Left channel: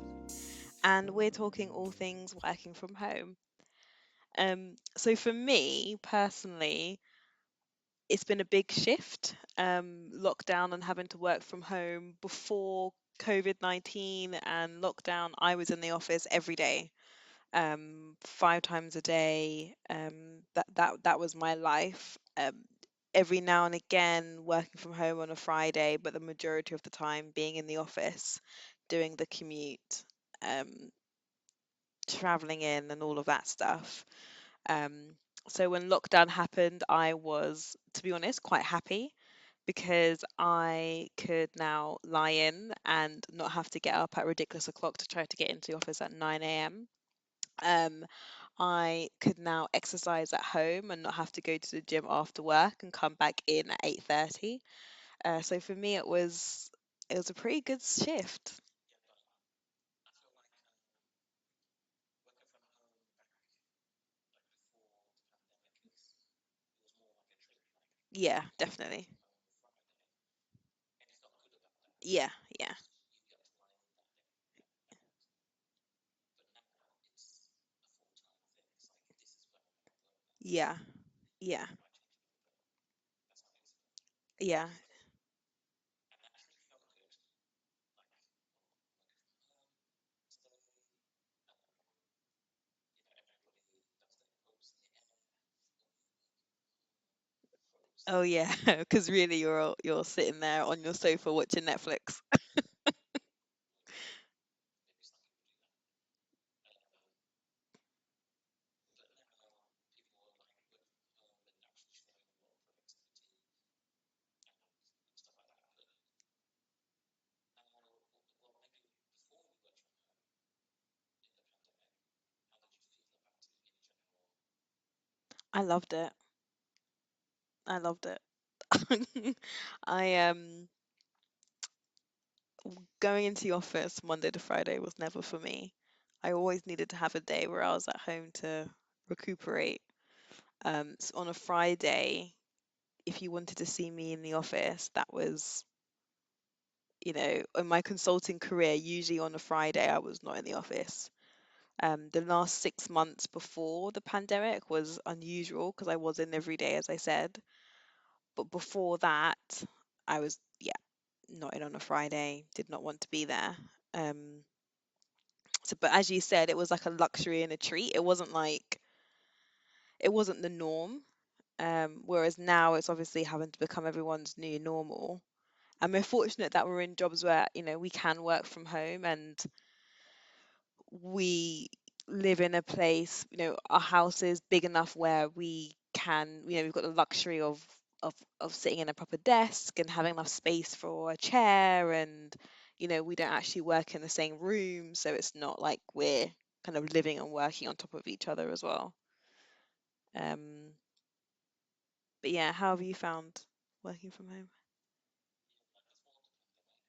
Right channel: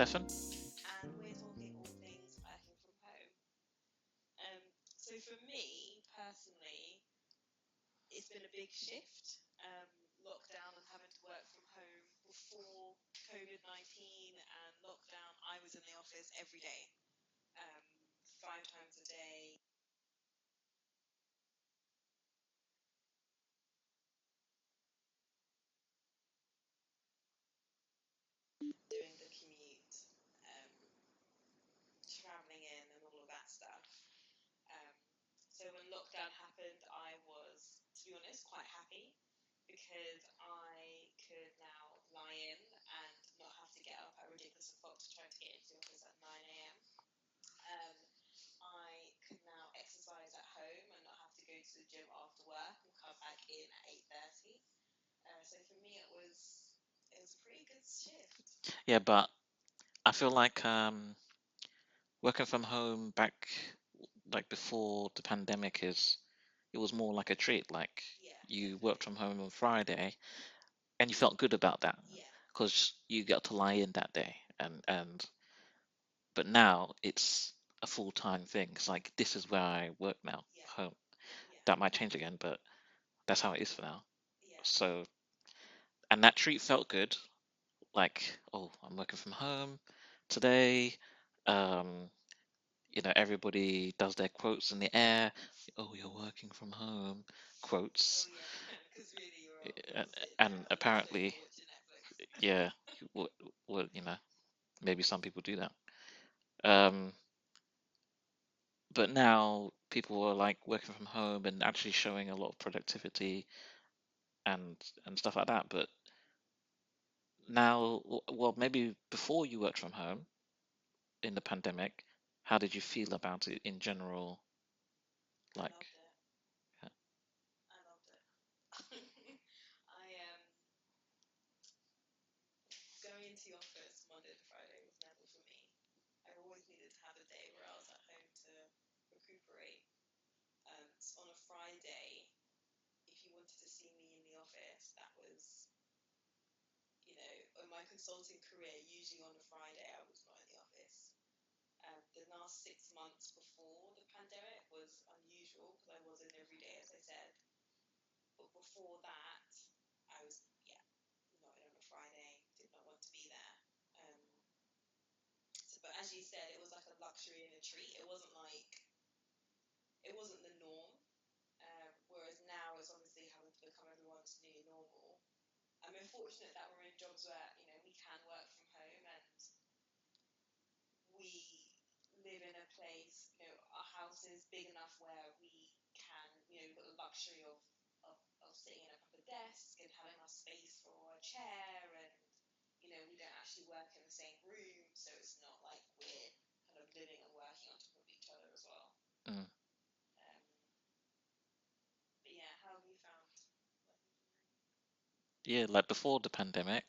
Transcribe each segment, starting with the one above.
Stefan. and we're talking all things working from home. So for me personally, it's been a big shift. Lockdown and having to work from home before COVID-19 and lockdown, I was in the office every day, 5 times a day. That was my life. Every now and again, working from home on a Friday, but the majority of the time being in the office, doing the commute, um, traveling in, and all of that stuff. Um, so when lockdown happened, I was, to be honest, quite happy because I could now lie in and not have to get up at ridiculous o'clock to try to get into the office at 9 a.m. Um, I could now exercise at home and not have to go to the gym after work and come back in at 8:30. So for me, it was a pretty good shift. Yeah, but I feel like working from home back like before the pandemic is it was more like a treat. Like Yeah, you worked definitely. from home on Friday and you felt good about that Yeah, yeah, because you got to lie in that day. And but now it's a full-time thing. It's like this is where I work now, yeah, home. yeah, That might change again, but that's how it is for now. yeah, So and that treat felt good. Like, oh, I'm working from home today. Um, everybody does their quotes in the air. Oh, you're working from home, Oh quotes. yeah, because really you're And, sitting there and on your sofa apparently, watching Netflix. yeah, well, well, maybe some people do that. Um, but now people are like working from home and actually showing a lot of productivity and stuff like that. But now, well, maybe before you worked from home in the pandemic, how did you feel about it in general? I Like, loved it. yeah. I loved it. I Going into the office Monday to Friday was never for me. I always needed to have a day where I was at home to recuperate. So on a Friday, if you wanted to see me in the office, that was, in my consulting career, usually on a Friday I was not in the office. The last 6 months before the pandemic was unusual because I was in every day, as I said. But before that, I was, yeah, not in on a Friday, did not want to be there. Um, but as you said, it was like a luxury and a treat. It wasn't the norm. Whereas now it's obviously having to become everyone's new normal. And we're fortunate that we're in jobs where, we can work from home and we live in a place, our house is big enough where we can, we've got the luxury of sitting in a proper desk and having enough space for a chair and we don't actually work in the same room, so it's not like we're kind of living and working on top of each other as well. Mm. Um, but yeah, how have you found working from home? Yeah, like before the pandemic,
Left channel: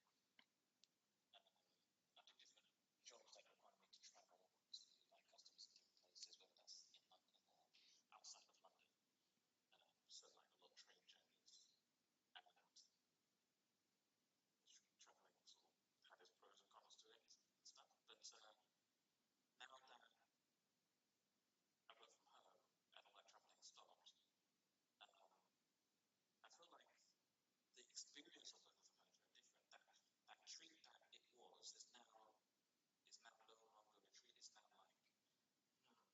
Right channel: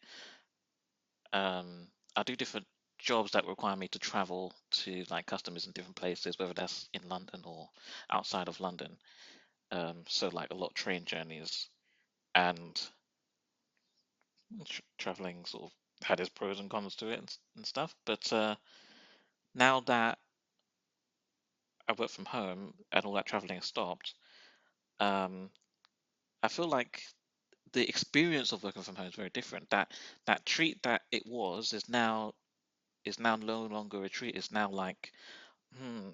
I do different jobs that require me to travel to like customers in different places, whether that's in London or outside of London. So like a lot of train journeys and traveling sort of had its pros and cons to it and stuff. But now that I work from home and all that traveling has stopped, um, I feel like the experience of working from home is very different. That treat that it was is now no longer a treat. It's now like, hmm,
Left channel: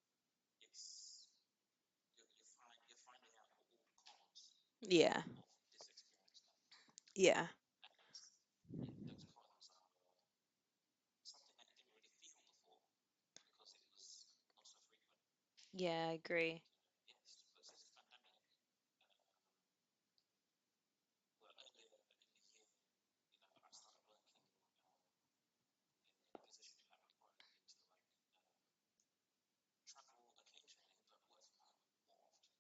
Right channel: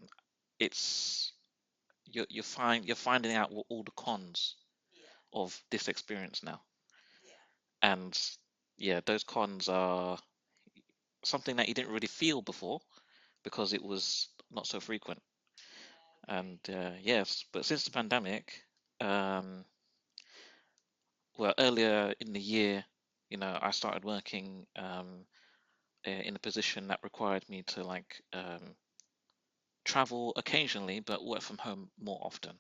it's you're finding out what all the cons Yeah, of this experience now. yeah, And yeah, those cons are something that you didn't really feel before because it was not so frequent. yeah, I And agree. yes, but since the pandemic, um, well, earlier in the year, I started working in a position that required me to like travel occasionally, but work from home more often.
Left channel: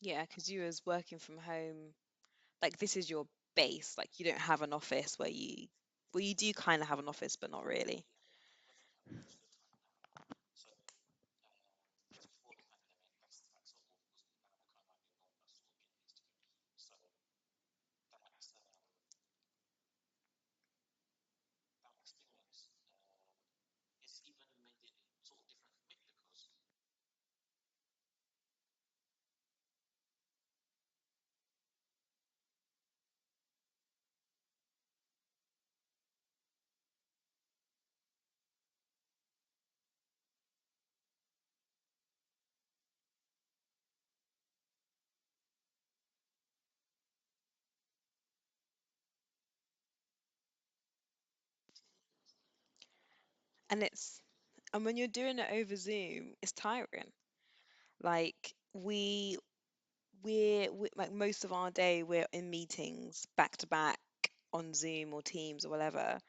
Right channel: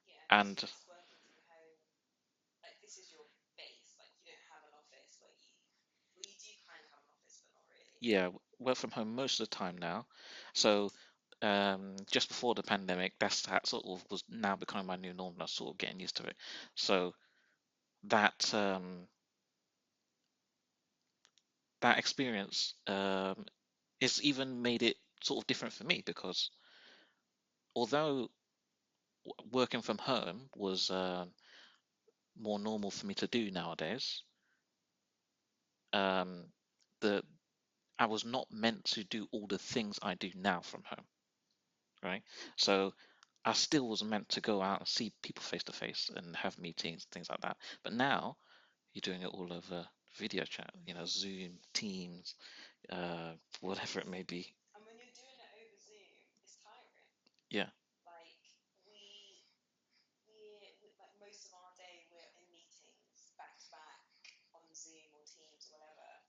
Yeah, because you And was working from home, like this is your base, like you don't have an office where you do kind of have an office but not really. yeah, work from home most of the time now. So just before the pandemic, that sort of was now becoming my new norm. And I was sort of getting used to it. So that that experience it's even made it sort of different for me, because although working from home was more normal for me to do nowadays, um, the I was not meant to do all the things I do now from home, right? So I still was meant to go out and see people face to face and have meetings, things like that. But now you're doing it all over video chat, Zoom, Teams, And whatever it it's may be. and when you're doing it over Zoom, it's tiring. Yeah, Like we like most of our day we're in meetings back to back on Zoom or Teams or whatever,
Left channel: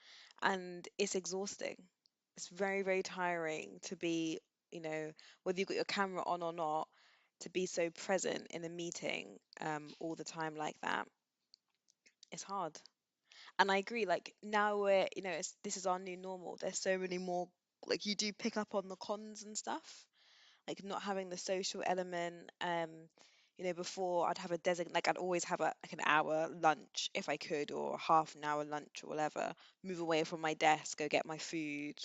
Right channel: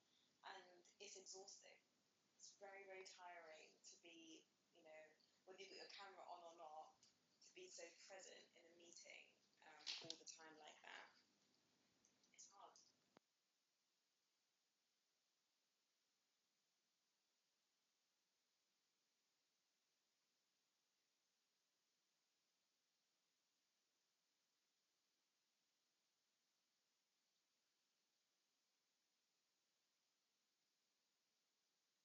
and it's exhausting. It's very, very tiring to be, you know, whether you've got your camera on or not, to be so present in a meeting all the time like that. It's hard. And I agree, like now this is our new normal. There's so many more, like you do pick up on the cons and stuff, like not having the social element. Before I'd have like I'd always have like an hour lunch if I could, or half an hour lunch or whatever. Move away from my desk, go get my food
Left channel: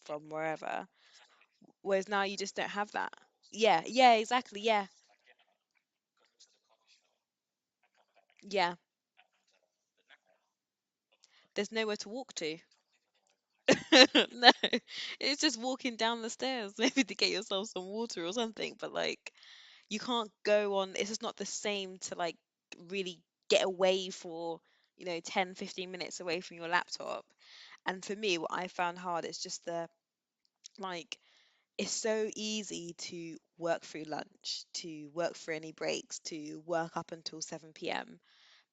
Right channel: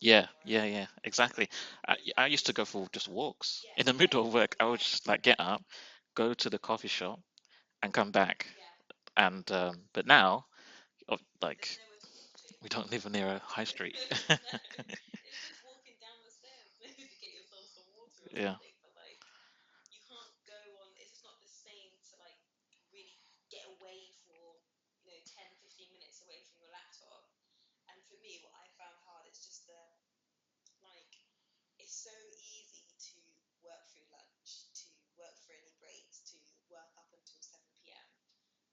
yeah, from yeah, wherever. yeah, exactly. Whereas now I you used to just go don't for have just that. walks Yeah, in the yeah, middle of work. exactly. I would Yeah, just like get up, go to the coffee shop, and come back. yeah. And but now, There's like, nowhere to walk to. we don't live near a high street. No, it's just walking down the stairs, maybe to get yourself some water or Yeah, something. But like, you can't go on, it's just not the same to like really get away for 10, 15 minutes away from your laptop. And for me, what I found hard is just like it's so easy to work through lunch, to work through any breaks, to work up until 7 p.m.,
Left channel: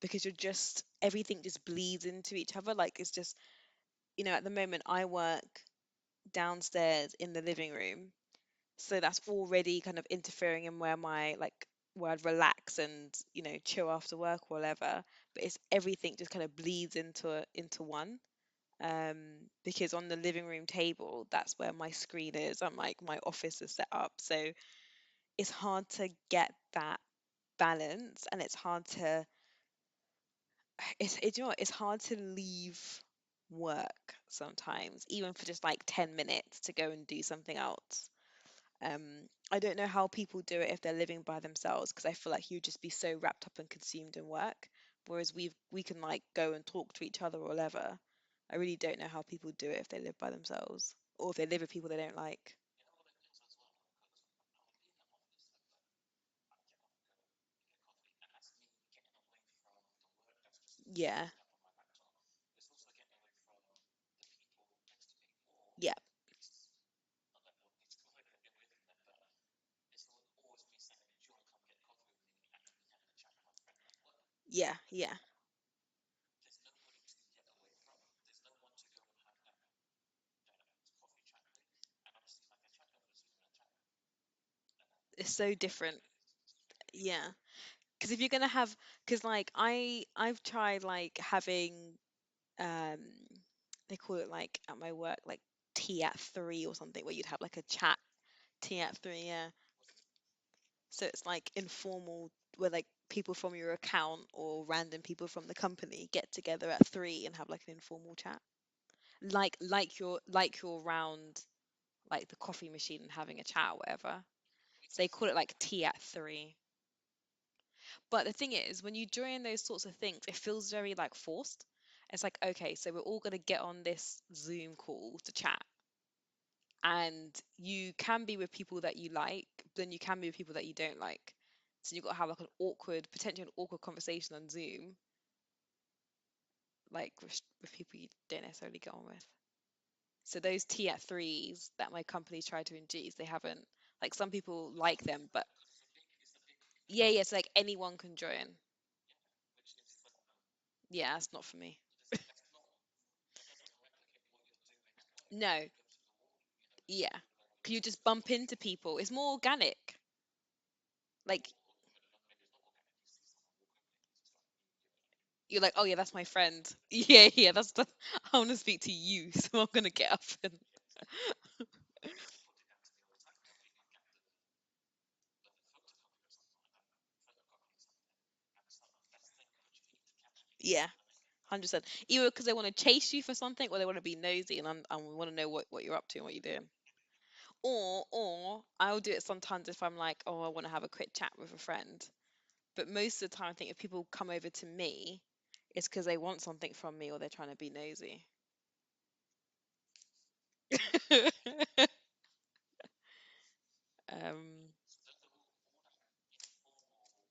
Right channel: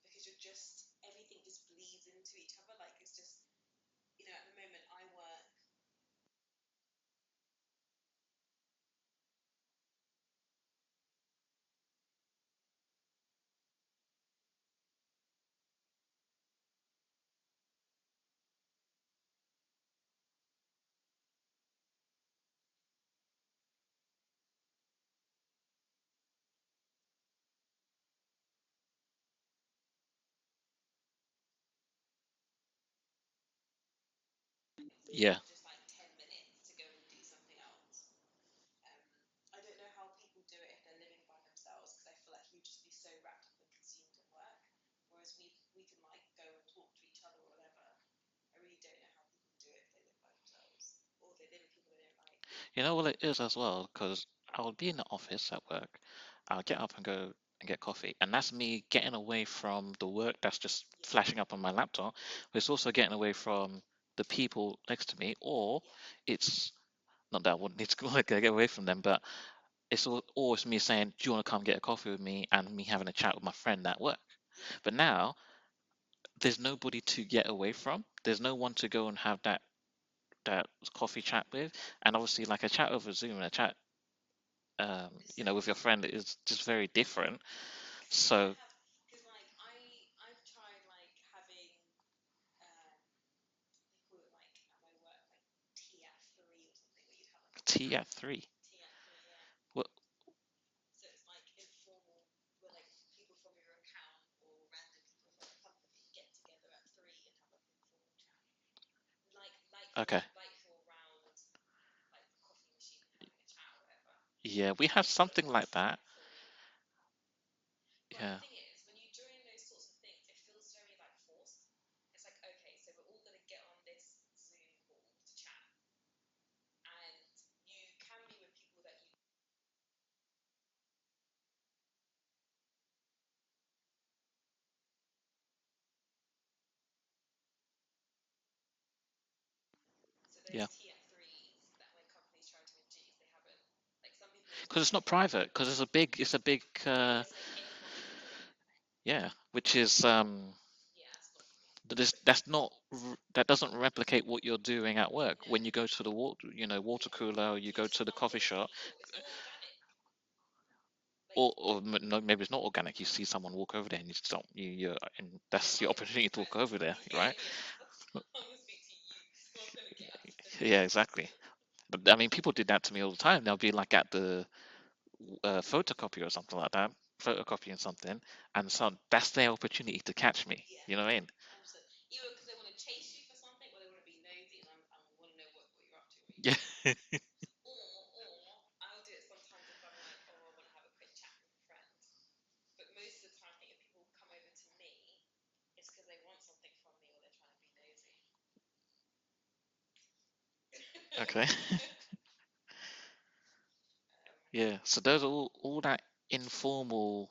because you're just everything just bleeds into each other. Like it's just, at the moment I work downstairs in the living room, so that's already kind of interfering in where I'd relax and chill after work or whatever. But it's everything just kind of bleeds into one. Um, because on the living room table, that's where my screen is and like my office is set up. So it's hard to get that balance, and it's hard to it's it's hard to leave work sometimes, even yeah. for just like 10 minutes to go and do something else. Um, I don't know how people do it if they're living by themselves, because I feel like you'd just be so wrapped up and consumed in work. Whereas we can like go and talk to each other or whatever. I really don't know how people do it if they live by themselves, or if they live with people they don't like. You know what it is as well, because I would be in the office at work. I'll get up and go and get coffee, and that's me getting away from the work that's just Yeah, flashing up on my laptop. But it's also getting away from the people next to me, or yeah, it's not that I wouldn't need to go like, get away from them, but it's always me saying, "Do you want to come get a coffee with me?" and me having a chat with my friend at work. yeah, But yeah, now there's nobody to get away from. There's no one to go and have that coffee chat with, and obviously like a chat over Zoom and a chat it's so with your different. friend is just very Yeah, different. because if you're gonna So have, because like I've tried like having um they call it like at my work like tea at three or something, where you'd have like a tea chat. at three. Tea at three, yeah. Well, So it's like informal, where like people from your account or random people from the company get together at three and have like an informal chat. Like okay, you're around like the coffee machine and having a chat or whatever. yeah, we So have they call it something like like tea that. at three. But the Yeah, thing is, when you join those sorts of things, it feels very like forced. It's like, okay, so we're all gonna get on this Zoom call to chat. And you can be with people that you like, but then you can be with people that you don't like. So you've got to have like potentially an awkward conversation on Zoom, like with people you don't necessarily get on with. So those yeah, tea at threes that my company's tried to induce, they haven't. Like some people because it's like not them, private. but Because it's a big, yeah, yeah. So like anyone can join. yeah, which is Yeah, it's not for me. that's not that doesn't replicate what you're doing at work No, when you go to the water yeah. cooler, or you You go just to the bump coffee into shop, people. It's more organic. Like no, maybe it's not organic. You see someone walk over there, and you just don't, and you're like, that's oh your yeah, that's my opportunity to talk friend. over there, Yeah, right? yeah, that's I want to speak to you, so I'm gonna get up and Yeah, exactly. But I mean, people did that to me all the time. They'll be like at the photocopy or something like that, photocopying something, and so that's their opportunity to catch me. Yeah, You know what I mean? 100%. Either because they want to chase you for something, or they want to be nosy and want to know what you're up to and what you're doing. Yeah. Or I'll do it sometimes if I'm like, oh, I want to have a quick chat with a friend. But most of the time, I think if people come over to me, it's because they want something from me or they're trying to be nosy. Okay. um, Yeah. So there's all that informalness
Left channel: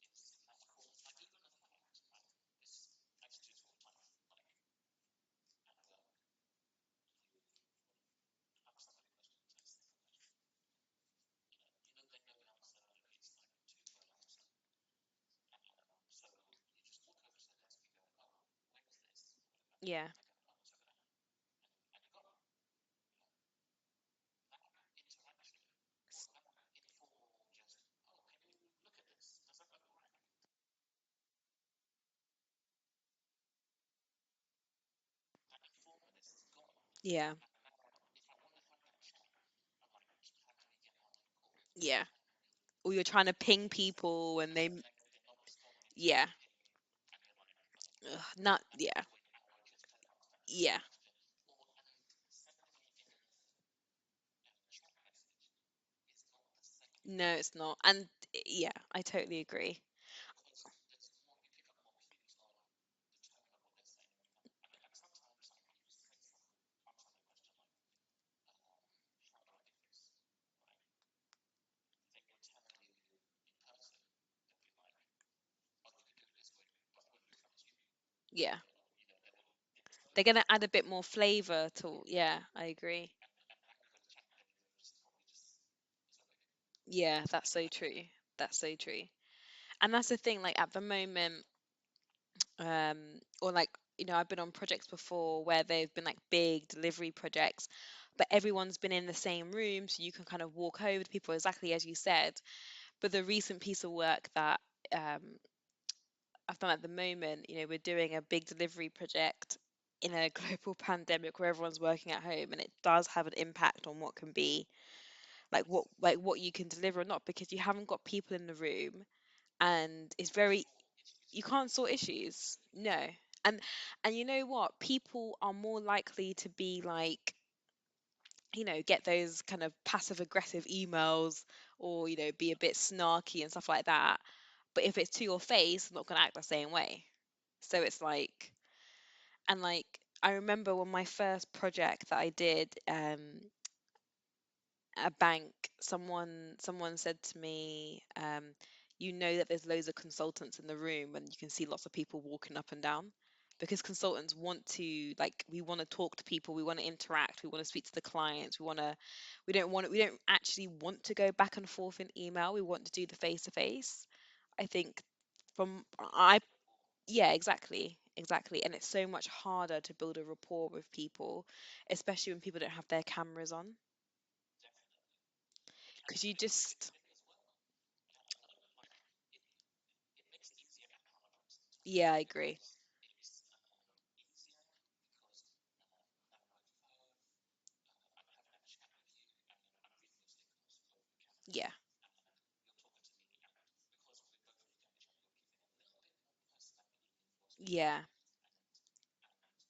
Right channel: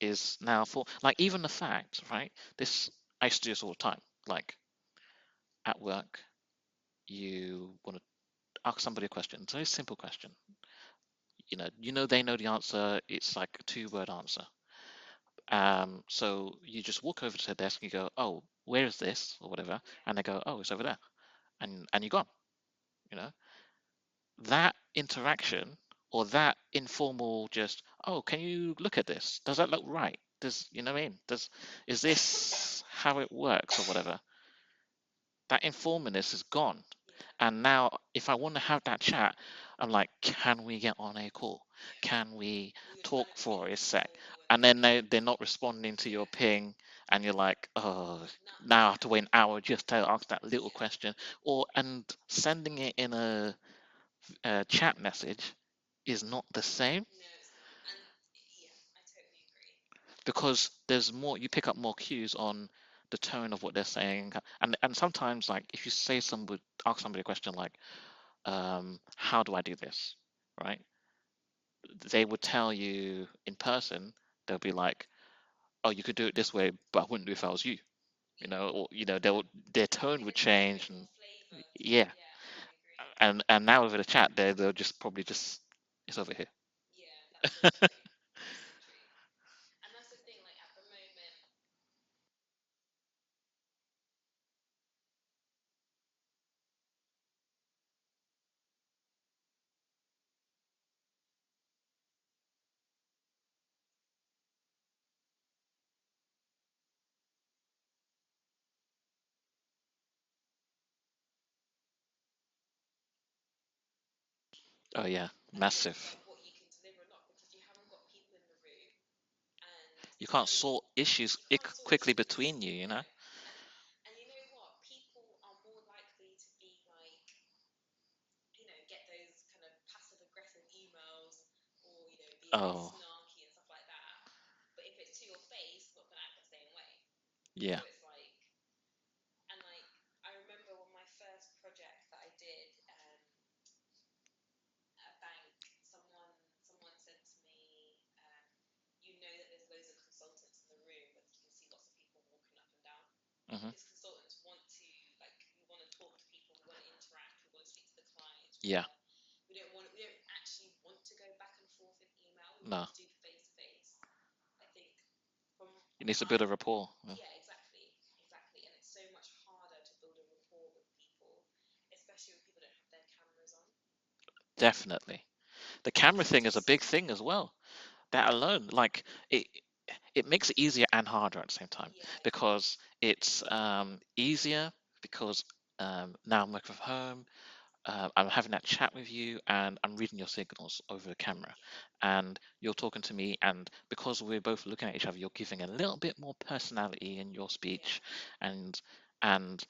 is now for, like, even the fact, right? This, I used to do this all the time. Like at work, you want to ask somebody a question. It's a very simple question. You know they know the answer. It's like a two-word answer. So you just walk over to their desk and you go, "Oh, where is this?" or whatever, yeah, and they go, "Oh, it's over there," and you're gone. You know that interaction or that informal, just, "Oh, can you look at this? Does that look right? Does you know what I mean? Is this how it works or whatever?" That informalness is gone. yeah, And now, if I want to have that chat, I'm like, can we get on a call? yeah. Can we Or you're trying talk to for ping a sec? people and And then they, they're not responding to yeah, your ping, and you're like, oh, ugh, not, now I have yeah, to wait an hour just to ask that little yeah. question. And sending it in a chat message is not the same, No, it's not. And yeah, I totally agree. because there's more, you pick up more cues on the tone of what they're saying. And sometimes, like, if you ask somebody a question like, how do I do this? Right? They would tell you in person, they'll be like, oh, you could do it this way, but I wouldn't do it if I was you. Yeah. Or their tone They're would gonna add a change. bit more flavor to, Yeah. yeah, I agree. And now over the chat, they'll just probably just, it's over here. Yeah, that's so true. That's so true. And that's the thing, like at the moment, um, or like, I've been on projects before where they've been like big delivery projects, but everyone's been in the same room, so you can kind of walk over to people exactly as you said. But the recent piece of work that um, I've done at the moment, we're doing a big delivery project in a global pandemic where everyone's working at home, and it does have an impact on what can be Oh yeah, like what massive. you can deliver or not, because you haven't got people in the room, and You it's can't very, sort issues you can't sort quickly issues. between you, you No. know? And you know what, people are more likely to be like, get those kind of passive aggressive emails, or be a bit Oh, snarky and stuff like that, but if it's to your face, they're not going to act the same way. So yeah. it's like, and like, I remember when my first project that I did, a bank, someone said to me, that there's loads of consultants in the room and you can see lots of people walking up and down, Hmm. because consultants want to, like, we want to talk to people, we want to interact, we want to speak to the clients, Yeah. we don't actually want to go back and forth in email, we want No. to do the face to face. I think from It needs to I build a rapport. Yeah, exactly, and it's so much harder to build a rapport with people, especially when people don't have their cameras on, Definitely. The camera because you thing is a just, big thing as well. That alone, like, it makes it easier and harder at the same time, yeah, I agree. because it's easier because now I'm working from home. I'm having that chat with you, and I'm reading your signals over the camera, Yeah, and you're talking to me, and because we're both looking at each other, you're giving a little bit more personality in your yeah, speech, and and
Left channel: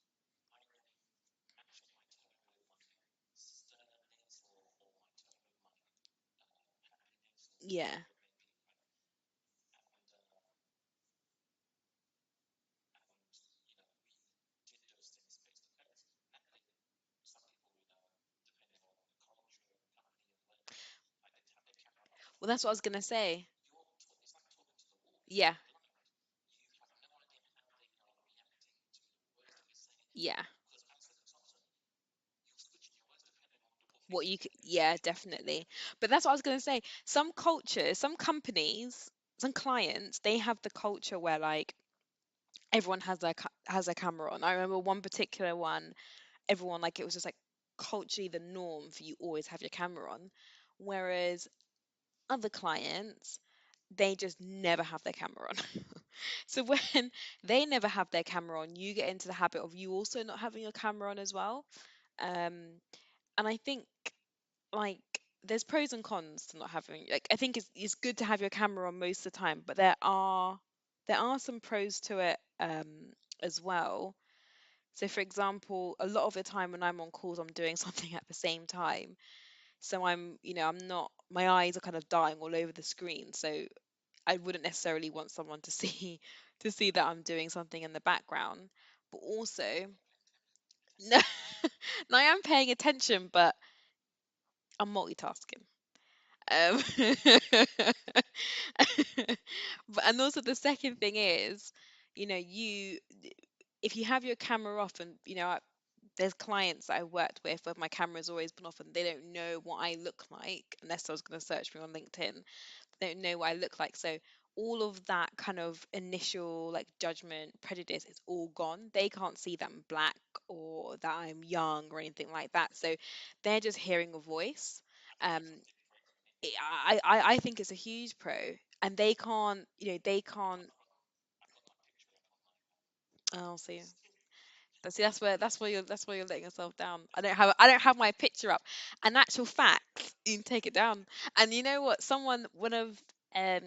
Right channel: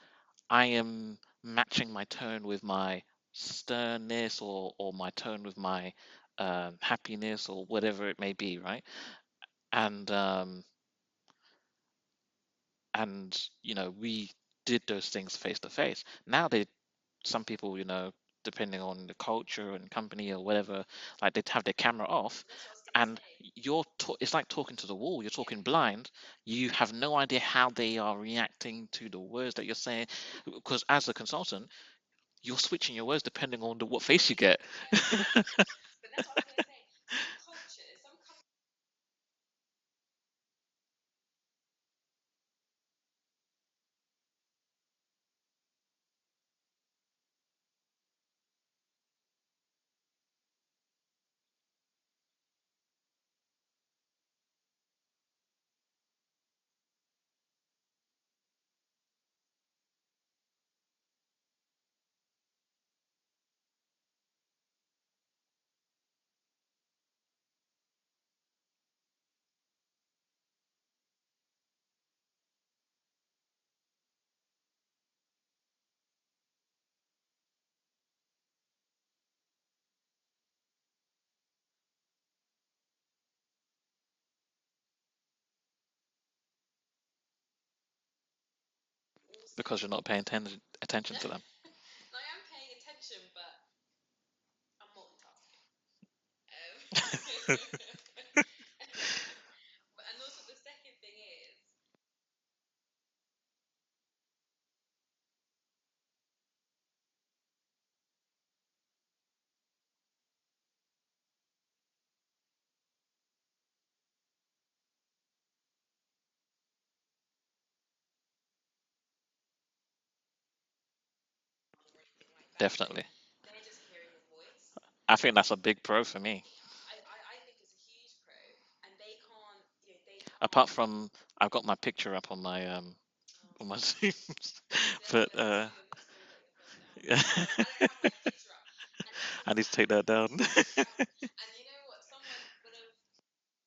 I am matching my tone with my sternness, or my tone with my happiness, or yeah. whatever it may be, right? And um, and we did those things face to face. Now some people, depending on the culture and company or whatever, like, they'd have their camera off, Well, that's what I was gonna and say. it's like talking to the wall. You're Yeah, talking blind. You have no idea how they are reacting to the words that you're saying, yeah. because as a consultant, you're switching your words depending on what What face you you can, get. yeah, definitely. But that's what I was gonna say. Some cultures, some companies, some clients, they have the culture where like everyone has has their camera on. I remember one particular one, everyone, like, it was just like culturally the norm for you always have your camera on, whereas other clients, they just never have their camera on. So when they never have their camera on, you get into the habit of you also not having your camera on as well. Um, and I think, like, there's pros and cons to not having, like, I think it's good to have your camera on most of the time, but there are some pros to it as well. So for example, a lot of the time when I'm on calls, I'm doing something at the same time. So I'm not, my eyes are kind of dying all over the screen. So I wouldn't necessarily want someone to see to see that I'm doing something in the background. But also, because you're not paying attention no, to them. no, I am paying attention, but I'm multitasking. Um, and also the second thing is, you if you have your camera off, and there's clients that I worked with where my camera's always been off and they don't know what I look like unless I was going to search me on LinkedIn. They don't know what I look like. So all of that kind of initial like judgment, prejudice is all gone. They can't see that I'm black or that I'm young or anything like that. So Definitely. they're just hearing a voice. I think Um, that's a big pro for me. I think it's a huge pro, and they can't, they can't. Apart from, I've got my picture up Oh, on my see, Zoom, see, but that's where you're letting yourself down. yeah, I don't have my picture up. And actual I need to fact, take that down. you take it down. And you know what? Um,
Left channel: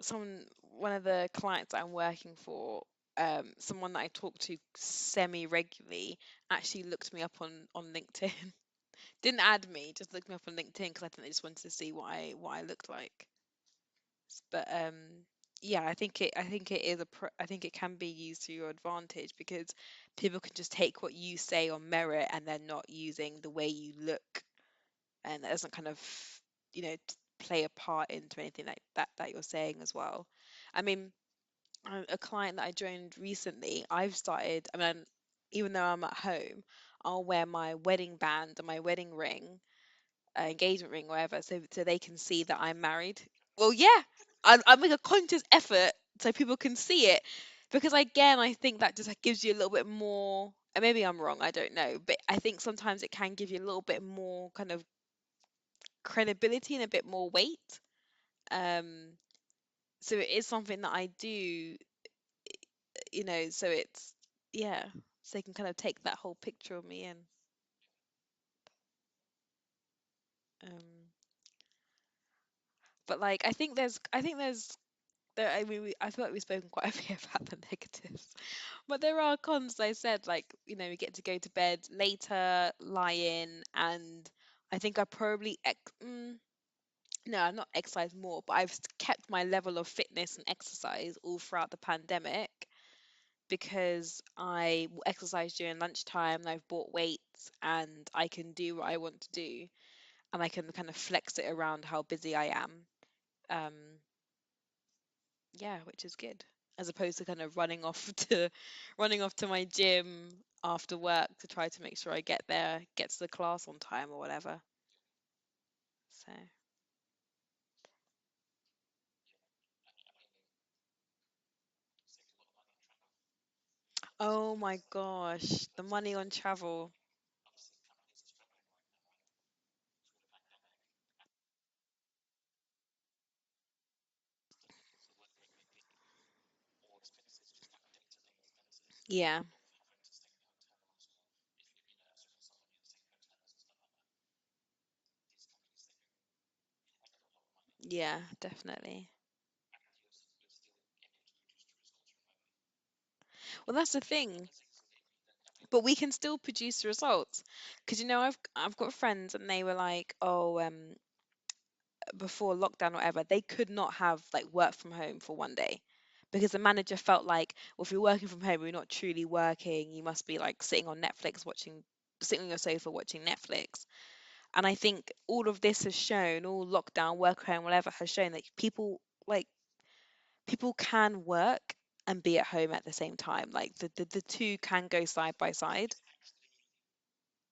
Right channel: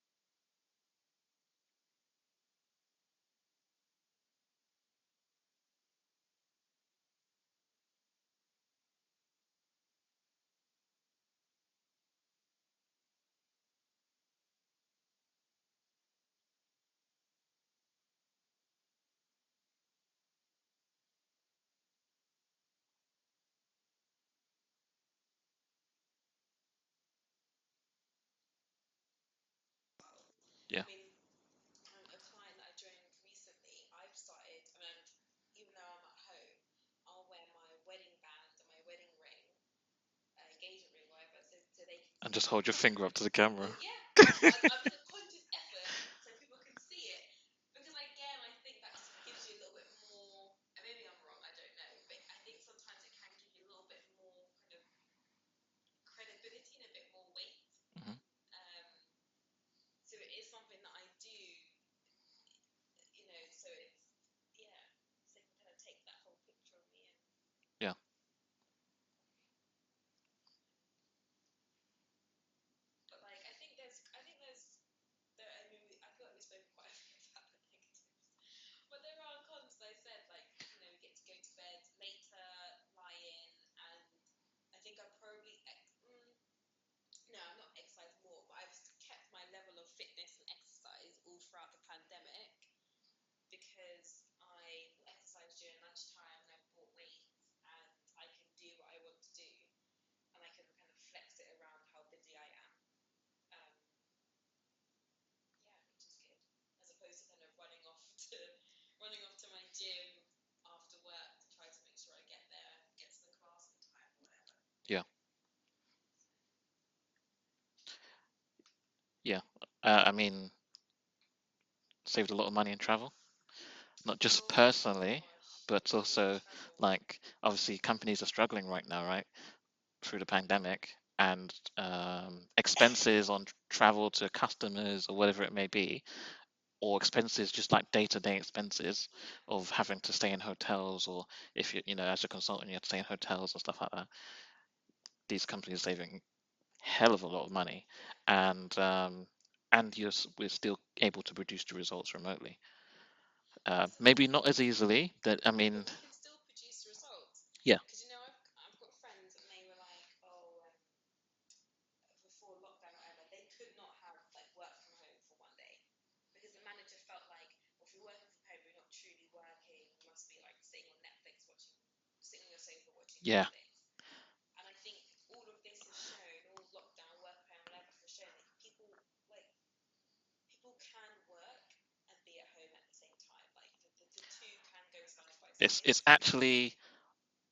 someone, one of the clients that I'm working for, someone that I talk to semi regularly, actually looked me up on LinkedIn. Didn't add me, just looked me up on LinkedIn because I think they just wanted to see what I looked like. But yeah, I think it is I think it can be used to your advantage because people can just take what you say on merit and they're not using the way you look, and that doesn't kind of play a part into anything like that you're saying as well. I Yeah, mean, a client that I joined recently, I've started, I mean, even though I'm at home, I'll wear my wedding band and my wedding ring, engagement ring, or whatever, so they can and see just that hold your I'm finger up married. to the Well, camera. yeah, I make a conscious effort so people can see it, because again, I think that just gives you a little bit more. And maybe I'm wrong, I don't know, but I think sometimes it can give you a little bit more kind of credibility and a bit more weight. Hmm. Um, so it is something that I do, So it's, yeah, so they can kind of take that whole picture of me in. Yeah, Um, but like, I mean, I feel like we've spoken quite a bit about the negatives, but there are cons. I said, like, we get to go to bed later, lie in, and I think I probably no, I've not exercised more, but I've kept my level of fitness and exercise all throughout the pandemic because I exercise during lunchtime and I've bought weights and I can do what I want to do, and I can kind of flex it around how busy I am. Um, yeah, which is good, as opposed to kind of running off to my gym after work to try to make sure I get to the class on time or whatever. yeah, So, yeah. I mean, saved a lot of money in travel, not just oh my personally, gosh, the but money on also travel. like obviously companies are struggling right now, right, through the pandemic, and expenses on travel to customers or whatever it may be, or expenses just like day-to-day expenses Yeah, of having to stay in hotels, or if as a consultant you have to stay in hotels and stuff like that. These companies are saving hell of a lot of money, yeah, and definitely. we're still able to produce the results remotely. Well, that's the Maybe thing. not as easily. That I But mean, we can still produce results. yeah, Because I've got friends and they were like, oh, before lockdown or whatever, they could not have like work from home for one day because the manager felt like, well, if you're working from home, you're not truly working. You must be like sitting on your sofa watching yeah, Netflix. And I think all of this has shown, all lockdown, work at home, whatever, has shown that like people can work and be at home at the same time. Like the two can go side by side. it's actually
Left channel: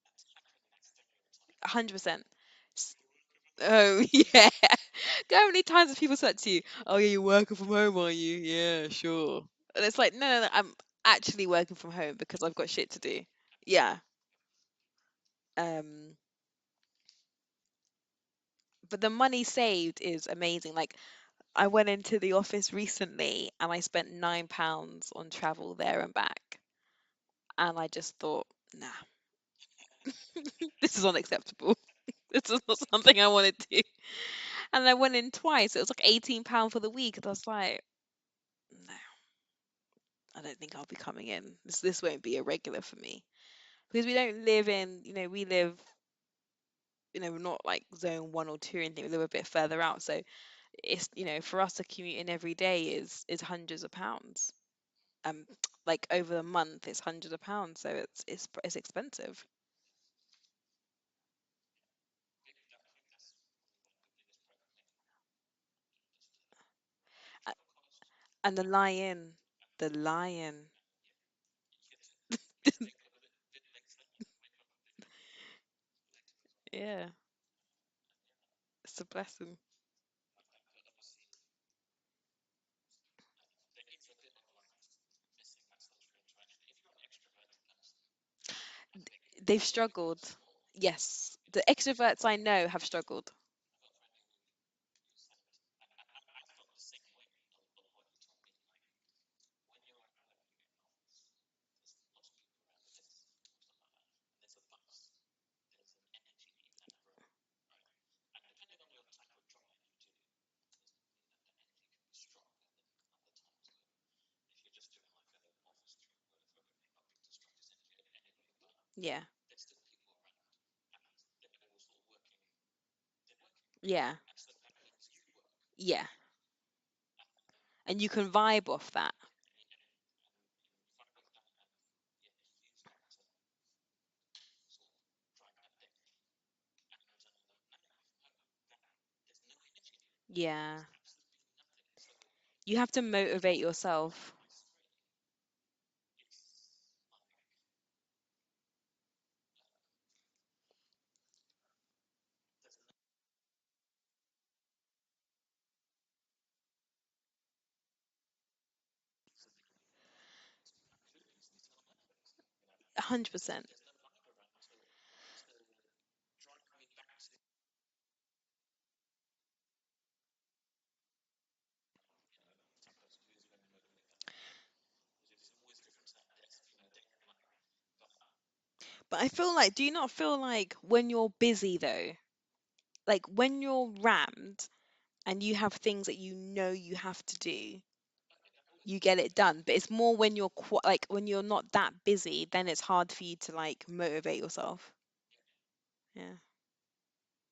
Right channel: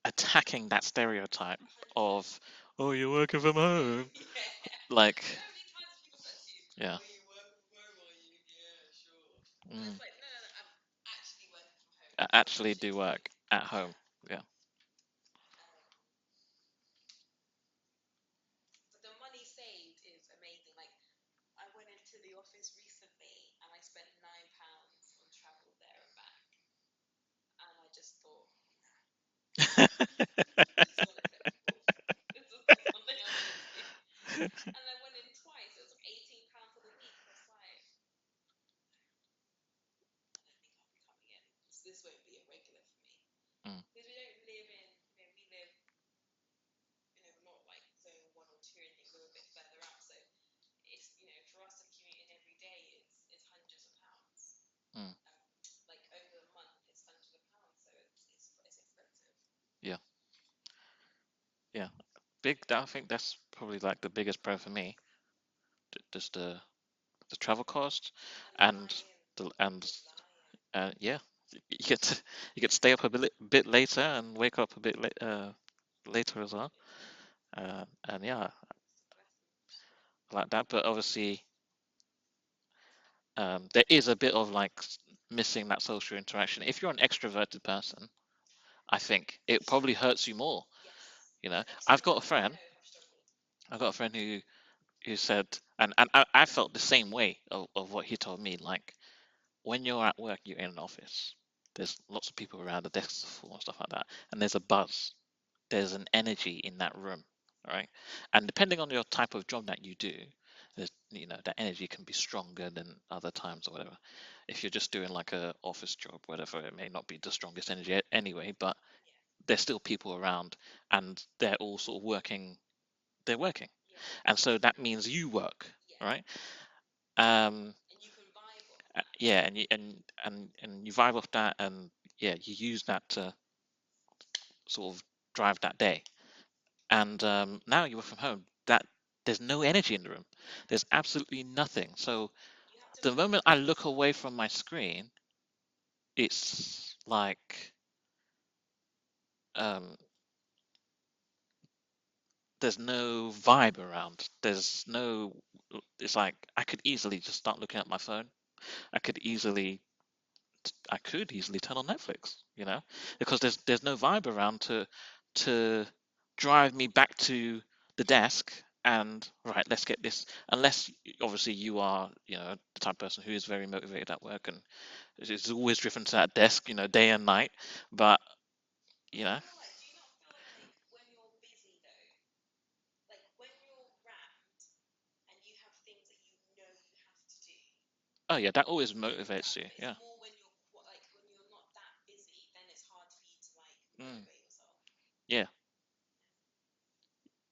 attacking that stereotype 100%. of, oh, you're working from Oh, home. yeah. Like, Do you know how many times have people said to you, yeah, "Oh, yeah, you're working from home, are you?" Yeah, sure. And it's mm, like, no, no, no, I'm actually working from home because I've got actually shit do to do. work at home. Yeah. Yeah, Um, but the money saved is amazing. Like, I went into the office recently and I spent £9 on travel there and back. And I just thought, nah, this is unacceptable. This was not something I wanted to do. And I went in twice. It was like £18 for the week. And I was like, no, I don't think I'll be coming in. This won't be a regular for me. Mm, Because we don't live in, we live, not like zone 1 or 2 or anything. We live a bit further out. So it's, for us to commute in every day is hundreds of pounds. mm. Um, like over a month, it's hundreds of pounds. So it's expensive. Yeah, yeah. I think that's probably like the biggest pro for me. Just the A- travel cost, And the and lion, the the lion. yeah, you get to, you get to stay up a bit later and wake up a bit later as well. Yeah, And yeah, it's a blessing. like that. But obviously, there is a bit of like missing that social interaction. If you're an extroverted person, I think They've it probably struggled. hurts you more. Yes, You the know, I've got a extroverts I friend. know have struggled. I've got a friend who said, and I felt the same way of what he told me. Like when you're at work, you're in an office. There's lots of people around, the desks are full and stuff like that, and there's a buzz. There's an energy in that room, right? And depending on your type of job that you do, there's that energy can be stronger than other times or whatever. If you're just doing like a office job, whatever, it may not be the strongest energy anyway, but Yeah, there's still people around and they're all sort of working. They're working, yeah, and so that means you work, yeah. right? Um, And you can vibe off that. yeah, and you vibe off that, and yeah, you use that to sort of drive that day. And now you work from home. That there's no energy in the room. Yeah. There's absolutely nothing. So You have to the moment I motivate look away yourself. from my screen, it's like um, there's no vibe around. There's no. It's like I could easily just start looking at my phone. I could easily I could easily turn on Netflix, because there's 100%. there's no vibe around to drive me back to the desk and right, let's get this. Unless obviously you are, the type of person who is very motivated at work and is always driven to that desk, day and night. But But you I know, feel like, do you not feel like when you're busy though, like when you're rammed and you have things that you have to do, oh yeah, that always you get it motivates done. you. But it's Yeah, more when you're like when you're not that busy, then it's hard for you to like mm, motivate yourself. yeah, Yeah.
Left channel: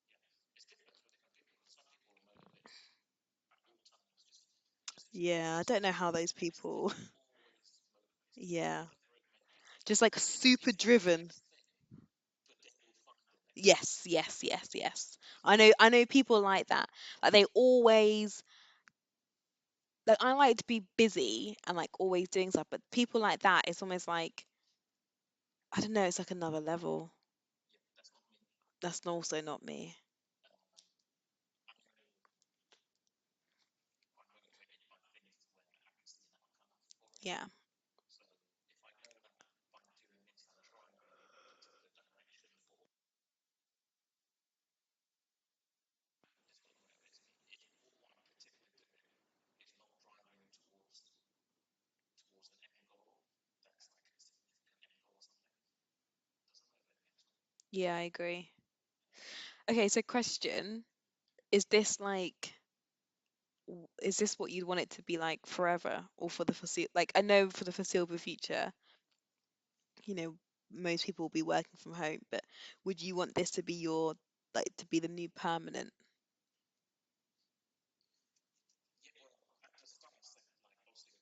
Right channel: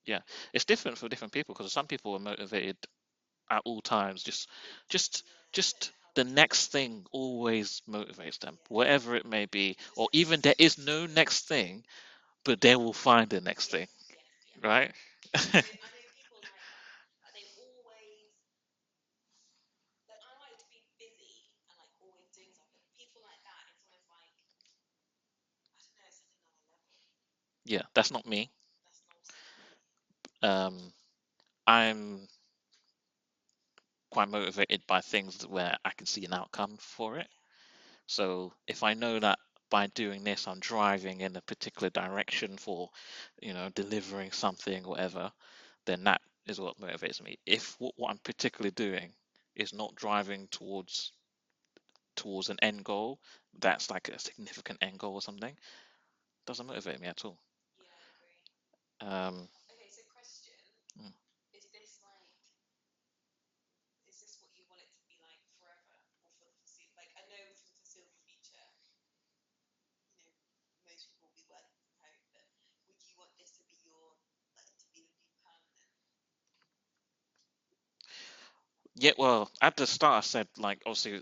yeah. It's different for different people because some people are motivated at all times. Just Yeah, I don't just know how the those next people. thing always motivates them, Yeah. whatever it may be. Just Or like even there super is no driven. next thing, but they will find the next thing, Yes, yes, yes, right? yes. I know people like that. Like they always like I like to be busy and like always doing stuff, but people like that, it's almost like I don't know, it's like another level. Yeah, that's not me. That's also not me. um I'm quite motivated by things where I can see an outcome for it. Yeah. So if I know that by doing this I'm driving in a particular direction for delivering something, whatever, then that is what motivates me. If what I'm particularly doing is not driving towards an end goal, that's like a significant end goal or something, doesn't motivate me at all. Yeah, I agree. Um, Okay, so question, mm. is this like is this what you'd want it to be like forever or for the foreseeable like I know for the foreseeable future, you know, most people will be working from home, but would you want this to be your like to be the new permanent? Yeah, well, at the start I said like obviously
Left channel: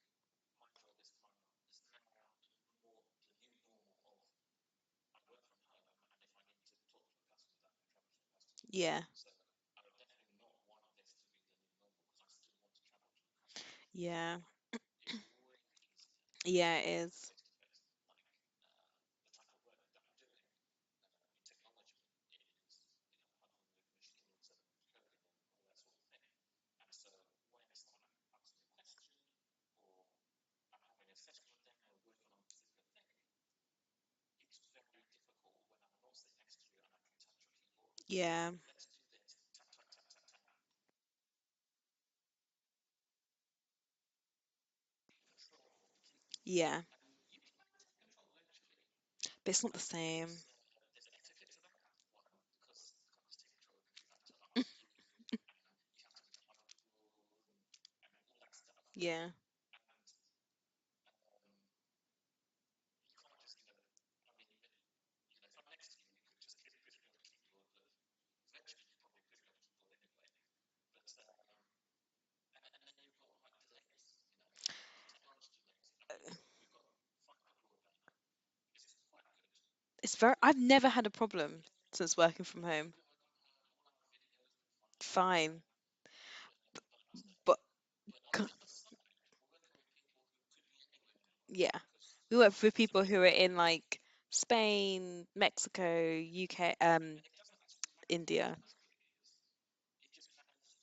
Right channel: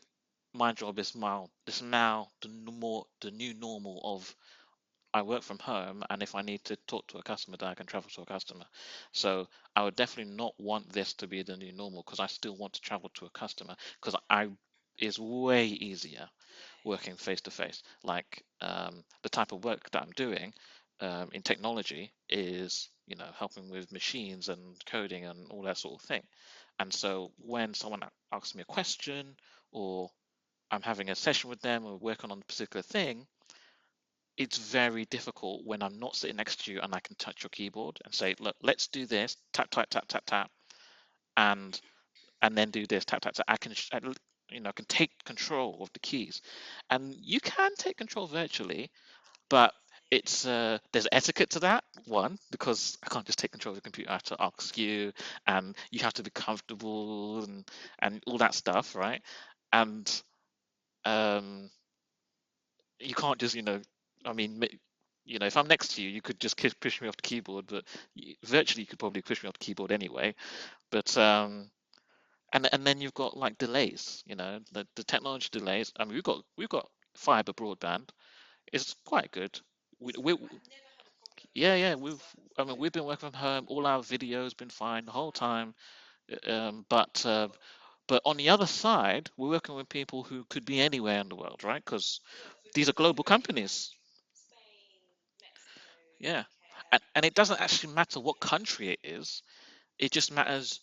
my job is now the new normal of I work from home, and if I need to talk to a customer, then I can travel to a customer. Yeah. So I would definitely not want this to be the new normal because I still want to travel to a customer because Yeah. I it's way easier Yeah, it working is. face to face. Like the type of work that I'm doing in technology is, helping with machines and coding and all that sort of thing. And so when someone asks me a question or I'm having a session with them or working on a particular thing, it's very difficult when I'm not sitting next to you and I can touch your keyboard and say, Yeah. look, let's do this, tap, tap, tap, tap, tap, and and then do this, tap, tap, tap. can take control of the keys. Yeah, And you can take control virtually, but it's not but the same. it's there's etiquette to that one, because I can't just take control of the computer. I have to ask you, and you have to be comfortable, and all that stuff, right? Yeah. And um, you can't just, I mean, if I'm next to you, you could just push me off the keyboard, but virtually you could probably push me off the keyboard anyway. But and then you've got like delays, the technology delays. I mean, we've got fiber broadband. It's quite good. It's We, very, I've never had a problem yeah, since working from I mean, home. we've been working from home. All our video's been fine the whole Fine. time. But But on c- the other side, we're working with people who could be anywhere in the world, yeah, right? Because we work with these are people who global are in companies. like Spain, Mexico, Yeah, UK, and it doesn't actually matter what India. country it is. It just matters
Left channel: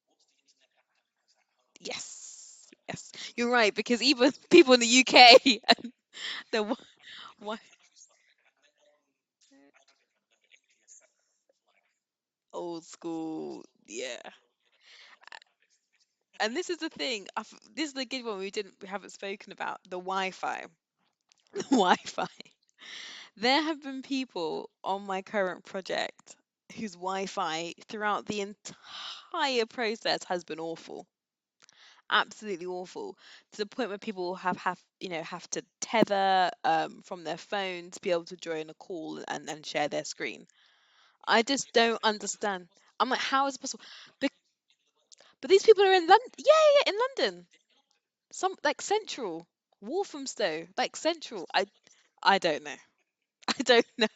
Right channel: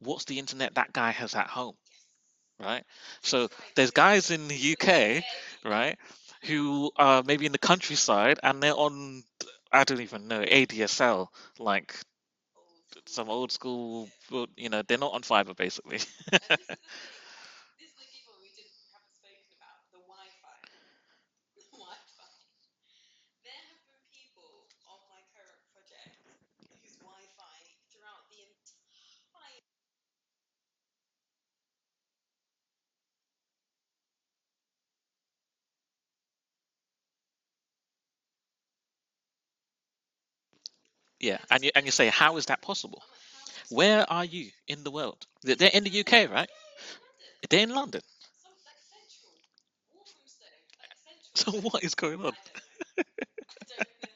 what's the internet that guy has at home, Yes. right? Yes. So You're right, there's because guys even in the people in the UK, UK and right, the who are maybe in the what countryside, and they're on, I don't even know, ADSL, like old some old school, school, yeah. they're not on fiber basically. And this is the thing. This is the good one we haven't spoken about the Wi-Fi. The Wi-Fi. There have been people on my current project whose Wi-Fi throughout the entire process has been awful, absolutely awful, to the point where people have to tether from their phone to be able to join a call and share their screen. Yeah, I and just you don't say, how is that understand. possible? I'm like, how is it possible? Where are Bec- you in the world? But these They're in people are the in UK, London. right? Yeah, yeah, in London. They're in London. Some like central, Walthamstow, like central. So what is going on? I don't know. I don't know.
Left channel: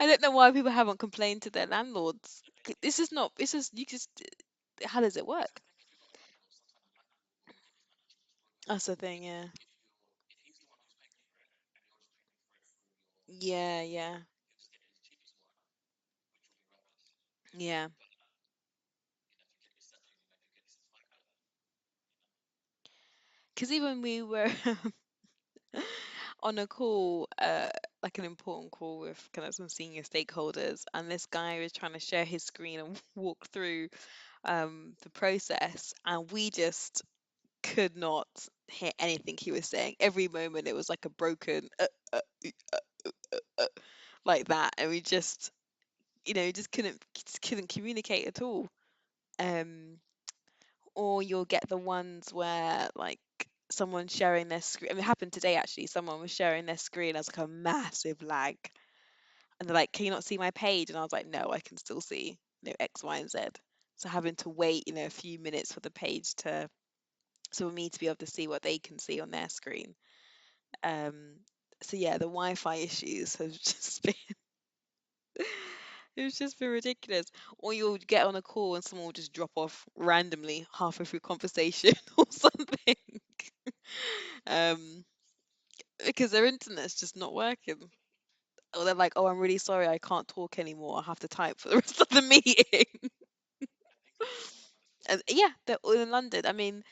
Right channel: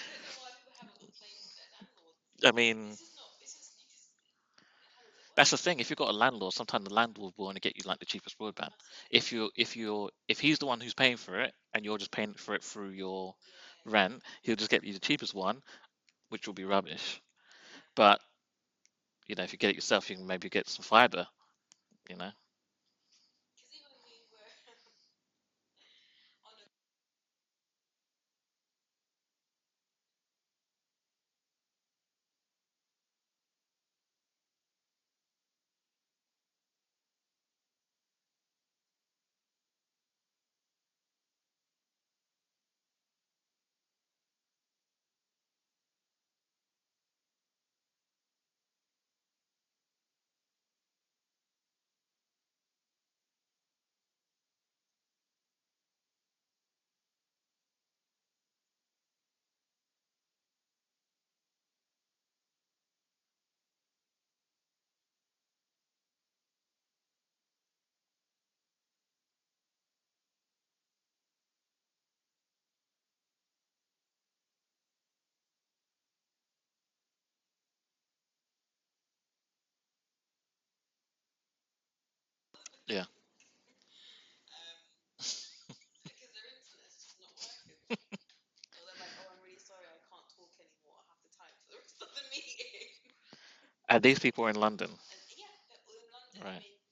I don't know why people haven't complained to their landlords. I mean, This is not. This is you just. How does it that's work? the thing. If you've got a landlord, sometimes the landlord will want to get you like the cheapest broadband. That's the thing. If Yeah. if he's the one who's paying for it and you're just paying for it through your Yeah. Yeah. rent, he'll just get you the cheapest one, which will be rubbish. Yeah. But if you get it yourself, you can maybe get some fiber. You know. Because even we were on a call, like an important call with kind of some senior stakeholders, and this guy was trying to share his screen and walk through the process, and we just could not hear anything he was saying. Every moment it was like a broken like that, and we just just couldn't communicate at all. Um, or you'll get the ones where like someone's sharing their screen. I mean, it happened today actually. Someone was sharing their screen as like a massive lag, and they're like, "Can you not see my page?" And I was like, "No, I can still see X, Y, and Z." So having to wait a few minutes for the page to so for me to be able to see what they can see on their screen. Um, so yeah, the Wi-Fi issues have just been it's just been ridiculous. Or you'll get on a call and someone will just drop off randomly halfway through conversation or something. Yeah. Um, because their internet's just not working. Or they're like, "Oh, I'm really sorry, I can't talk anymore. I have to type for the rest of the meeting." And these people are in London. And yeah, they're all in London. I Right. mean,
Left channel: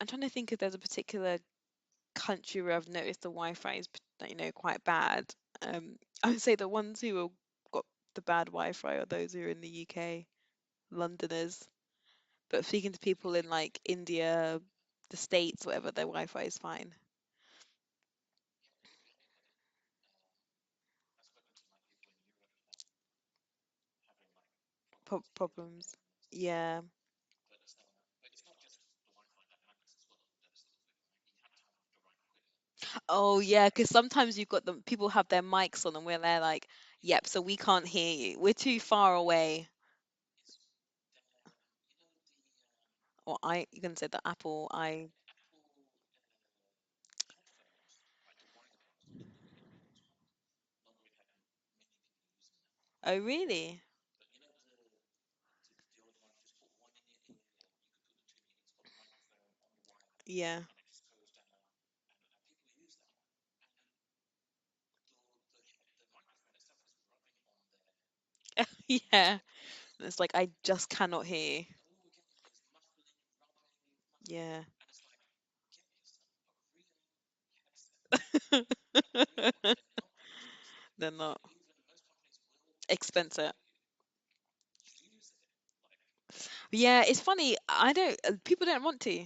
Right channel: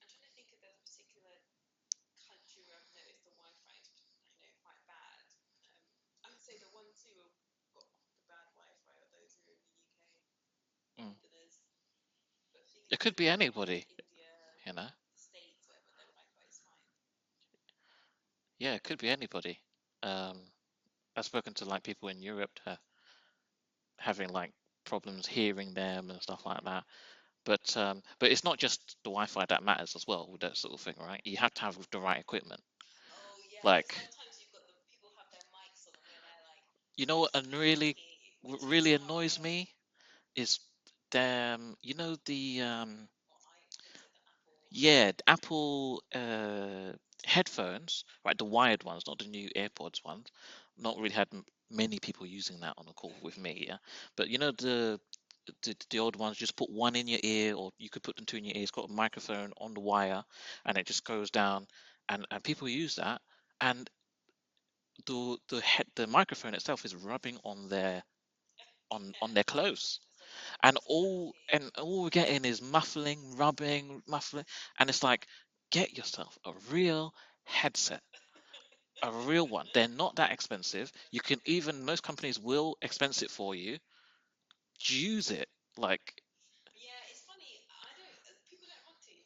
I'm trying to think if there's a particular country where I've noticed the Wi-Fi is, quite bad. I would say the ones who have got the bad Wi-Fi are those who are in the UK, Mm. Londoners. But speaking to It could be people in like anybody. India, You know. the States, whatever, their Wi-Fi is fine. Yeah, it could be anybody. I've spoken to like people in Europe having like problems hearing Problems. them and stuff like Yeah. that. But it's not just the Wi-Fi that matters as well with that sort of thing, right? You have to have the right equipment. Oh yeah, because Like, sometimes you've got them. People have their mics on, and where they're like, you know "Yep, what, so and we can't really, hear you. We're too really far annoys away." me is them. The Or you can say the Apple yeah, the Apple headphones, right? The wired ones, not the new AirPods ones. Not really had many people using that on a Oh call with me, yeah. really? But the old ones, just put one in your ear, or you could put them two in your ear. It's got a microphone on the wire, Yeah. and it just goes down, and people use that, and the microphone itself is rubbing on Yeah. their clothes, It's like I and just cannot hear you. all we're getting is muffling, rubbing, muffling, Yeah. and it's like, get yourself a real headset, a real one. They're not that expensive. They're You can not even most companies will expense it expensive. for you. Use it, like, Yeah, it's funny. I don't. People don't want to.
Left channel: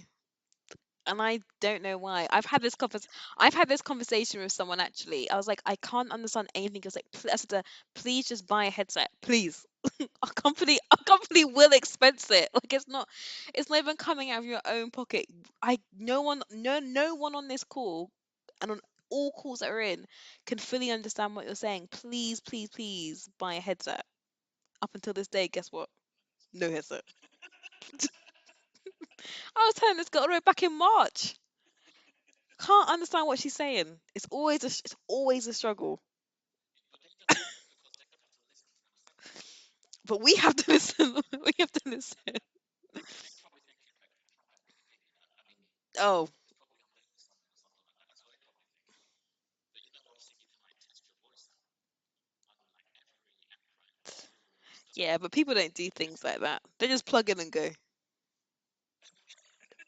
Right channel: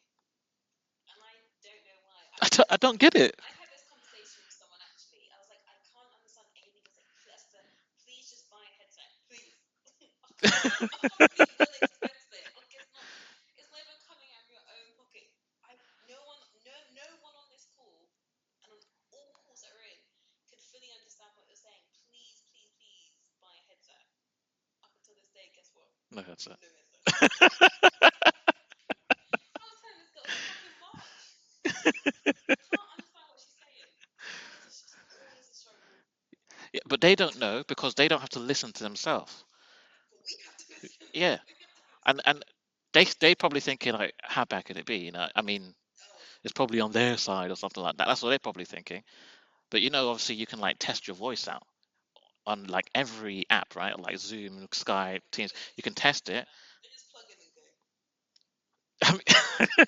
and I don't know why. I've had I this don't get it. I've had this conversation with someone actually. I was like, I can't understand anything. I was like, I said to her, please just buy a headset, please. Our company will expense it. Like it's not even coming out of your own pocket. No one on this call and on all calls that are in can fully understand what you're saying. Please, please, please buy a headset. Up until this day, guess what? No, that's No headset. it. I was telling this girl back in March. Can't understand what she's saying. It's always a struggle. Yeah, but they don't know because they don't have to listen to themselves. But we have to listen. Yeah, We have to listen. and they probably thinking like, how bad could it be? I mean, Oh, it's probably on their side or something like that. That's what they're probably thinking. But obviously you can like test your voice out on like every app, right? Like Zoom, yeah, Skype, but Teams. people don't You do can things test like it. that. They just plug in and go. I mean,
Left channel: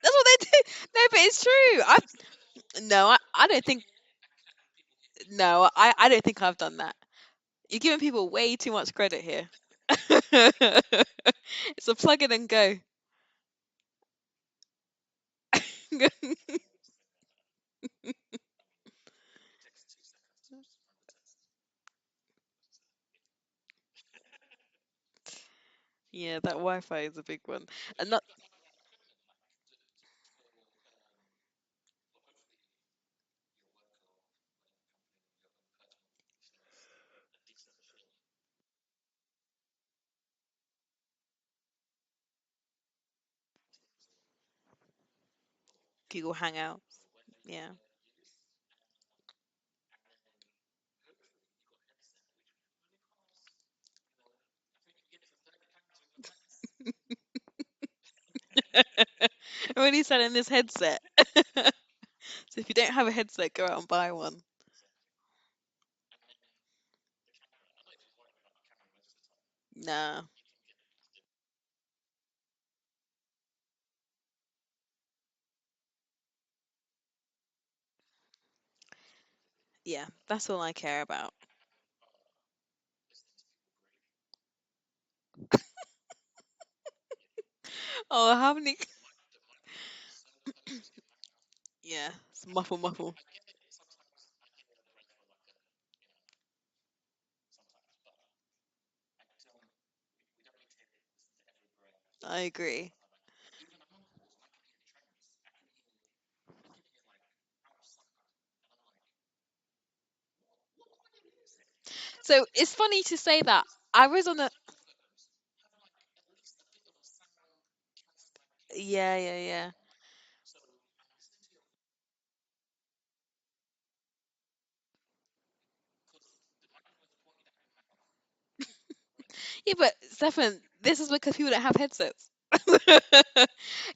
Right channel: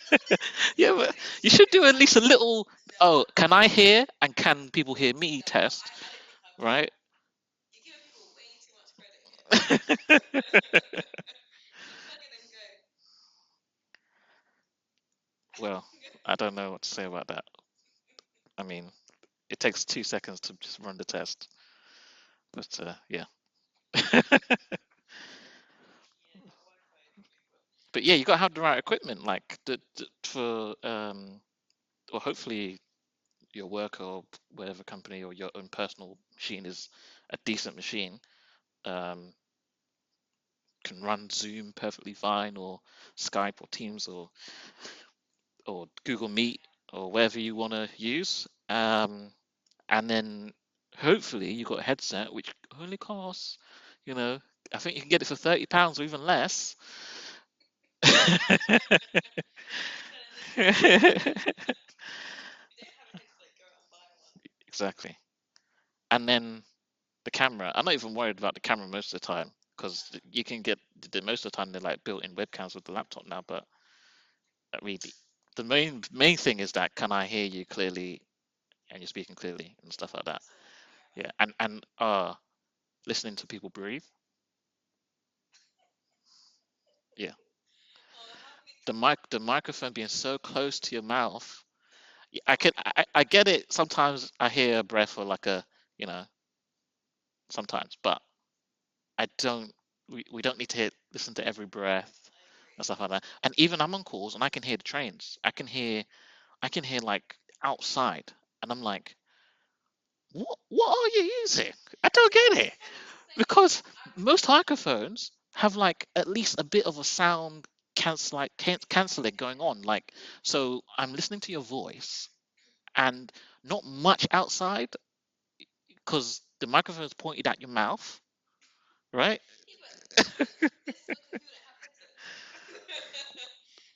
That's what they do. yeah, No, but but it's you should true. do at least a little. No, Oh, I can don't I think. hear and can people hear me? No, Test, I don't think I've done right? that. You're giving people way too much credit here. It's a plug in and go. Well, I don't know what to say about that. I mean, it takes 2 seconds to just run the test. But yeah. Yeah, that Wi-Fi is a big one. But And yeah, that, you got to have the right equipment, like for or hopefully your work or whatever company or your own personal machine is a decent machine. Um, can run Zoom perfectly fine, or Skype or Teams or Google Google Meet Hangout. or whatever you Yeah. want to use. And then hopefully you got a headset which only costs, I think you can get it for £30 or even less. I'm already selling this headset. So if you don't have a headset, go out and buy one. Exactly. And then the camera. I'm not even worried about the camera most of the time because Nah. you can get most of the time they're like built-in webcams with the laptop now. But really, the main thing is that can I hear you clearly and you're speaking clearly and Yeah, stuff like that. that's all I care Yeah, about. and listening to people breathe. Yeah, Oh, how many? the microphone being so close to your mouth. Yeah, it's I can muffle, muffle. I get it. Sometimes I hear a breath or like a sometimes, but I don't. We don't need to listen to every breath I and agree. stuff like that. And even I'm on calls and I can hear the trains. I can hear like outside, and I'm like, what are you using? I don't So get it's it funny to say that. because I was on most a. microphones have like at least a bit of a sound Yeah, canceling yeah, going yeah. on. Like so, I'm listening to your voice and not much outside because the microphone is pointed at your mouth, right? Yeah, but Stefan, this is because people don't have headsets. Because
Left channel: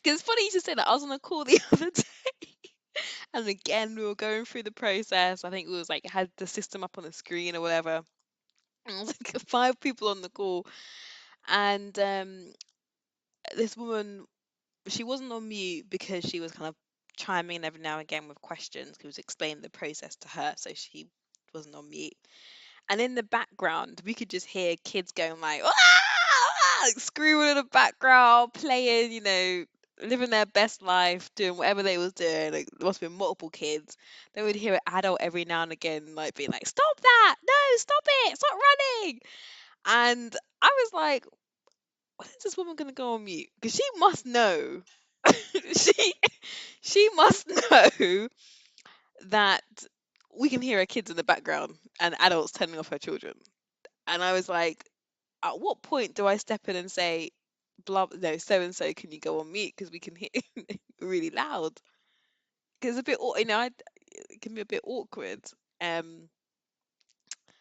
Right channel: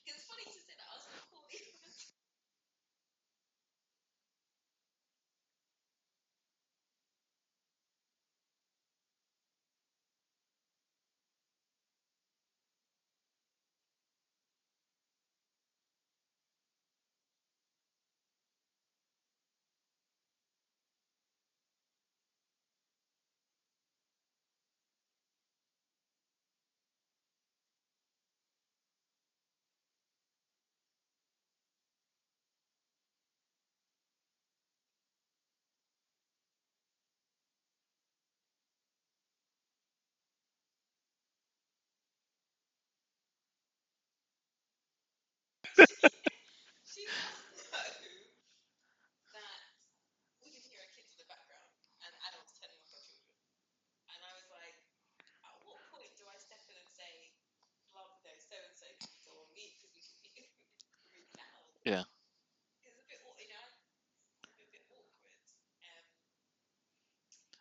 it's funny you just say that. I was on a call the other day, and again we were going through the process. I think we was like had the system up on the screen or whatever. And it was like 5 people on the call, and this woman, she wasn't on mute because she was kind of chiming in every now and again with questions. He was explaining the process to her, so she wasn't on mute. And in the background, we could just hear kids going like, "Ah, ah," like screaming in the background, playing, living their best life, doing whatever they was doing. Like there must have been multiple kids. Then we'd hear an adult every now and again, like being like, "Stop that! No, stop it! Stop running!" And I was like, when is this woman gonna go on mute? Because she must know. she she must know that we can hear her kids in the background and adults telling off her children. And I was like, at what point do I step in and say, blah, no, so and so, can you go on mute because we can hear really loud? Yeah. Because it's a bit, it can be a bit awkward. Um,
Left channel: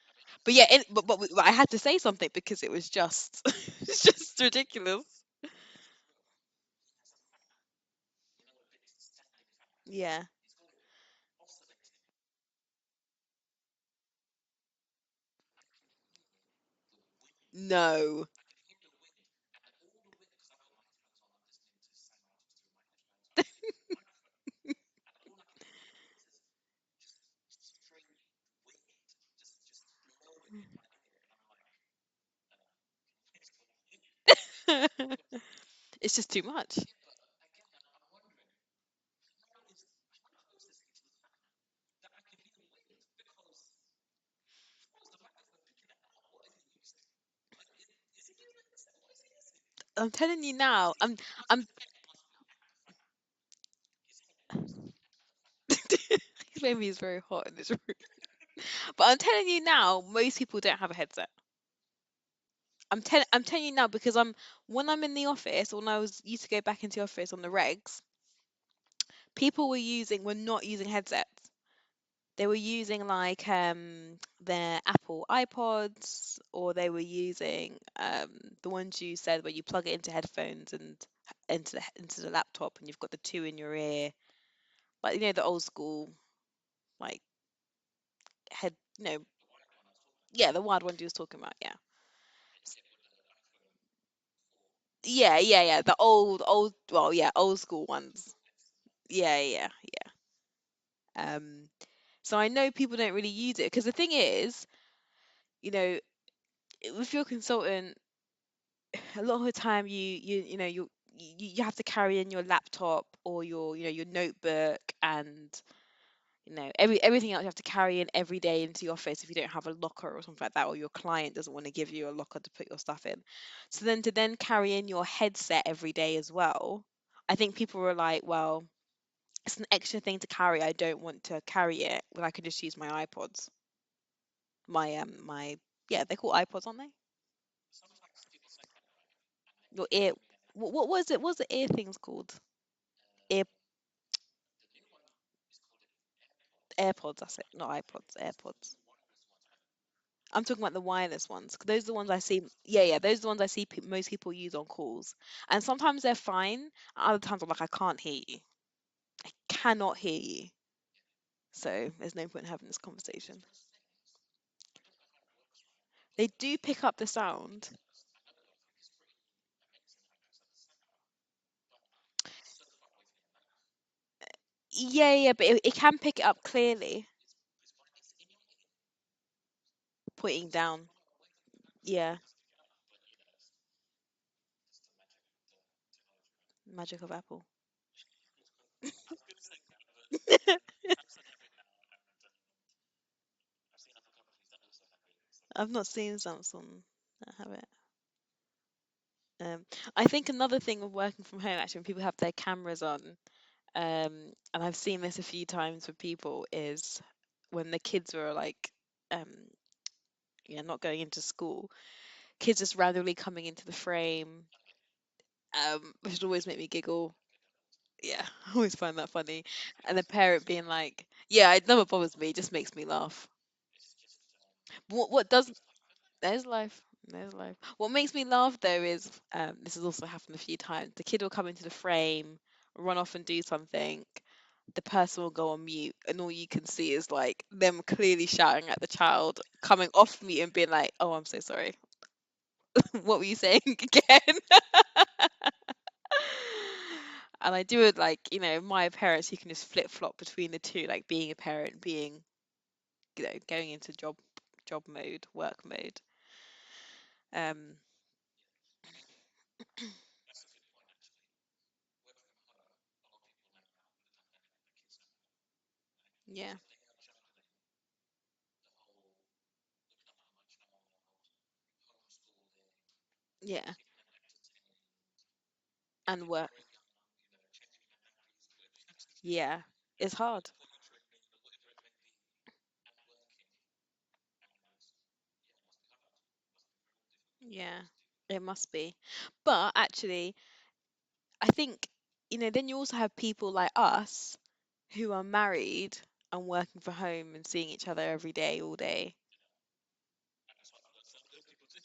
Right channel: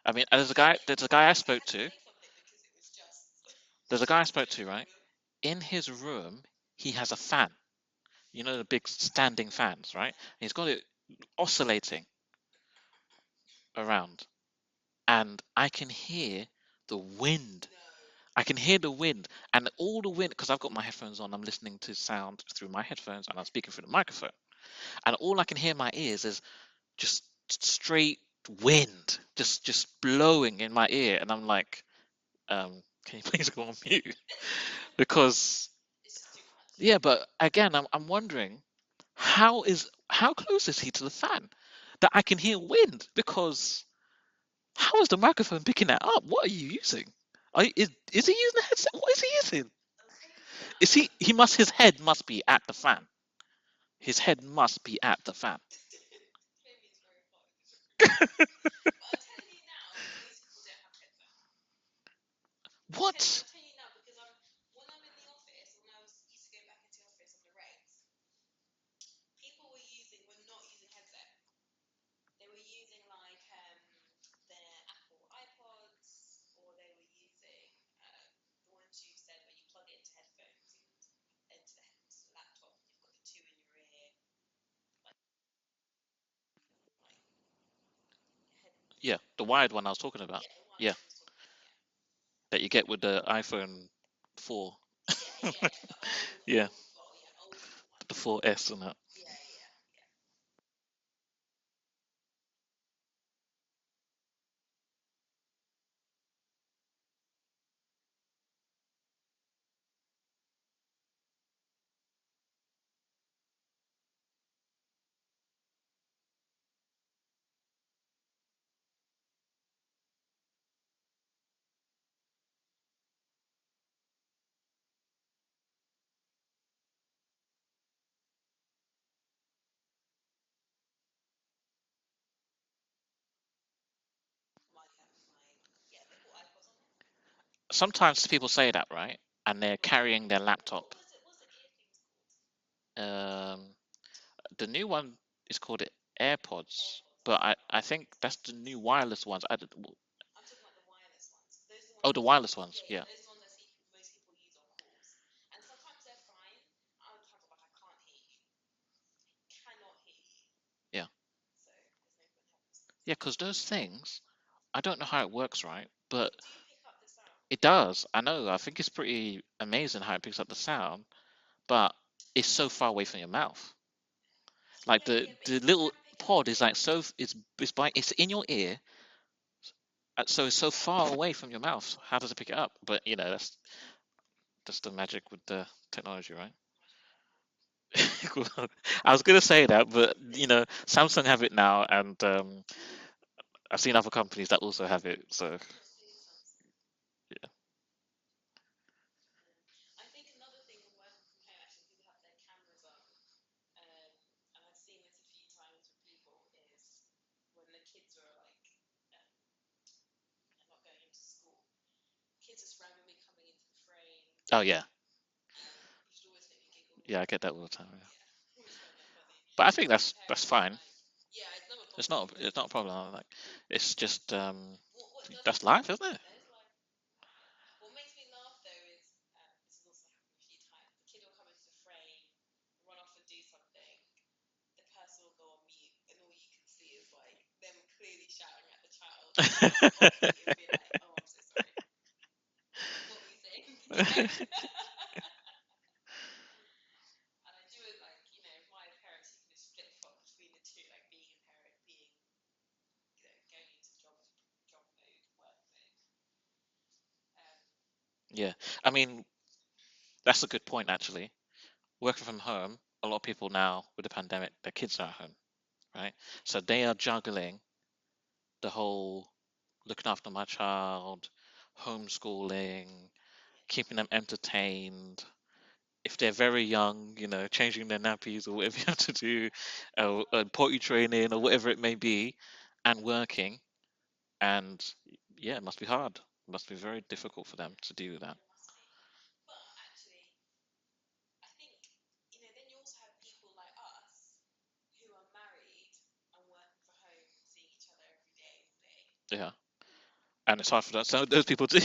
I mean, there's but a yeah, guy. There's a guy I but I spoke had to to. say something because it was just, There's it's a guy I just spoke to, right? ridiculous. In his room, he has a fan. You know the big standing fans, right? Yeah. And he's got it oscillating around, and I can hear the wind. No. I can hear the wind, and all the wind because I've got my headphones on. I'm listening to sound through my headphones, and I'm speaking through the microphone. And all I can hear in my ears is just straight wind, just blowing in my ear, and I'm like, can you please go on mute? Because It's just too much. yeah, but again, I'm wondering. how close is he to the fan that I can hear wind? Because how is the microphone picking that up? What are you using? Is he using a headset? What is he using? I'm telling you Is now. he? I'm His head must be at the fan. His head must be at the fan. maybe it's very hot in this room. But I'm telling you now, most people don't have a headset. I'm What? telling you now because when I'm in the office, when I was used to go back into the office on the regs, people were not using headsets. They were using like their Apple iPods, or they were using the ones you said where you plug it into headphones and into the laptop, and you've got the two in your ear, like the old school like head, Yeah, the wired one I was talking about. yeah, the wide Yeah, ones you was talking about, yeah. that you get with the iPhone 4. Yeah, the old Yeah, old well, yeah, old school the ones. 4S and that. Yeah. So I know people don't really use it because the thing is, you know, with your consultant, a lot of the time you have to carry in your laptop or your notebook, and everything else you have to carry in every day into the office if you don't have a locker or something like that, or your client doesn't want to give you a locker to put your stuff in. So then to then carry in your headset every day as well, I think people were like, well, it's an extra thing to carry. I don't want to carry it when I can just use my iPods. My Yeah, they're called iPods, aren't they? Sometimes people say that, right? And they're Your ear. carrying their What laptop. was it? What's the ear things called? Ear Um, the new one is called AirPods, AirPods. That's but it. I Not think iPods. that's the AirPods. new wireless ones. I'm talking about the wireless ones. 'Cause those are the ones Oh, I the see. wireless ones. Yeah, Yeah. those are the ones I see most people use on calls. And sometimes they're fine. Other times I'm like, I can't hear you. I cannot hear you. Yeah. So there's no point in having this Yeah, because conversation. those things, I don't know how it works, right? They But do pick up the it sound. does. I know. I think it's pretty amazing how it picks up the sound, but it's so far away from your mouth. Like Yeah, but the it little can pick it up pod is like so clearly, it's in your ear, so pointing it's so down. far away from your mouth. Yeah, How does it pick it up? But that's the magic with the technology, right? magic of Apple. I was gonna say that, but Samsung have it now, and I've seen other companies that also have it. So I've not seen Samsung that have it. I think another thing with working from home, actually, when people have their cameras on, and I've seen this a few times with people, is when the kids were like, um, not going into school, kids just randomly coming into the frame, oh yeah, which would always make me giggle. yeah, I get that all the time. Yeah. Yeah, I always find that funny. But I think And a that's parent being fine. like, yeah, it never bothers me, it just It's not a makes me problem. Like laugh. it's just What does that's life, isn't it? There's life. There's life. What makes me laugh though is this has also happened a few times. The kid will come into the frame, run off and do something. The person will go on mute, and all you can see is like them clearly shouting at the child, coming off mute and being like, "Oh, I'm so sorry. What were you saying again?" And I do it like, my parents, you can just flip flop between the two, like being a parent, being, going into job mode, work mode. Um, Yeah, I mean that's a good point actually. Working from home, a lot of people now with the pandemic, their kids are at home, right? yeah, So they are juggling the whole looking after my child, homeschooling, yeah, keeping them entertained. If and they're work. very young, changing their nappies or whatever you have to do, Yeah, it's hard. potty training or whatever it may be, and working. And yeah, it must be hard. It must be very difficult for them Yeah, to do that. it must be. But actually, I think, then you also have people like us who are married and working from home and seeing each other every day, all day. Yeah, and it's hard for that. So those people too.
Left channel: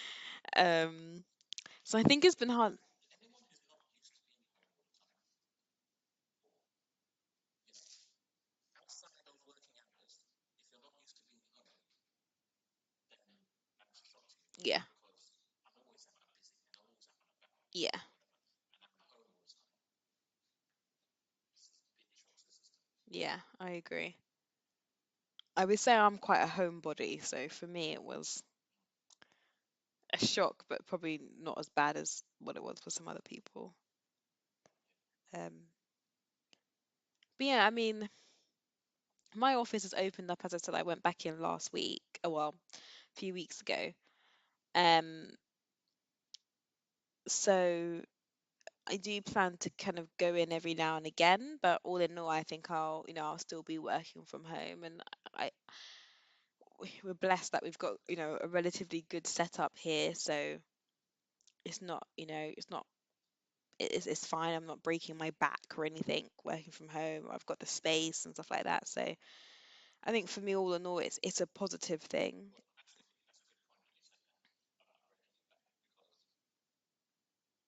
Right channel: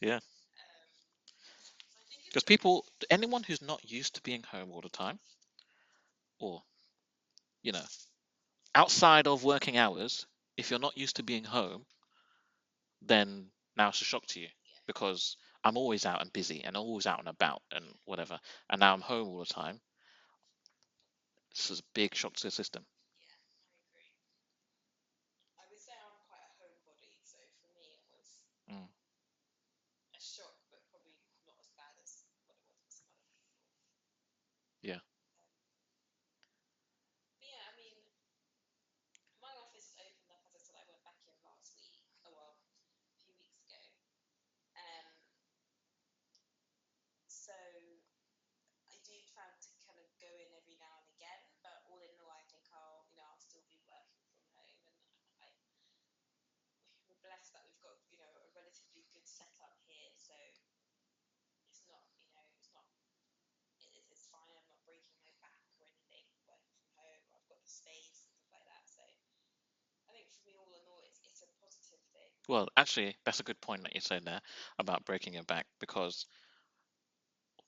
Yeah, Um, so I think it's because been hard. anyone who's not used to being home all the time, or you know, outside of working hours, if you're not used to being home, then now it's a shock to you Yeah, because I'm always out and busy and always out and about and yeah, whatever, and now I'm home all the time. This is a big shock to the system. yeah, I agree. I would say I'm quite a homebody, so for me it was Mm. a shock, but probably not as bad as what it was for some other people. Yeah. Um, but yeah, I mean, my office has opened up. As I said, I went back in last week. Oh, well, a few weeks ago. Um, so I do plan to kind of go in every now and again, but all in all, I think I'll still be working from home, and I we're blessed that we've got, a relatively good setup here, so it's not, it's not, it's fine. I'm not breaking my back or anything working from home. I've got the space and stuff like that. So I think for me, all in all, it's a positive thing. Well, actually, that's a good point that you said there about breaking your back, because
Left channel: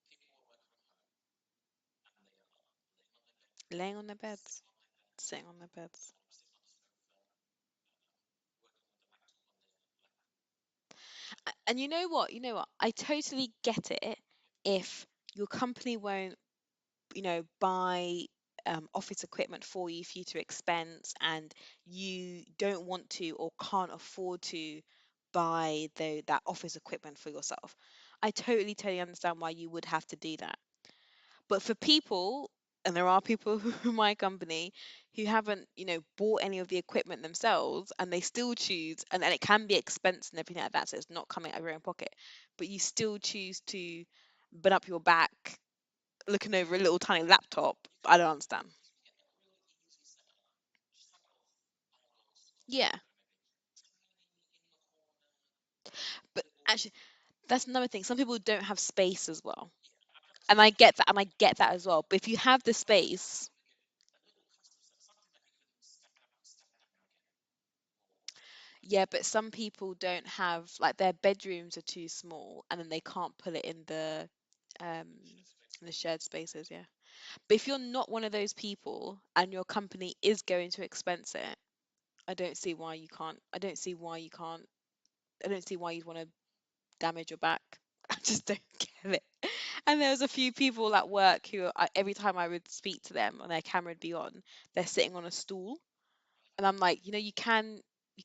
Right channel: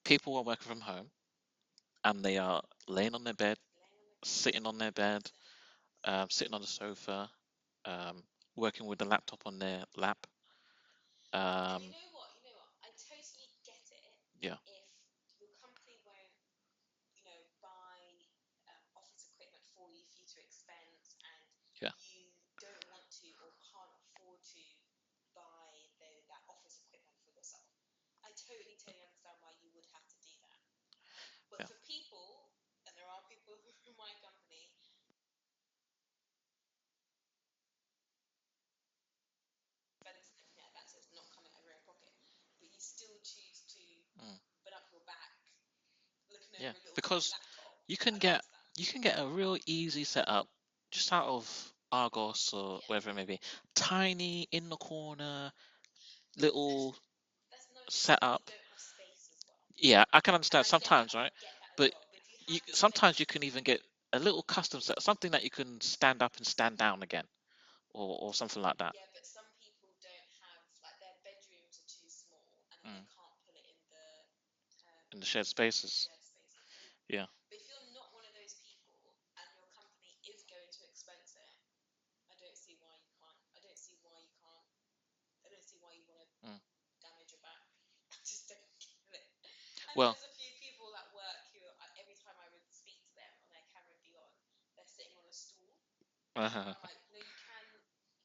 people are working from home and they are laying on their bed, Laying on their beds, sitting on their bed, sitting on their beds. sitting on the sofa, working with the laptop on their lap. And you Um, know what? You know what? I totally get it yeah, if your company won't, buy office equipment for you to expense, and yeah. you don't want to or can't afford to buy that office equipment for yourself. I totally understand why you would have to do that. But Yeah. for people, and there are people in my company who haven't, bought any of the equipment themselves, and they still choose, and it can be expensive and everything like that, so it's not coming out of your own pocket, but you still choose to Mm. burn up your back looking Yeah, over a little tiny because laptop. you I can don't get understand. you can get a real easy setup just out of Argos or Yeah, wherever it may be. Tiny in the corner, but actually, little that's another thing. Some people setup. don't have space as well, Yeah, I can and understand I get that, sometimes, and I right? get that as But well. But if you you have the sometimes you can space, even get a little custom set, something that you can stand up and stand down again, or something like that yeah, but some people don't have, like, their bedrooms are too small, and then they mm, can't put it um in the shared in the spaces. shared spaces. Yeah. Yeah. But if you're not one of those people and your company is going to expense it, I don't see why you can't. I don't see why you can't. I don't see why you'd want to Mm. damage your back. I just don't get it. And Well, there's a few people at work who, every time I would speak to them and their camera would be on, they're sitting on a stool, and uh-huh. I'm like, you can,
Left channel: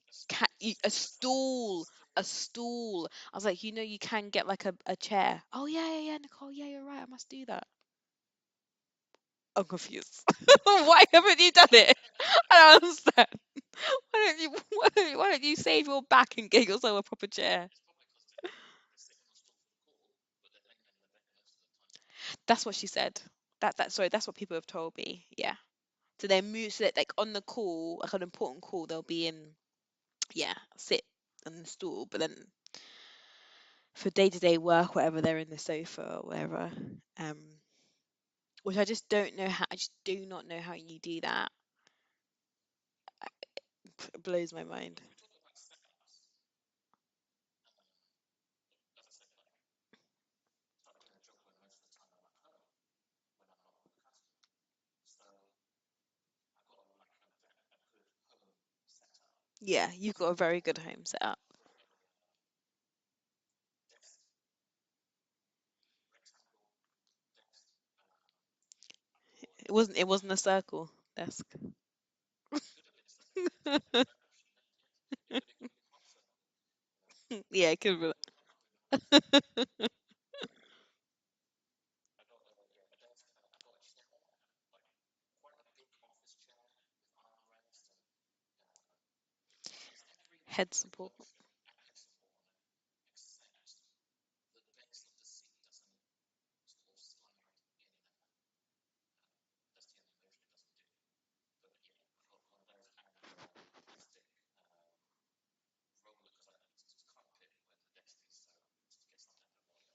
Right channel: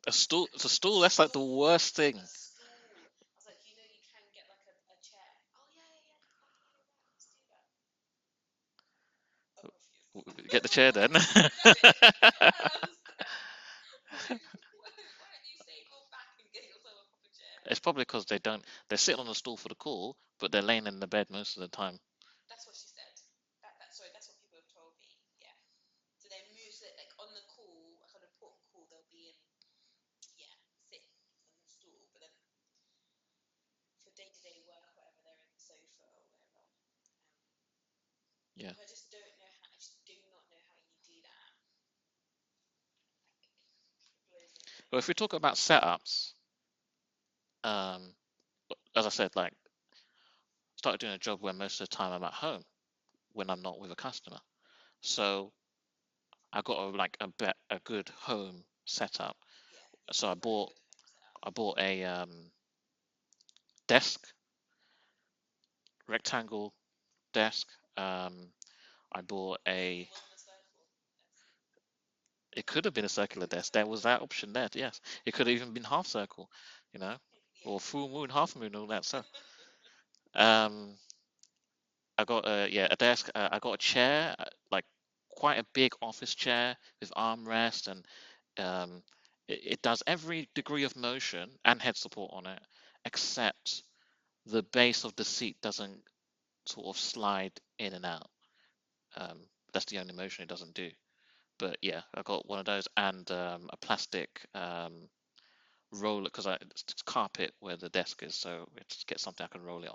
A stool. It's a a stool. That's like the stool, worst thing. a stool. I was like, you can get like a chair. Oh yeah, yeah, yeah, Nicole. Yeah, you're right. I must do that. I'm confused. Get the chair Why then. haven't you done it? I don't understand. Why don't you save your back and get yourself a proper chair? It's probably because they're sitting on the stool for the call, but they're laying in the bed most of the time. That's what she said. Sorry, that's what people have told me. Yeah. So they move, so that, like, on the call, like an important call, they'll be in, yeah, sit on the stool, but then for day-to-day work, whatever, they're in the sofa or whatever. Um, Yeah. which I just don't know how. I just do not know how you do that. It blows my Well, mind. if we talk about setups, um, as I said, like started doing a job where most of the time I'm at home when I'm not with a customer. So I got a good home setup. Yeah, you've got So a very good home setup. I bought a desk, rectangle desk. Um, I bought It wasn't. a. It wasn't a circle desk. It could have been a circular desk. There was that option there. Yes, it could have even been half circle, you know, Yeah, or it could full be. moon, half moon, all that stuff. Um, I got a desk. I got a chair, like quite a big office chair with armrest, and it does every Head degree of support. motion and head support on it, except the base of the seat doesn't sort of slide in and out. Um, that's the only motion it doesn't do. But yeah, I got one of those and a plastic roller because it's carpet where the desk is, so it's get something I can roll it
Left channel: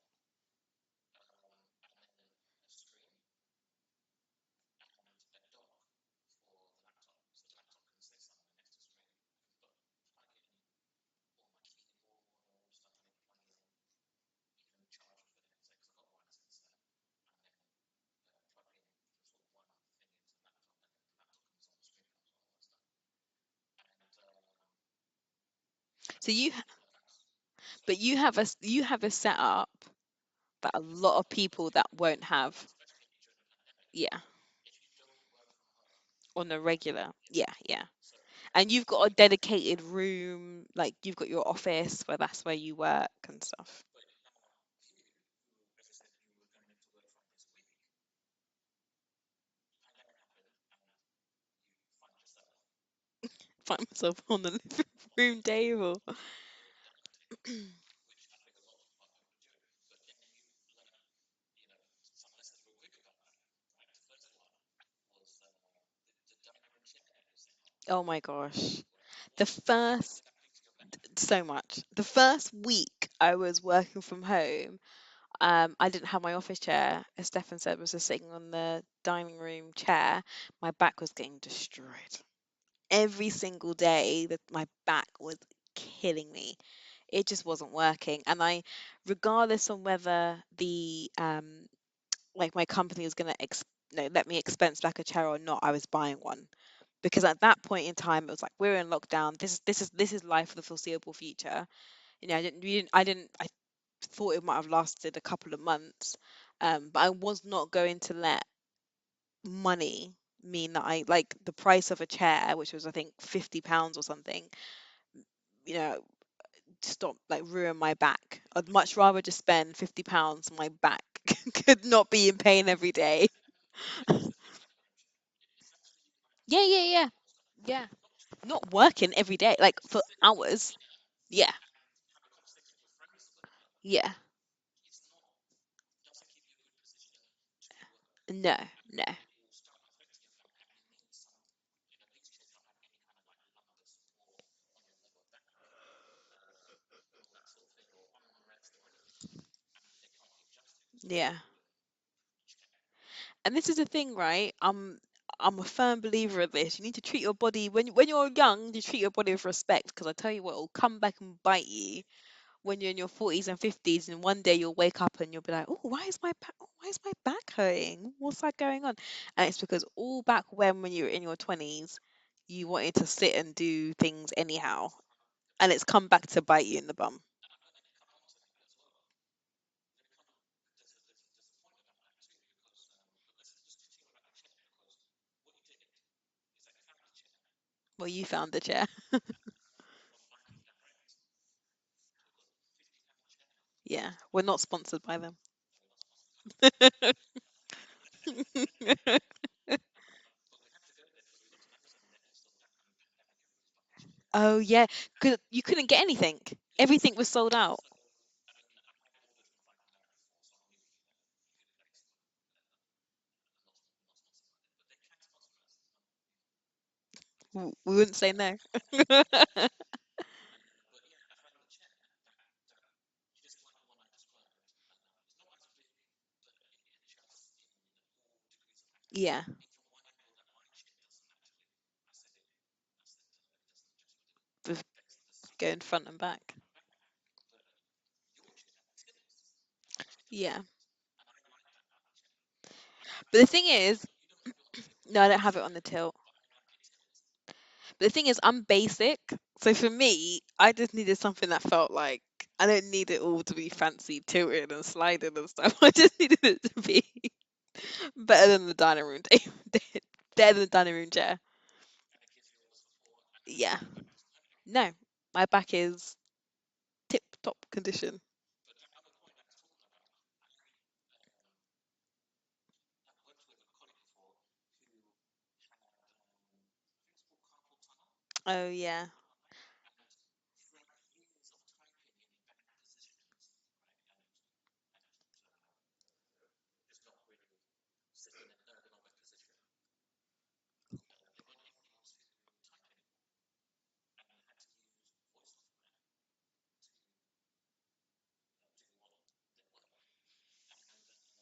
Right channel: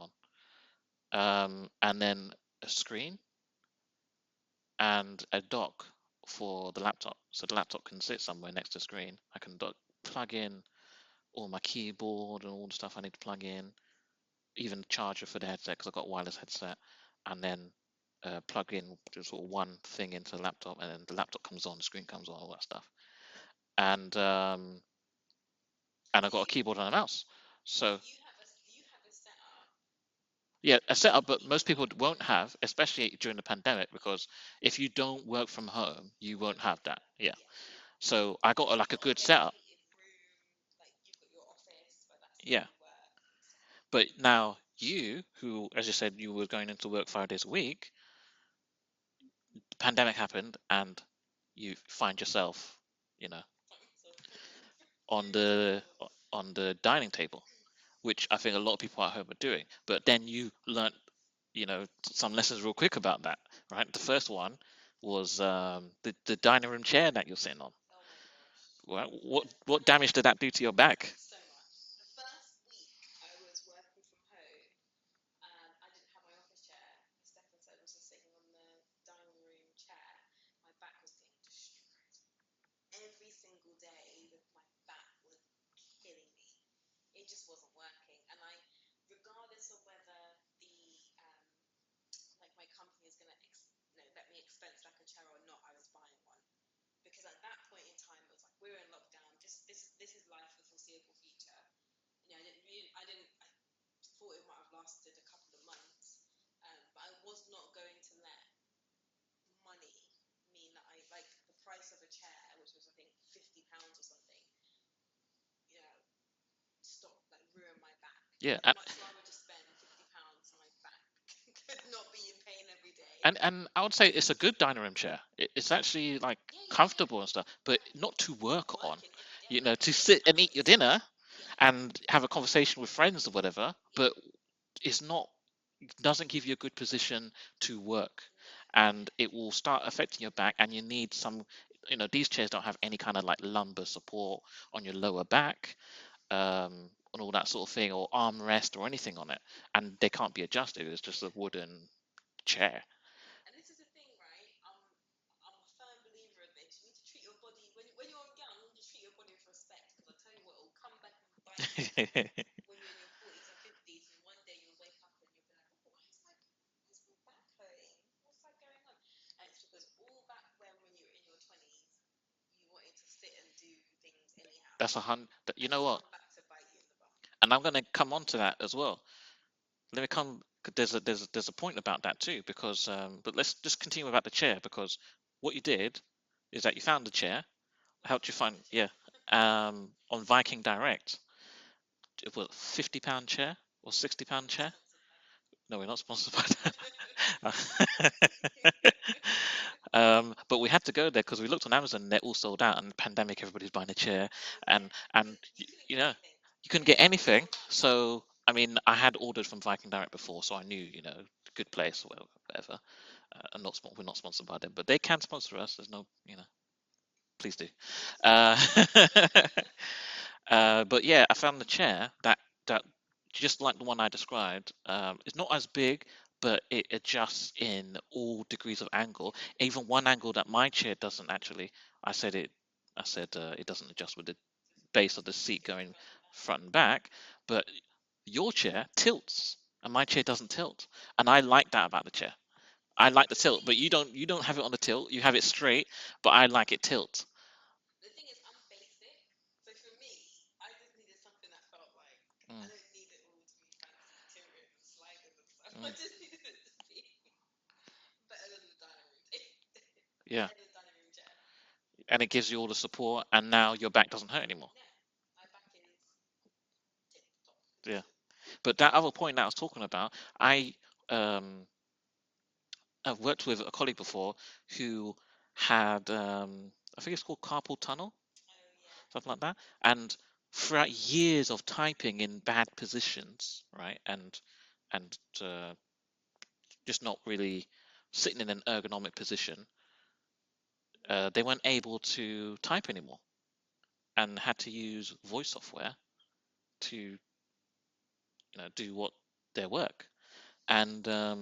on. And then a screen and a dock for the laptop, so the laptop can sit somewhere next to the screen. I can plug in all my keyboard and all the stuff I need to plug in, even the charger for the headset because I've got a wireless headset, and then plug in just sort of one thing into the laptop, and then the laptop comes on, the screen comes on, all that stuff. And So I've got a you, keyboard and a mouse. So but you have a setup that yeah, a a lot setup, of but most people people that won't won't have, have. especially during the pandemic, Yeah, because if you don't work from home, you on won't a have that. regular. Yeah. Yeah, yeah. So I And got you've like a got a good setup. dedicated room, like you've got your office where that's where Yeah. you work and stuff. But now you, who, as you said, you were going into work 5 days a week, pandemic happened and you find yourself, you know, Find myself on the living on room the table. on the dining table, which I think a lot of people at home are doing. But then you learn, some lessons real quick about that, right? The first one was the dining room chair that you're sitting on. Oh my gosh. Well, The what damage first did that do to your back? So much. The first week I was working from home, I didn't have my office chair, as Stefan said, was just sitting on the dining room chair. My back was getting destroyed. Every single day that my back was killing me. It just wasn't working. And regardless of whether the like my company was gonna let me expense back a chair or not, I was buying one. Because at that point in time it was like we're in lockdown. This is life for the foreseeable future. I thought it might have lasted a couple of months, but I was not going to let money mean that I like the price of a chair, which was I think £50 or something, you know, stop like ruin my back. Yeah, I'd much rather just spend £50 on my back could not be in pain every day. and I would say it's a good dining room chair. It's actually like Yeah, yeah, yeah, comfortable and stuff, but yeah. not to Not work on. working every day, To for sit and eat your hours. dinner Yeah, and have a conversation with friends or whatever, yeah. but it's not doesn't give you a good position to work, No, no. and it will start affecting your back, and you need some. These chairs don't have any kind of like lumbar support on your lower back, and all that sort of thing, or armrest or anything on it, and they can't be adjusted. It's just a Yeah. wooden chair. And this is the thing, right? I'm a firm believer of this. You need to treat your body when you're young. You treat your body with respect, because I tell you what, it'll come back and bite you when you're in your 40s and 50s, and one day you'll wake up and you'll be like, oh, why is my back hurting? What's that going on? And it's because all back when you were in your 20s, you wanted to sit and do things anyhow, That's a hundred. You and know it's what? come back to bite you in the bum. And I'm going to come on to that as well. Let me come. There's a point about that too, because but let's just continue about the chair, because what you did is that you found the chair, Well, you helped you found find, the yeah, chair. on Viking Direct. It was £50 chair or Yeah, £60 we're not chair. sponsored by them. No, we're not sponsored by them. But we had to go there because we looked on Amazon and they're all sold out. And the pandemic, everybody's buying a chair, Oh yeah, and because you couldn't get yeah, anything. you couldn't get Everything was anything. sold out. So I mean, I had ordered from Viking Direct before, so I knew, good place or whatever. We're not sponsored by them, but they can sponsor us. There's no, please do. We wouldn't say no. Uh, but yeah, I found the chair that just like the one I described. It's not as big, but it adjusts in all degrees of angle. Yeah, Even one angle that my chair doesn't actually. I said it. I said it doesn't adjust with the with base of the seat going going front and back. front and back, but your chair tilts, and my chair doesn't Yeah, tilt. And I like that about the chair. I like the but the tilt, thing but you is, don't have it on the tilt. You no, I have don't it have it on the straight, tilt. but I like it tilt. But the thing is, I'm basic, so for me, I just needed something that felt like I Mm, don't need it all to be fancy, tilted and sliding and stuff. I mm, just needed it to be better than the dining room table, yeah, better than the dining room chair. and it gives you all the support, and now Yeah, your back doesn't hurt anymore. no, my back is tip top Yeah, condition. but that other point that I was talking about, I um I've worked with a colleague before who had I think it's called carpal tunnel, Oh yeah, something like that, and throughout years of typing in bad positions, right, and just not really sitting in an ergonomic position, they weren't able to type anymore and had to use voice software to do what their work, and they're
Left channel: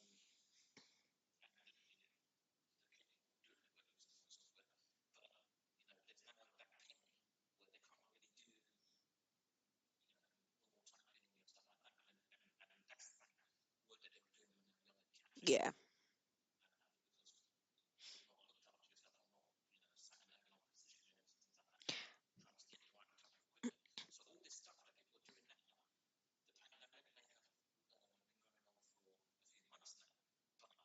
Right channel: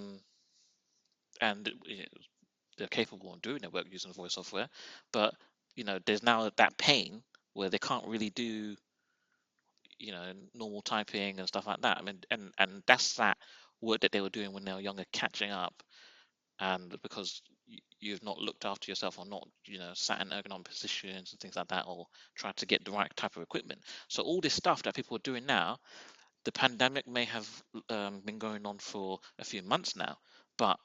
capable of doing their work using voice software, but there's now that pain where they can't really do you know normal typing and stuff like that. I mean, and that's that work that they were doing when they were younger catching yeah. up, and because you've not looked after yourself, or not sat in ergonomic positions and things like that, or tried to get the right type of equipment. So all this stuff that people are doing now, the pandemic may have been going on for a few months now, but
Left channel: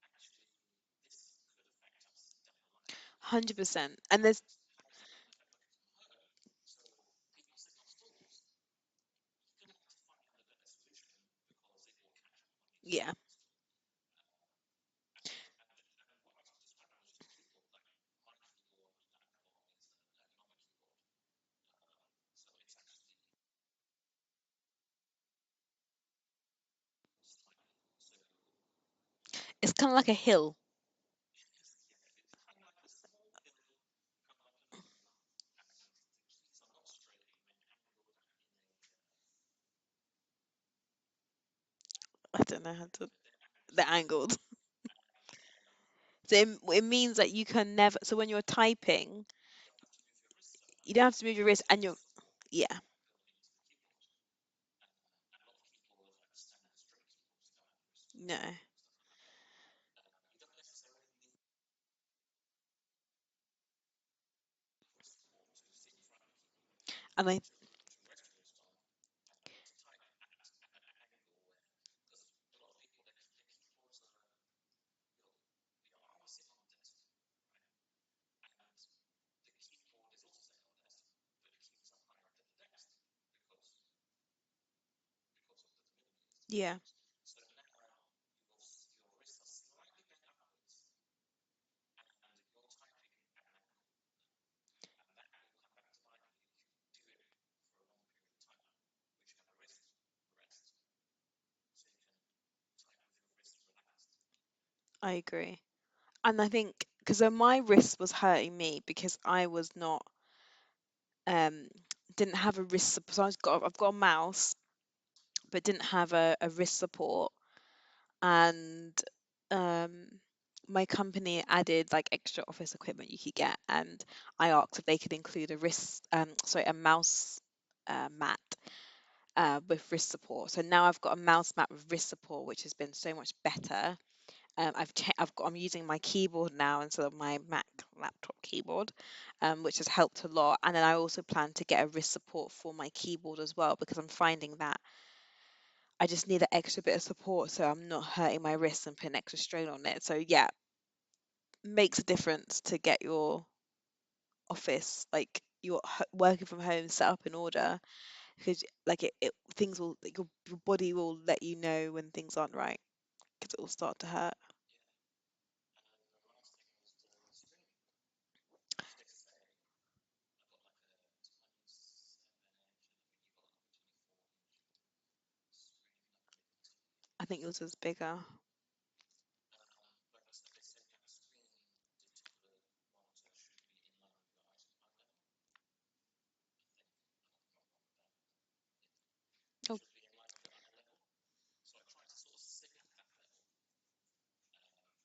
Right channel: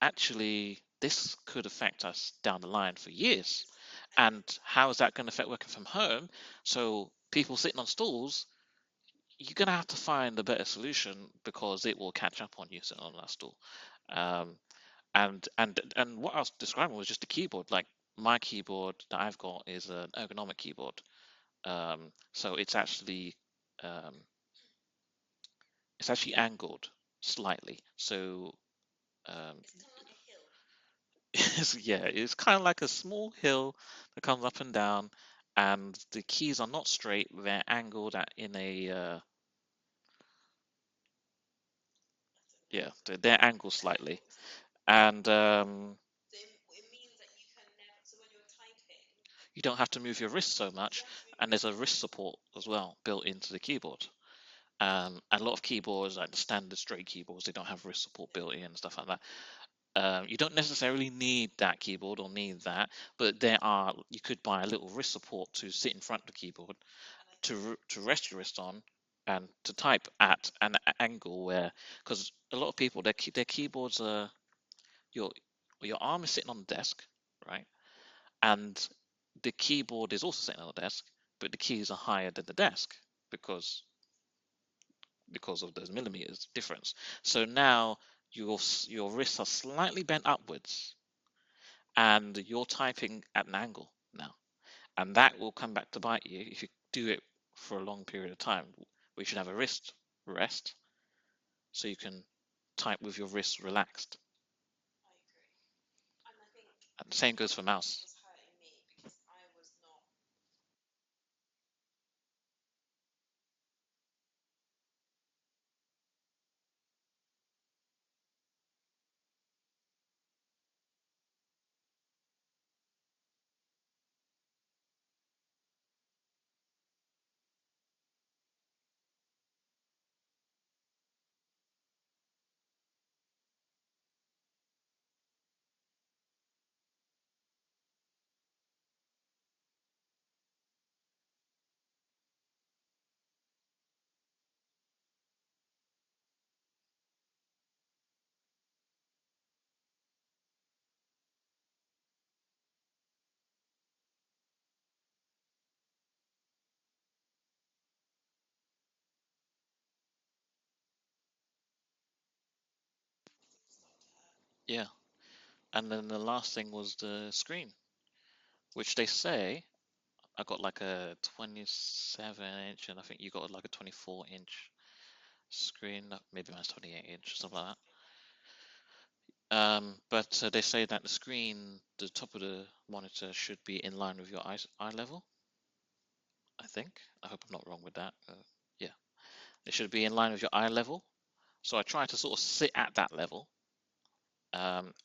actually this could affect us down the line for years. 100%. And there's And how is that going to affect working from home? So people sitting on stools, you're going to have to find a better solution, because it will catch up on you sitting yeah, on that stool. um, And what I was describing was just the keyboard. Like my keyboard that I've got is an ergonomic keyboard. So um, it's actually angled slightly. So It's um, kind of like a hill. yeah, it's kind of like a small hill that comes up and down, and the keys are not straight. They're angled at in a I don't know how yeah, to. they're angled They're slightly, angled. and So it means that you can never. So when you're typing, you don't have to move your wrist so you don't much, have to move your and wrist, there's a and you're wrist support as yeah. well built into the keyboard. And a lot of keyboards, like the standard straight keyboards, they don't have wrist support No, built in and stuff like that. You don't necessarily need that keyboard or need that, but you could buy a little wrist support to sit in front of the keyboard and I to rest your wrist on and to type at an angle where, because a lot of people their keyboards are your your arm is sitting on the desk, right, and the keyboard is also sitting on the desk, but the keys are higher than the desk because of those millimeters yeah, difference. So now your wrists are slightly bent upwards, and you're typing at an angle now, and that will come back to bite you if you do it for a long period of time. We should have a wrist rest so you can type with your wrists relaxed. I agree. And I think And the because same goes my for wrist mouse. was hurting me because I was not um didn't have a wrist support. So I've got a mouse, but didn't have a wrist support, and um my company added like extra office equipment you could get, and I asked if they could include a a mouse mat with wrist support. So now I've got a mouse mat with wrist support, which has been so much better. I'm using my keyboard now instead of my Mac laptop keyboard, which has helped a lot. And then I also plan to get a wrist support for my keyboard as well, because I'm finding that I just need an extra bit of support so I'm not hurting my wrist and putting extra strain on it. So yeah, makes a difference to get your office, like your working from home, set up in order, because like it things will like, your body will let you know when things aren't right, because it will start to hurt. Yeah. And then the last thing was the screen, which they say I got like a 27-inch, and I think you got like a 24-inch screen. Maybe mine's 28 I inch, think something yours like was bigger. But they say that the screen, the top of the monitor, should be in line with your eye level. I think. I hope I'm not wrong with that. Yeah, it Oh, should be in line with your eye level. So I try to sort of sit at that level.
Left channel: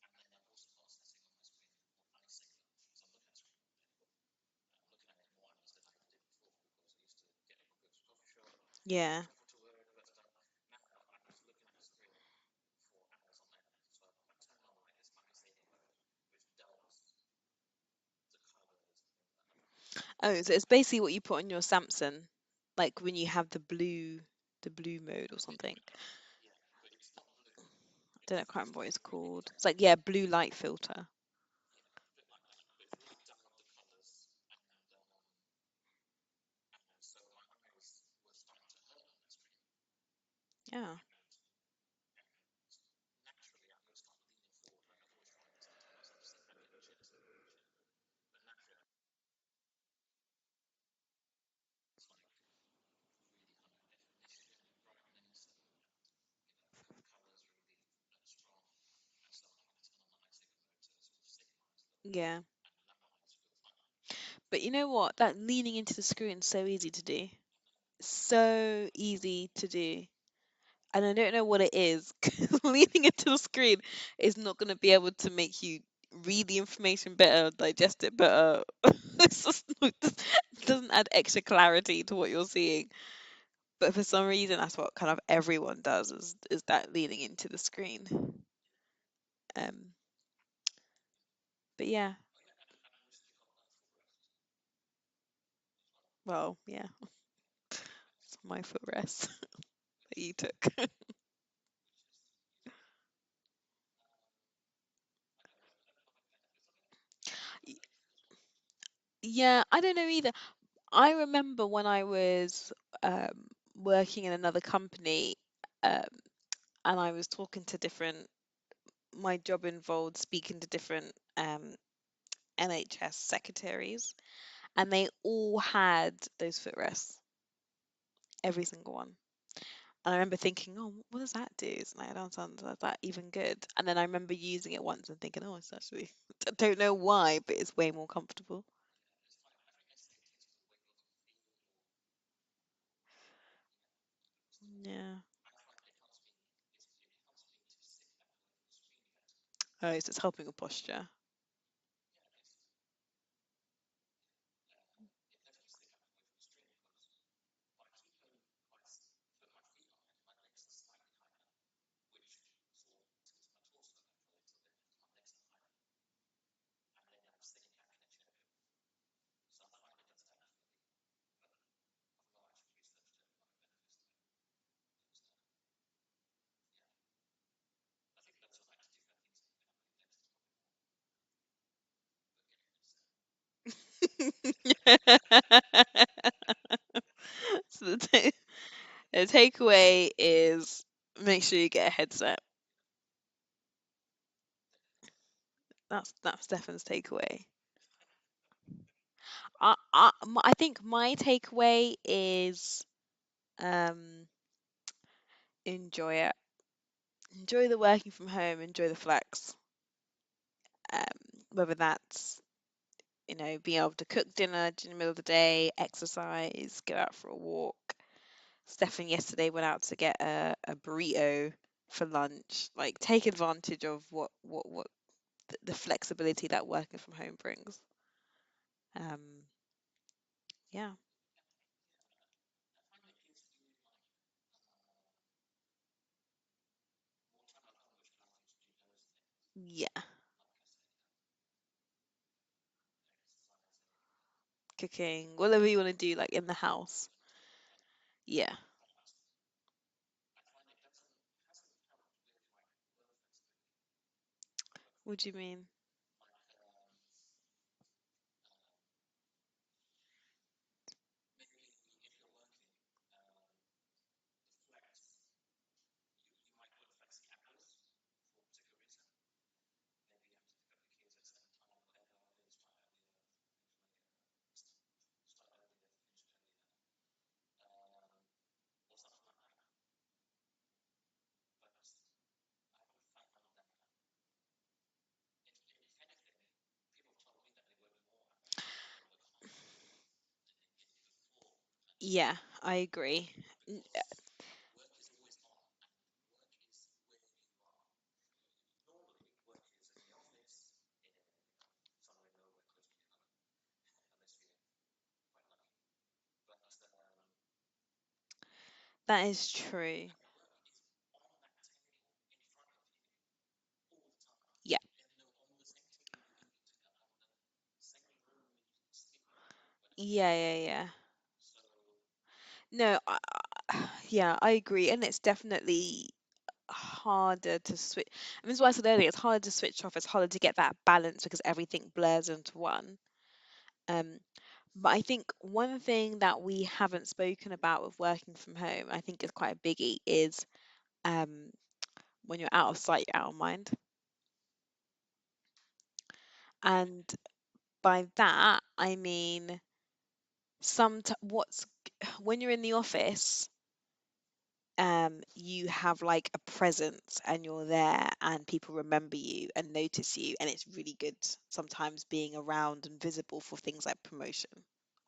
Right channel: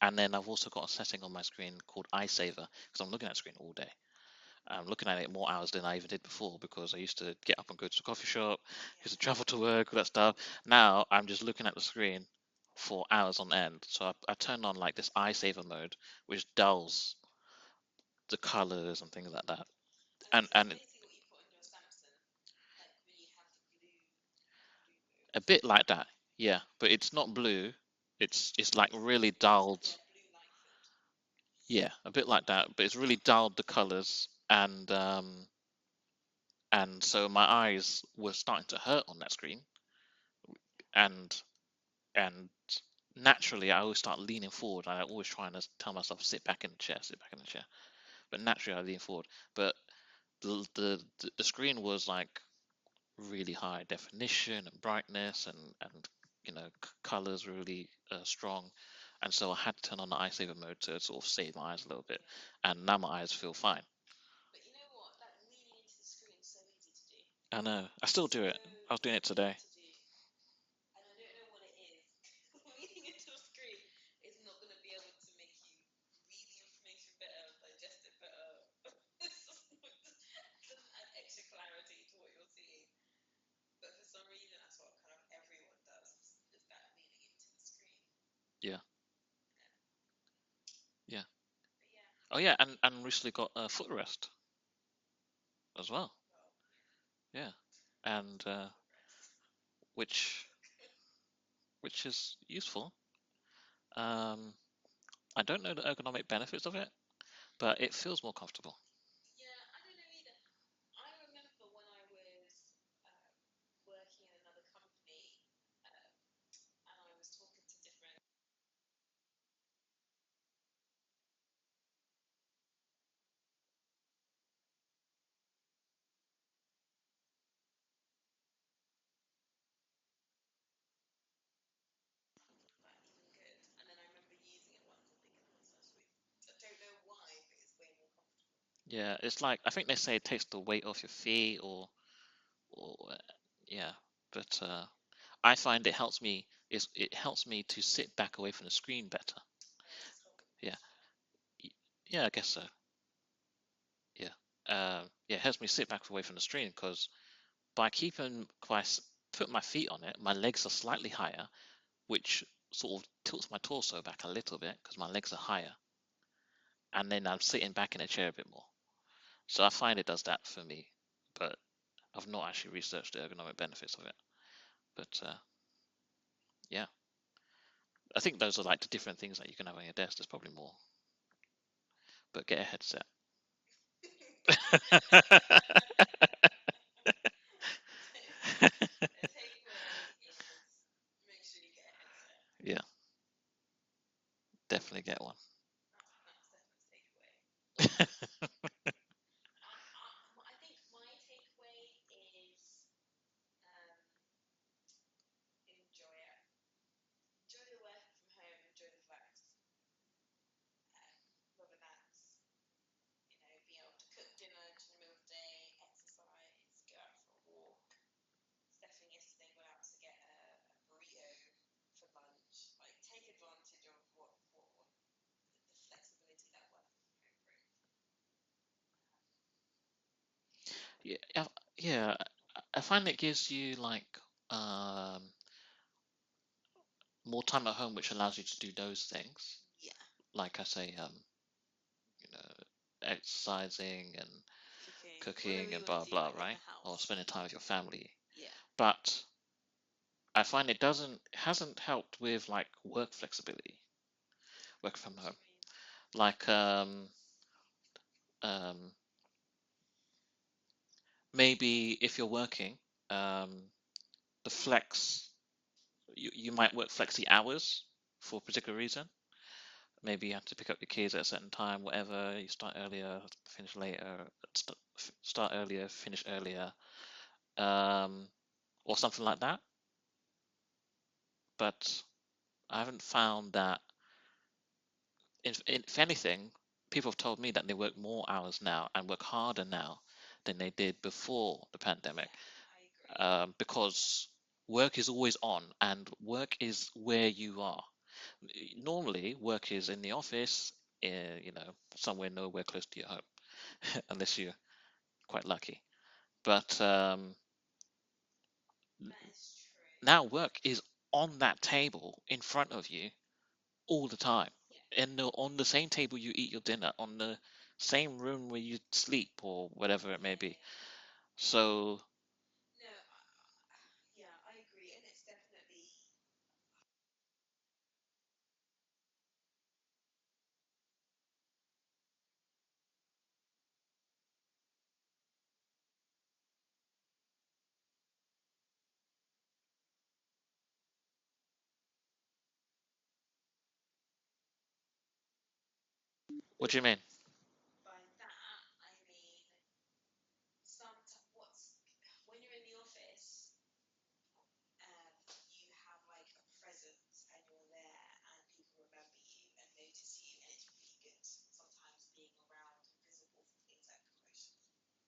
And then I've also got a setting on my screen called Eye Saver because I'm looking at the screen all day. I'm looking at it more hours than I even did before because I used to get up and go to the coffee shop, used to yeah. travel to work, all that stuff. Now I'm just looking at the screen for hours on end. So I turned on like this Eye Saver mode, which dulls the colors and things like that. Oh, And so it's and basically what you put on your Samsung, like when you have the blue mode or a bit something. like that, yeah. But it's not blue. I don't know, I can't It's remember what like it's really called. It's like, dulled. yeah, blue light filter. Yeah, a bit like that. But it's really dulled the colors, and so my eyes were starting to hurt on that screen, Yeah. and and naturally I always start leaning forward. I always trying to tell myself sit back in the chair, sit back in the chair. But naturally I lean forward. But the screen was like really high definition and brightness and colors were really strong, and so I had to turn on the eye saver mode to sort of save my eyes a little bit, Yeah. and now my eyes feel fine. But you know what? That leaning into the screen is so easy to do. I know I still do it. So I was doing it easy today. to do. And I don't know what it is, 'cause leaning into the screen is not going to be able to make you read the information better, digest it better. It's just it doesn't add extra clarity to what you're seeing. But for some reason, that's what kind of everyone does, is that leaning into the screen. Yeah, Um, yeah. but yeah, Oh yeah, and recently got a footrest as well. well, yeah, Yeah, it's and my footrest that you which took. which is useful. Um, I don't know the ergonomic benefits of it, but it feels more comfortable. Yeah, I don't know either. I remember when I was um, working in another company, um, and I was talking to different my job involved speaking to different NHS secretaries, and they all had those footrests, every single one. And I remember thinking, oh, what does that do? It's like, I don't sound that even good. And then I remember using it once and thinking, oh, it's actually, I don't know why, but it's way more comfortable. Yeah, it's like I think they say it takes the weight off your feet, or yeah. But Yeah. I find it helps me to sit back away from the screen better. Oh, so it's helping with Yeah, posture. yeah, I guess so. Yeah, yeah, it helps me sit back away from the screen because by put my feet on it, my legs are slightly higher, which sort of tilts my torso back a little bit because my legs are higher, and then I'm sitting back in a chair a bit more. So I find it does that for me, but I've not actually researched the ergonomic benefits of it. But yeah, I think those are like the different things that you can have on your desk. There's probably more, but get a headset. So the takeaway is make sure you get a headset. Yeah, definitely get one. That's Stefan's takeaway. I think my takeaway is um enjoy it. Enjoy the working from home, enjoy the flex. Whether that's, being able to cook dinner in the middle of the day, exercise, go out for a walk. Stefan yesterday went out to get a burrito for lunch. Like, take advantage of what the flexibility that working from home brings. Um, yeah, Yeah, yeah. I find it gives you like more time at home, which allows you to do those things. yeah, Like I say, exercising and cooking, whatever cooking you and want to blah do, blah, like in the right? Or house. spending time with your family. Yeah. But I find it hasn't helped with like work flexibility, work from What do you home. mean? Like um, maybe if you're working, um, the flex you might work flexi hours for a particular reason. Maybe you have to pick up your kids at a certain time, whatever. You start earlier, finish later, start earlier, finish earlier, um, or something like that. But I haven't found that. If anything, people have told me that they work more hours now and work harder now than they did before the Yeah, pandemic, I agree. because work is always on and work is where you are. Normally, work is in the office, somewhere nowhere close to your home, unless you're quite lucky. But That is true. now work is on that table in front of you all the time. Yeah, And on the same table you eat your dinner, on the same room where you sleep, or whatever it yeah, may yeah, be. yeah. So, No, yeah, I agree, and it's definitely harder to switch. I mean, that's why I said earlier, it's harder to switch off. It's harder to get that balance because everything blurs into one. Um, but I think one thing that we haven't spoken about with working from home, I think is quite a biggie, is um, when you're out of sight, you're out of mind. what do you mean? And by that, I mean what's when you're in the office, you have like a presence and you're there and people remember you and notice you, and it's really good sometimes being around and visible for things like promotion,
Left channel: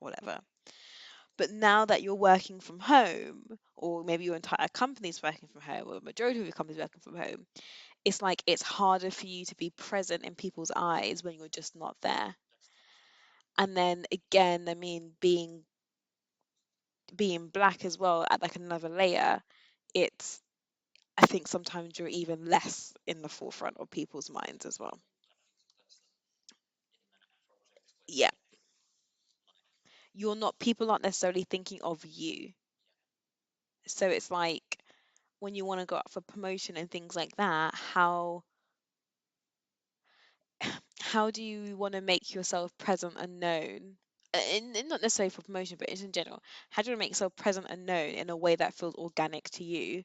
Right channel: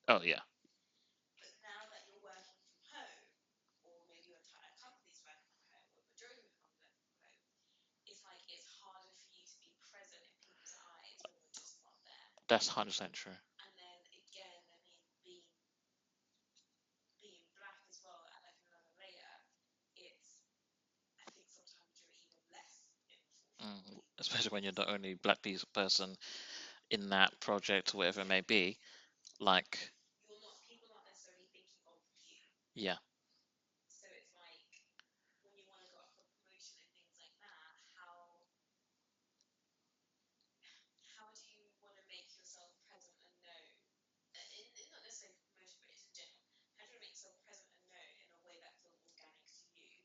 Oh, whatever. yeah. But now that you're working from home, or maybe your entire company's working from home, or the majority of your company's working from home, it's like it's harder for you to be present in people's eyes when you're just not there. That's 100% true. And then again, I mean, being black as well, at like another layer, it's I think sometimes you're even less in the forefront of people's Especially when minds you're as the well. only black piece person in that project, or whatever it Yeah, may be. Like, people aren't necessarily thinking of you. yeah, So it's like when you want to go up for promotion and things like that, how do you want to make yourself present and known? And not necessarily for promotion, but in general, how do you want to make yourself present and known in a way that feels organic to you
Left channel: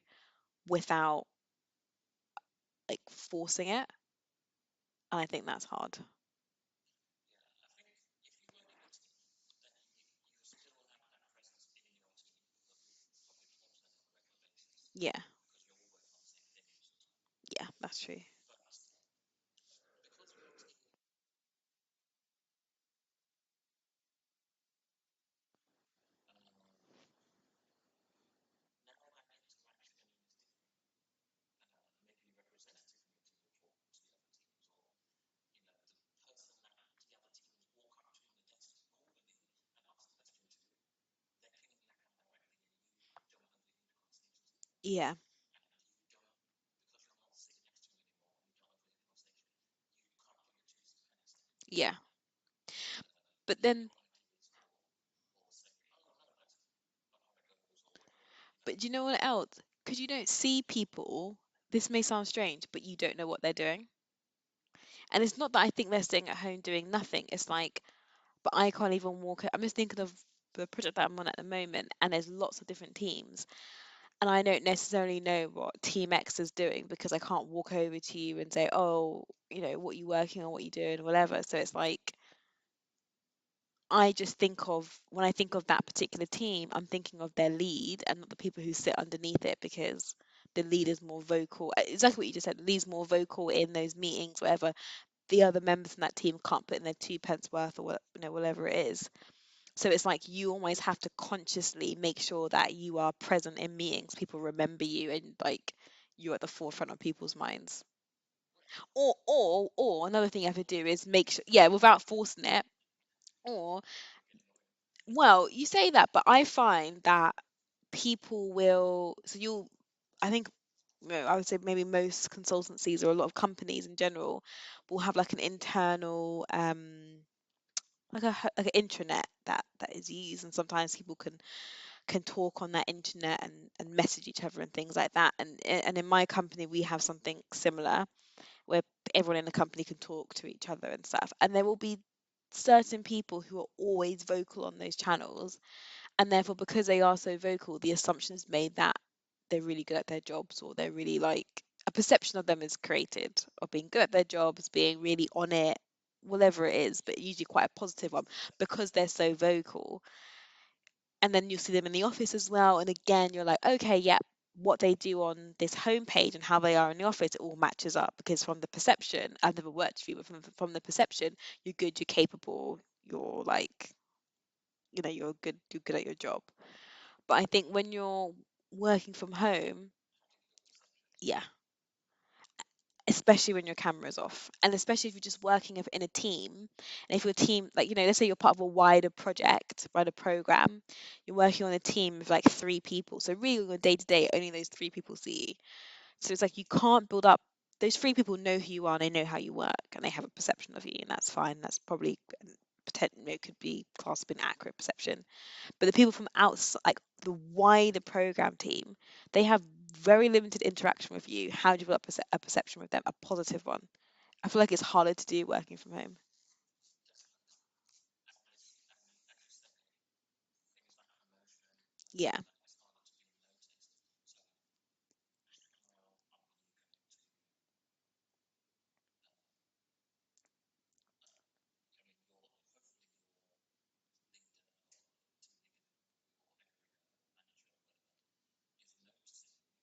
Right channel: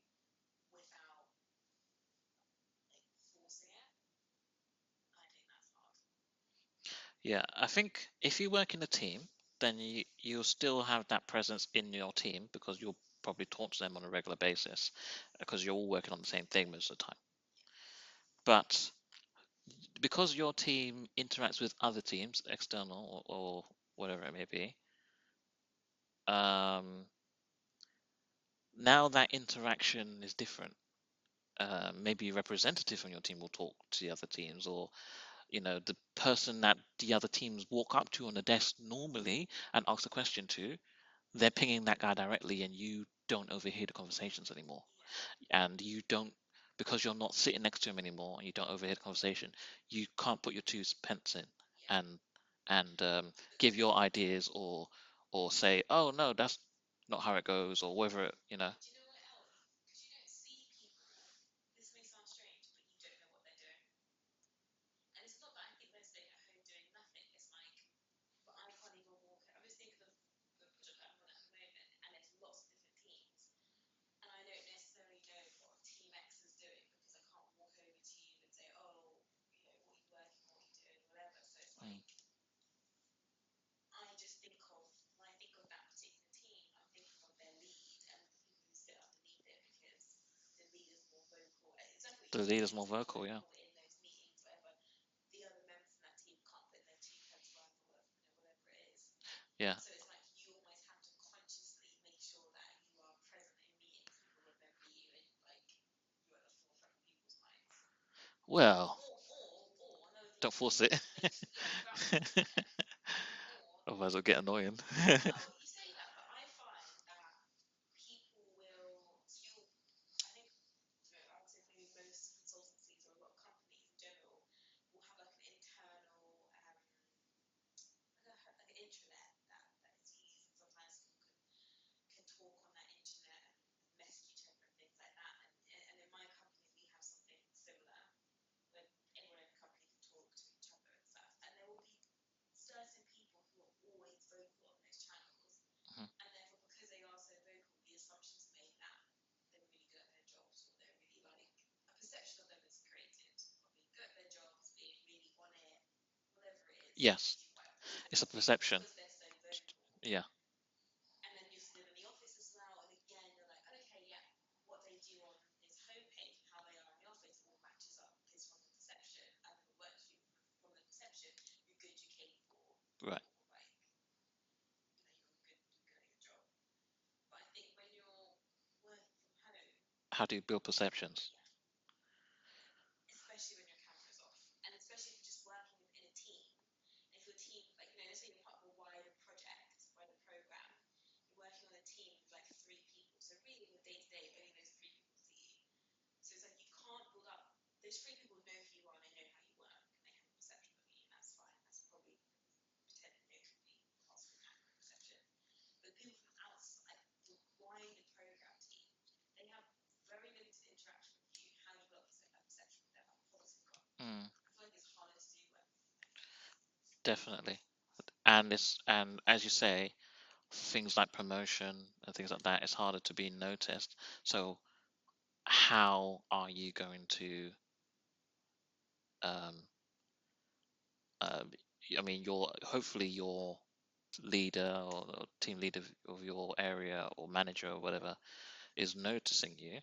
without like forcing it, and I think that's hard. Yeah, I think if you work in a team, then you'll still have that presence in your team because you'll probably talk to them on a regular basis Yeah, because you're all working on the same thing most of the time. yeah, that's true. But because your team interacts with other teams, external or whatever it may be, um, now that interaction is different. Maybe a representative from your team will talk to the other teams, or the person that the other teams walk up to on the desk normally and ask a question to, they're pinging that guy directly, and you don't overhear the conversations anymore. Yeah, And you don't, because you're not sitting next to him anymore, and you don't overhear the conversation, you can't put your two pence in yeah. and But give then, your ideas, or say, oh no, that's not how it goes, or whatever. but do you know what else? Because you don't see people. This may sound strange, but you don't know what they're doing. And it's not that I think they're staying at home doing nothing. It's like, but I can't even walk. I'm just thinking of the project that I'm on at the moment, and there's lots of different teams, and I don't necessarily know what Team X is doing because I can't walk over to you and say, oh, what are you working on, what are you doing, whatever. So it's Mm. like I just think of when I think of that particular team, I'm thinking of their lead and not the people who sit underneath it because the lead is more vocal. Exactly what you The just said. The leader's more lead's more vocal, yeah. vocal in those meetings, whatever. The other members in that team can't put in their 2 pence worth or whatever it is. Yeah. So it's like you always have to consciously make sure that you are present in meetings. People remember you and like you're at the forefront of people's minds. Well, Or another thing you don't have to force do it. is make sure, yeah, without forcing it. Or, Otherwise it'll get annoying. well, you say that, but I find that people will. So I think, I would say maybe most consultancies or a lot of companies in general will have like an internal like an intranet that is used, and sometimes people can talk on that internet and message each other and things like that. And in my company we have something similar where everyone in the company can talk to each other and stuff. And there will be certain people who are always vocal on those channels, and therefore because they are so vocal, the assumption is made that they're really good at their jobs, or they're really like a perception of them is created of being good at their jobs, being really on it, whatever it is, but Yes, usually quite a positive it's one a perception. because they're so vocal. Yeah. And then you'll see them in the office as well. And again, you're like, okay, yeah, what they do on this homepage and how they are in the office, it all matches up because from the perception, I've never worked for you, but from the perception, you're good, you're capable, Right. you're like, you're good at your job. But I think when you're working from home, How do you build perceptions? yeah, especially when your camera's off, and especially if you're just working in a team, and if your team, like, let's say you're part of a wider project, wider program, you're working on a team of like 3 people, so really on a day to day only those 3 people see you. So it's like you can't build up. Those 3 people know who you are, and they know how you work, and they have a perception of you, and that's fine. That's probably could be classed as an accurate perception. But the people from outside, like the wider program team, they have very limited interaction with you. How do you develop a perception with them, a positive one? Mm, I feel like it's harder to do working from home. definitely. And as you say, things like promotion and things Yeah. like that, it's harder to be noticed. So how are you going to um uh, I mean, your leader or team leader of your area or manager or whatever is noticing you,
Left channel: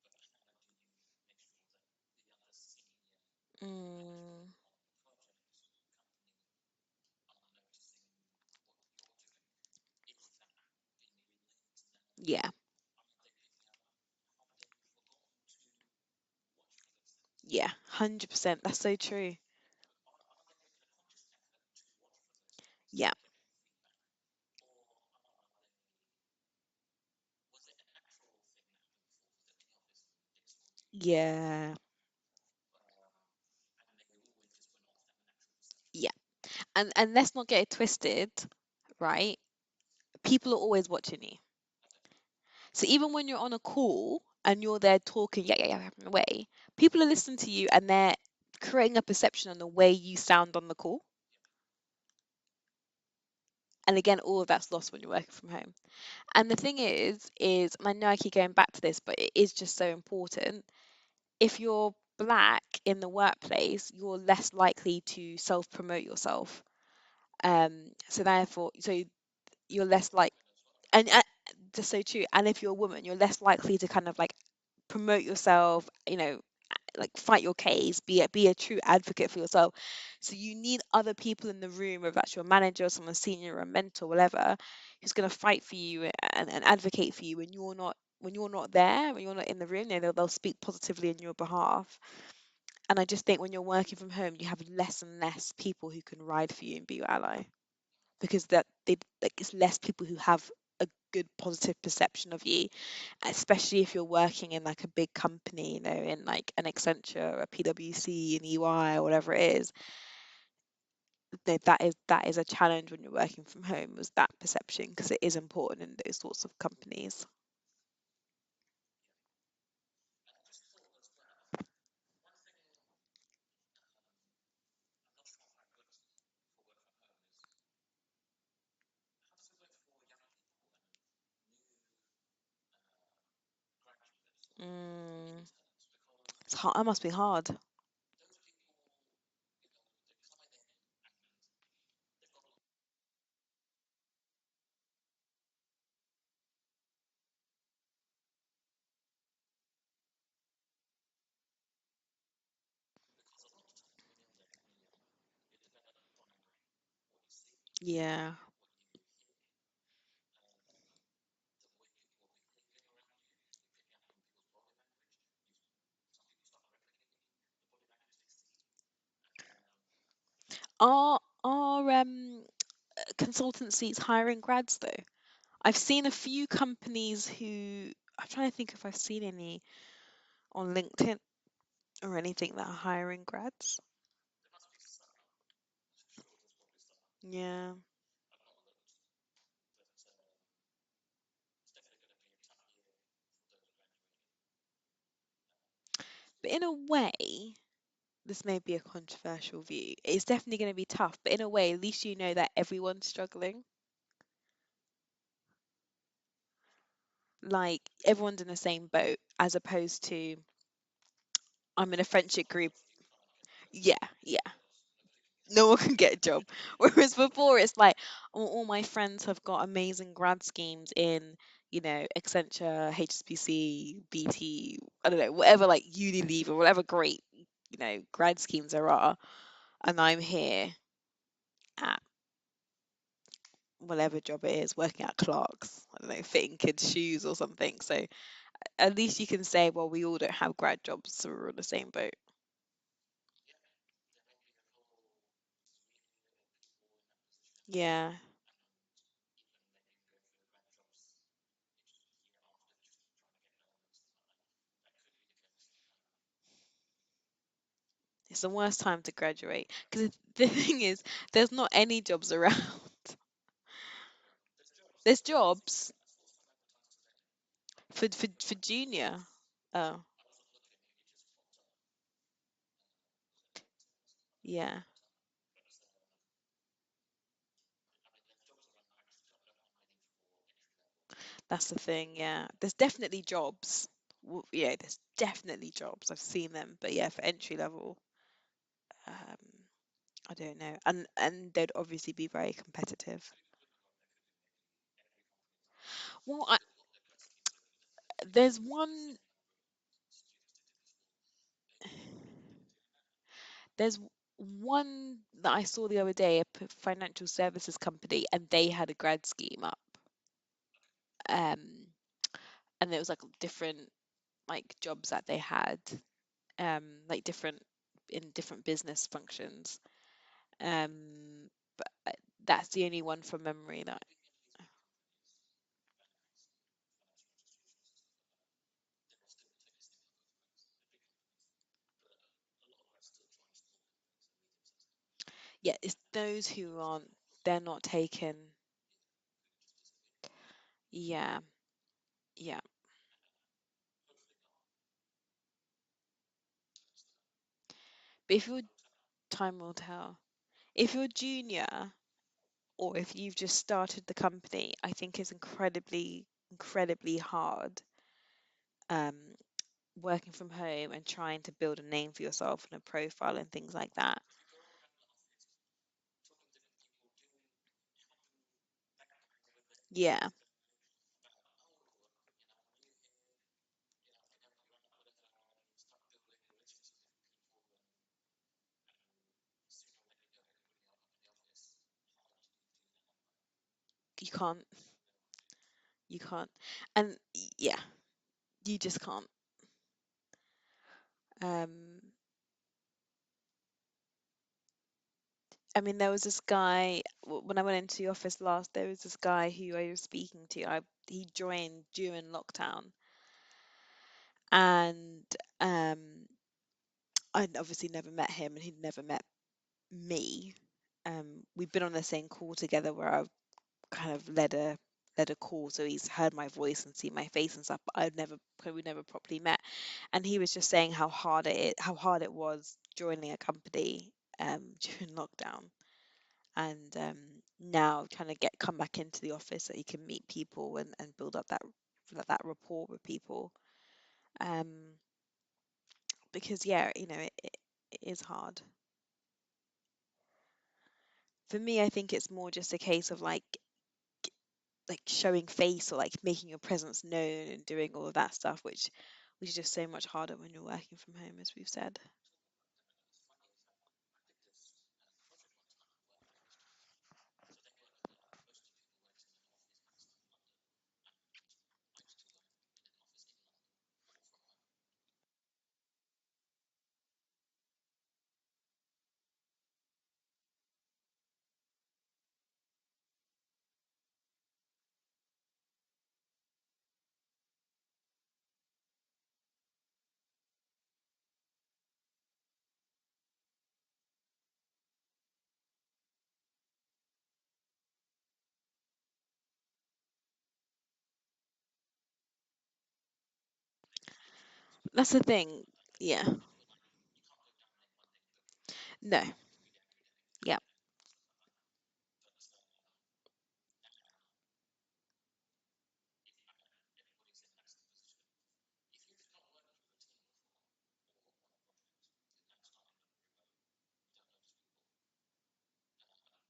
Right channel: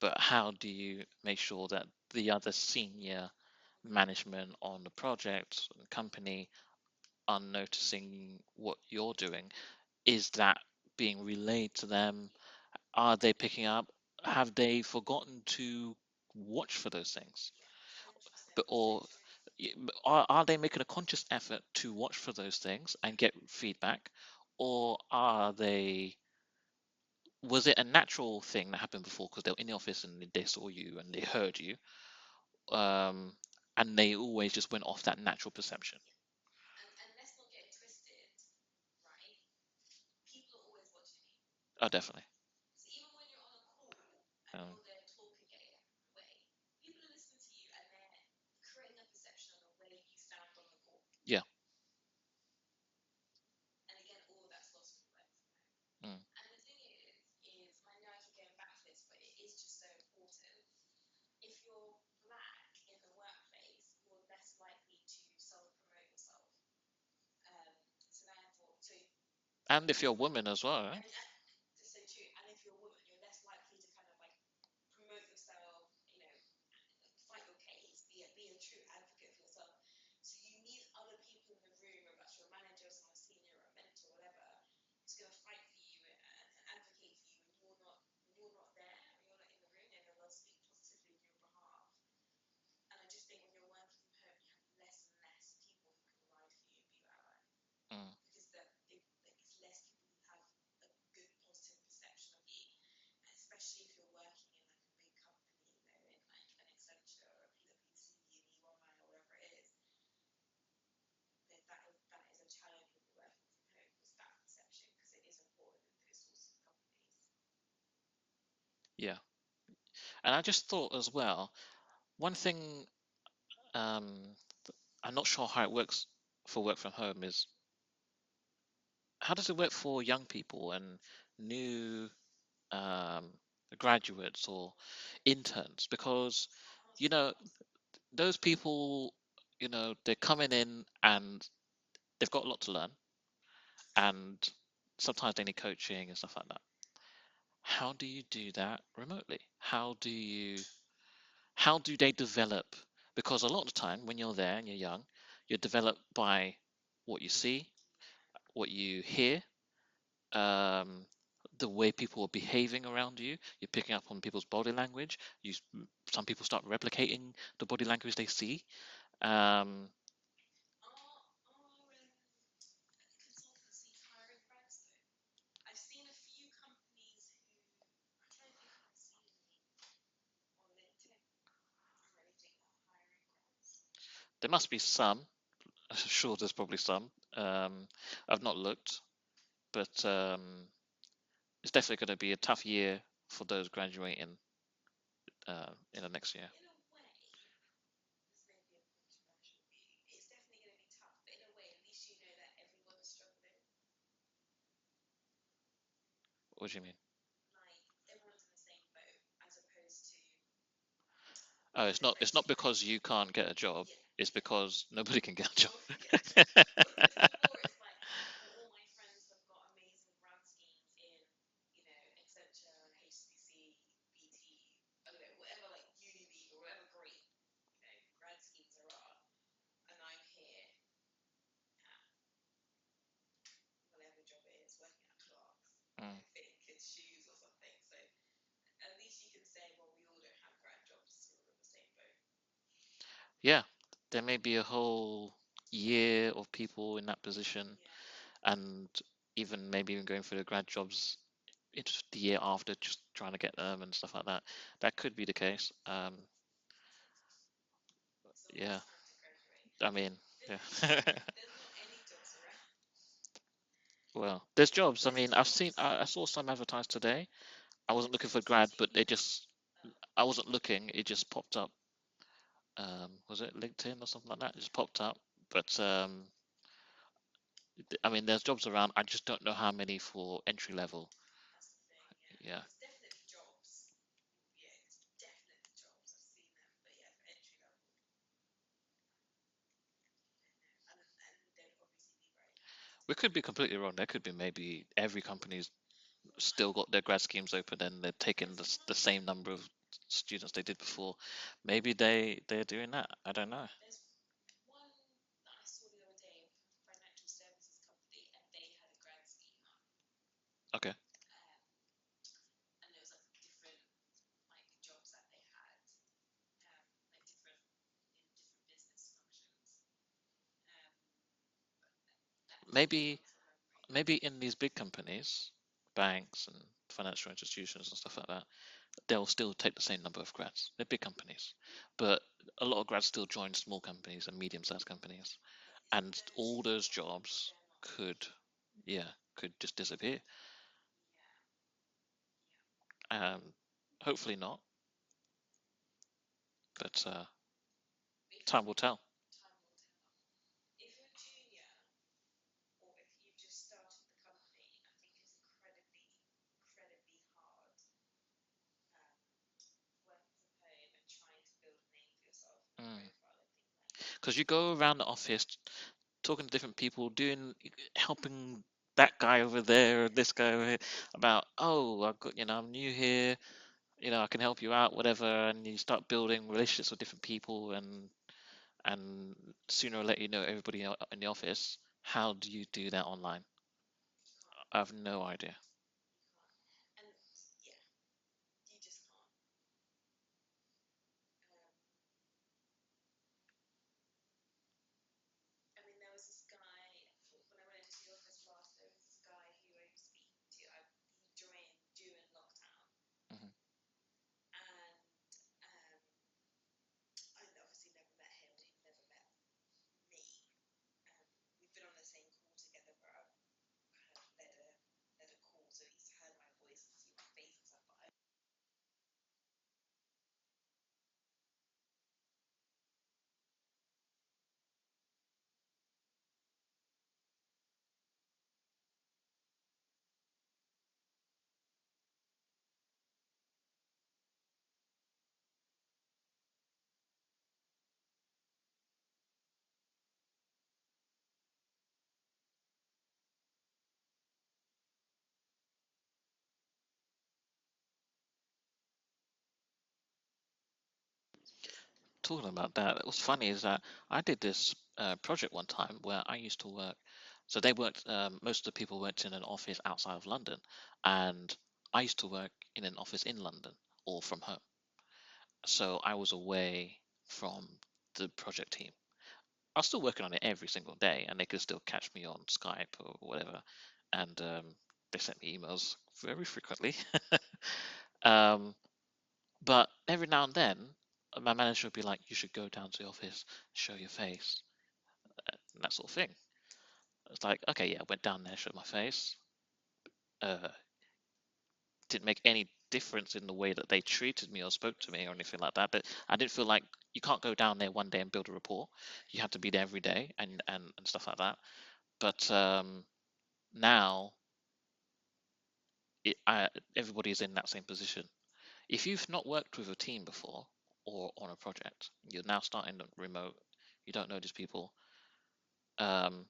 but how do you make sure that the other senior Mm, management on the project, company, are noticing what you're doing? Is that being relayed to them? yeah. Are they picking up? Have they forgotten to watch for those things? Yeah. 100%. But That's so or true. are they making a conscious effort to watch for those things Yeah. and get feedback, or are they? Was it a natural thing that happened before because they were in the office and they saw you and they heard Yeah. you, um, and they always just went off that natural perception? Yeah. And let's not get it twisted, right? People are always watching you. Oh, definitely. So even when you're on a call and Yeah. you're there talking, yeah, yeah, yeah, having a way, people are listening to you and they're creating a perception on the way you sound on the call. Yeah. And again, all of that's lost when you're working from home. Mm, And the thing is, and I know I keep going back to this, but it is just so important. If you're black in the workplace, you're less likely to self-promote yourself. So therefore, so you're And if less you're a like, woman as well, right? and just so true. And if you're a woman, you're less likely to kind of like promote yourself, like fight your case, be a true advocate for yourself. So you need other people in the room, whether that's your manager, someone senior, or a mentor, whatever, who's going to fight for you and advocate for you when you're not there, when you're not in the room. They'll speak positively in your behalf. And I just think when you're working from home, you have less and less people who can ride for you and be your ally, Mm. because that they like it's less people who have a good positive perception of you, especially if you're working in like a big company, in like an Accenture, a PwC, an EY, or whatever it is. That is a challenge when you're working from home, was that perception, because it is important in those sorts of companies. Yeah. And I just thought as well, one thing, um, I'm not sure how it works for work from home is, how does it work for young people and new um, graduates or Mm, interns? Because, it's hard. That must you be know, hard. those people, they're coming in and they've got a lot to learn, and sometimes they need coaching and stuff like that. How do you do that remotely? How do they develop? Because a lot of the time when you're there and you're young, you're developed by what you see, Yeah. what you hear, um, the way people are behaving around you. You're picking up on people's body language. Some people start replicating the body language they see. Um, Are consultancies hiring grads though? I've seen a few companies who, I'm trying to think if I've seen any on LinkedIn or anything that are hiring grads. there must be some. I'm sure there's probably some. Yeah. I've not looked, but it's definitely going to be a tough year for those graduating in the next year. But in a way, this may be a controversial view. It's definitely going to be tough, but in a way, at least you know that everyone's struggling. What do you mean? Like everyone's in the same boat, as opposed to I'm in a It's not friendship group. because you can't get a job. Yeah, It's yeah. because nobody can get a No job. one can get a job. Whereas before, it's like all my friends have got amazing grad schemes in, Accenture, HSBC, BT, I don't know, whatever, like Unilever, whatever great, grad schemes there are. And I'm here at whatever job it is, working at Clark's, I don't know, Mm. fitting kids' shoes or something. So at least you can say, well, we all don't have grad jobs, so we're on the same boat. Yeah, there may be a whole year of people in that position, Yeah, and even going for the grad jobs it's the year after, just trying to get them and stuff like that. That could be the case. it's the Yeah, worst time to graduate. I Because mean, the thing is, there's not any jobs around. well, there's jobs. I There's mean, jobs I saw some advertised today. I for wasn't for, looking for for grad, but junior. Oh, I wasn't looking. It just popped up. Was it LinkedIn or something like that? It just yeah, popped up. But I mean, there's jobs around. I just don't know how many for entry level. that's the thing. Yeah, Yeah. there's definitely jobs. Yeah, there's definitely jobs. I've seen them, but yeah, for entry level, um, I don't know. And they'd obviously be very We competitive. could be completely wrong. There could be maybe every company's Well, still got their grad schemes open and they're taking there's the one. same number of students they did before. Maybe they're doing that. I don't know. There's one that I saw the other day, a financial services company, and they had a grad scheme up. Okay. Um, and there was like different like jobs that they had, like different in different business functions. Um, but that's the only Maybe one from memory that. maybe in these big companies, banks and financial institutions and stuff like that, they'll still take the same number of grads. They're big companies, but a lot of grads still join small companies and medium-sized companies, Yeah, it's and those all who those aren't. jobs They're not could, taken. yeah, could just disappear. Yeah, yeah. Um, hopefully not, but But if you're time will tell. time will tell. If you're junior, or if you've just started the company, I think it's incredibly, incredibly hard. Um, working from home and trying to build a name for yourself and a profile and things like that. Because you go around the office talking to different people, helping that guy over there and Yeah, this guy over here about, oh, I'm new here, I can help you out, whatever, and you start building relationships with different people, and sooner or later, everybody in the office. How do you do that online? you can't. I have no idea. You can't. And yeah, you just can't. Um, I mean, there was this guy when I went into the office last. There was this guy who I was speaking to. He joined during lockdown, Mhm. and um, I'd obviously never met him, and he'd never met me. We've been on the same call together where I kind of led a call, so he's heard my voice and seen my face and stuff. But we never properly met, and he was just saying how hard it was joining a company during lockdown, and now trying to get come back into the office so you can meet people and build up that rapport with people. Um, because yeah, it is hard. For me, I think it's more just a case of like showing face or like making your presence known and doing all of that stuff, which is just so much harder when you're working from home, as we've said. Talking about that, what's funny is that I did this project one time where I used to work. So they worked, most of the people worked in an office outside of London, and I used to work in an office in London or from home. So I was away from the project team. I was still working on it every single day, and they could still catch me on Skype or whatever. And they sent me emails very frequently. um, but every now and then, my manager would be like, "You should go down to the office, show your face, and that sort of thing." It's like, okay, yeah, I went down there, showed my face. Uh, didn't make any difference in the way that they treated me or spoke That's to the me or anything thing. like that. But Yeah. I didn't feel like you can't go down there one day and build a rapport. No. You have to be there every day Yeah. and stuff like that. But now everybody's in that same position. If you've not worked with a team before or on a project, you're now starting remote, you don't know these people, um,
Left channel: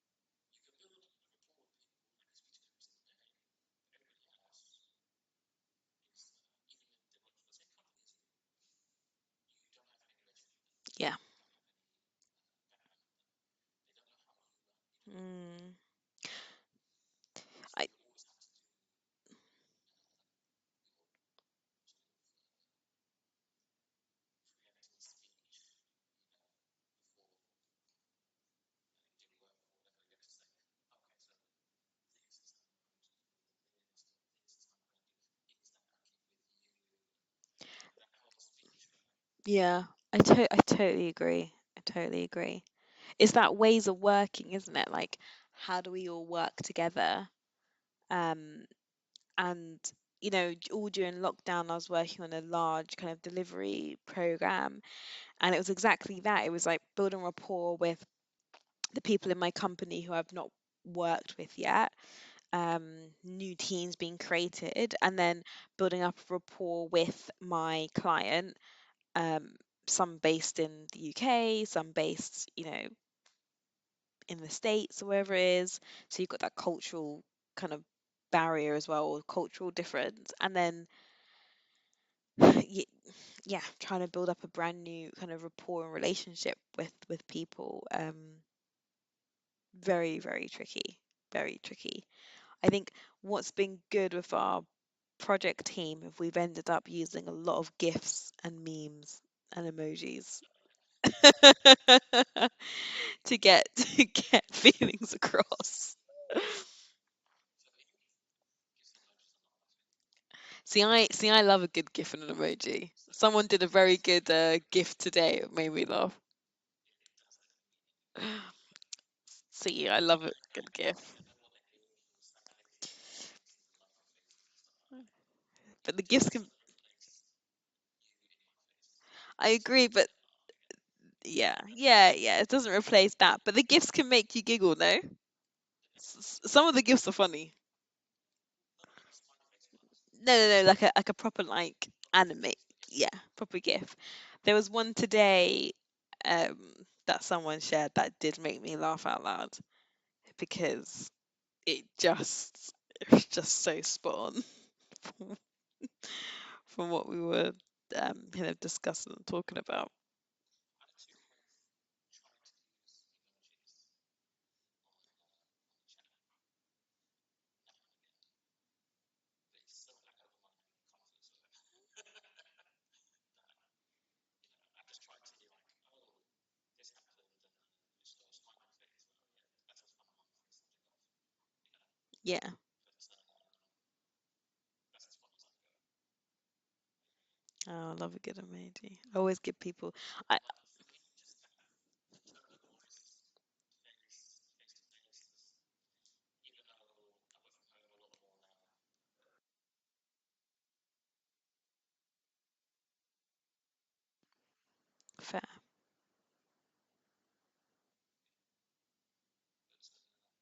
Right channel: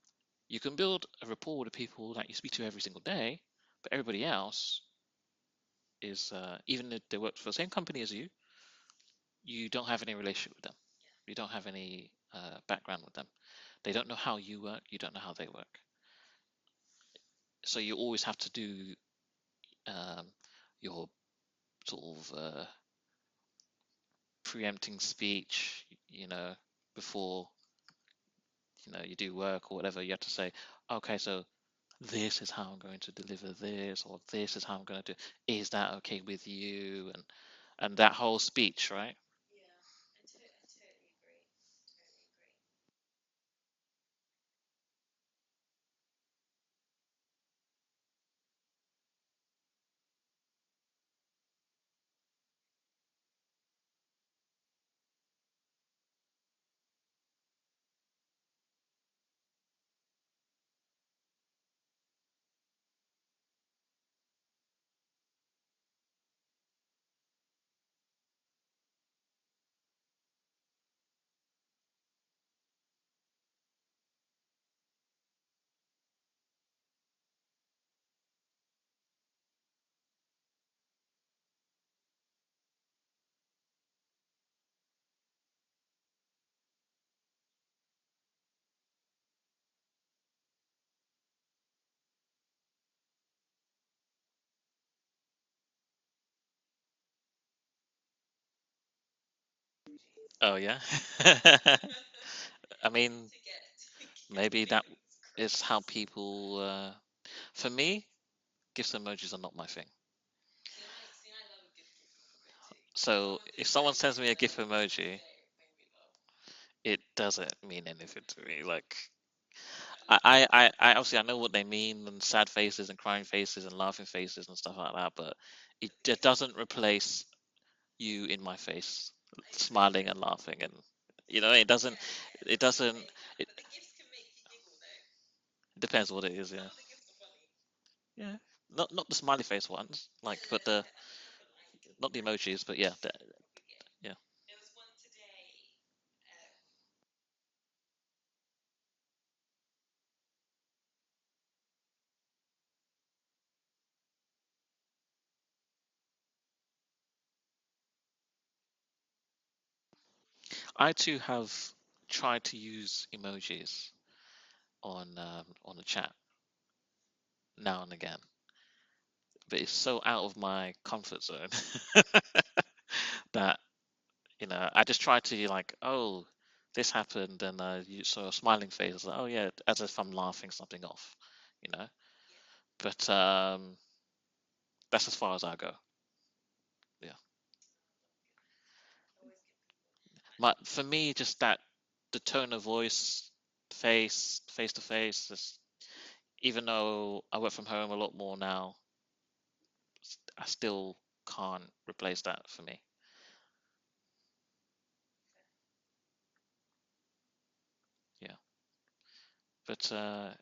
you can build a rapport with the people that you speak to every single day, but everybody else is, even if they work for the same company as you don't have any relationship with them. Yeah. You don't have any background with them. They don't know how you work, you don't know how they Mm, work. So I you always have to do um, your sort of preempting speech, before you do work or whatever. You have to say, okay, so this is how I'm going to deliver this, or this is how I'm going to do. Is that okay with you? And that whole speech, right? yeah. I totally agree. I totally agree. It's that ways of working, isn't it? Like, how do we all work together? Um, and all during lockdown, I was working on a large kind of delivery program, and it was exactly that. It was like building rapport with the people in my company who I've not worked with yet, um, new teams being created, and then building up a rapport with my client, um, some based in the UK, some based, in the States or wherever it is. So you've got that cultural kind of barrier as well, or cultural difference, and then yeah, trying to build up a brand new kind of rapport and relationship with people. Very, very tricky. Very tricky. I think what's been good with our project team if we've ended up using a lot of GIFs and memes and emojis Oh yeah. I mean, to get maybe that feelings is how across. people. For me, gifs and emojis are not my thing. See, I love a good GIF and an emoji. So Someone did if a someone very sends good me a GIF GIF emoji, today. It made me laugh. it doesn't mean anything to me. Like See, I I, love a I, good I I GIF. obviously I know what they mean, and sad faces and crying faces and laughing faces and stuff like that, but it But the just GIFs can, doesn't replace you in my face, I agree, smiling but and laughing, and yeah, it doesn't. yeah, it It doesn't doesn't. replace that. It But the GIFs can make you giggle, no? depends what it is. Some Yeah. of the GIFs are funny. Yeah. not the smiley face ones, No, like no, but no, the like a proper like not the anime. emojis, but yeah, Yeah, proper GIF. yeah. There was one today um that someone shared that did make me laugh out loud because it just it was just so spot on from, from what we were discussing and talking about. I too have tried to use emojis on the chat now and again, but it's so out of my comfort zone that I just try to like, oh, this happened, and you saw a smiling face, like, oh yeah, as if I'm laughing something off, you know. Yeah. But that's as far as I go. Yeah. Oh, I love a good emoji. I always give people. I But for me, just that the tone of voice, face to face, just even though I work from home a lot more now, I still can't replace that for me. fair. Yeah. But I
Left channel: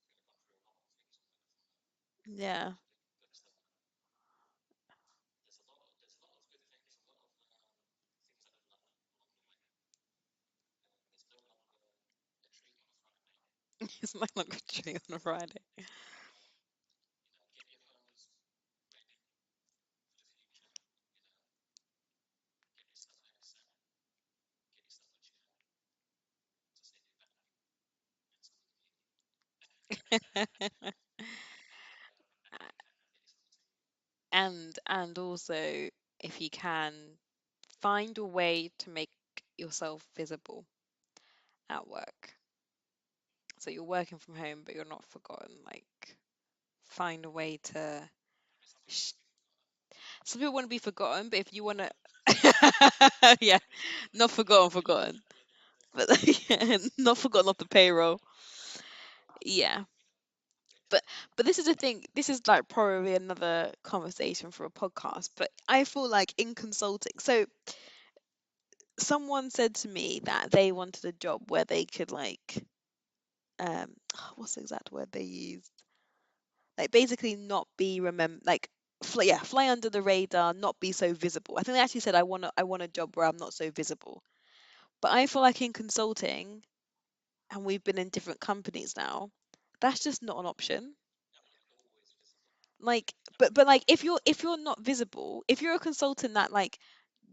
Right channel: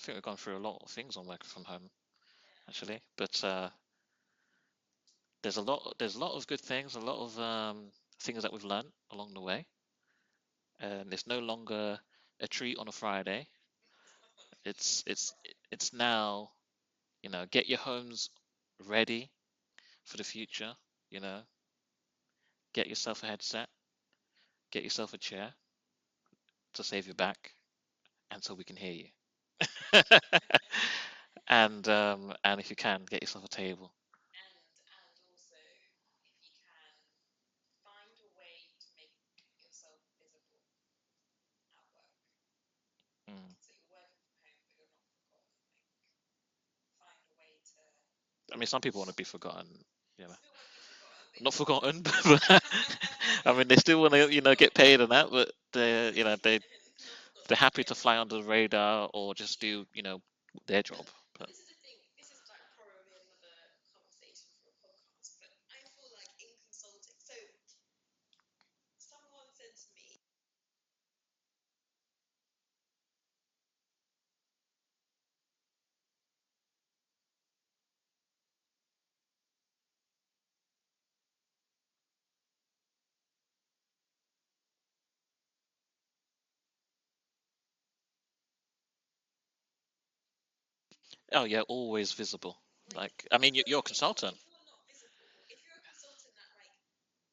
think we've gone through a lot of things on working from home Yeah. actually. But there's a lot of good things, a lot of things that we've learned along the way. And it's no longer a treat on a Friday. It's my longer dream It's for it's Friday. it's now, get your homes ready for the future. You know, get yourself a headset, get yourself a chair to save your back, and so we can hear you. And if you can, get yourself a table. And also, if you can, find a way to make yourself visible at work. Mm. So you're working from home, but you're not forgotten. Like, find a way to. I mean, some people want to be forgotten. Some people want to be forgotten, but if Not you want forgotten, to, but I yeah, mean, they still want not to, forgotten, get paid and forgotten, that, but but they're not forgotten off the happy to fly payroll. under the radar or just Yeah, do, their but job. but But this is the thing. This is like probably another conversation for a podcast. But I feel like in consulting, so someone said to me that they wanted a job where they could like um what's the exact word they used, like basically not be remember like fly under the radar, not be so visible. I think they actually said I want a job where I'm not so visible. But I feel like in consulting, and we've been in different companies now, that's just not an option. oh yeah, always visible. Like, Like, I mean, but you're like a consultant. if you're not visible, if you're a consultant that like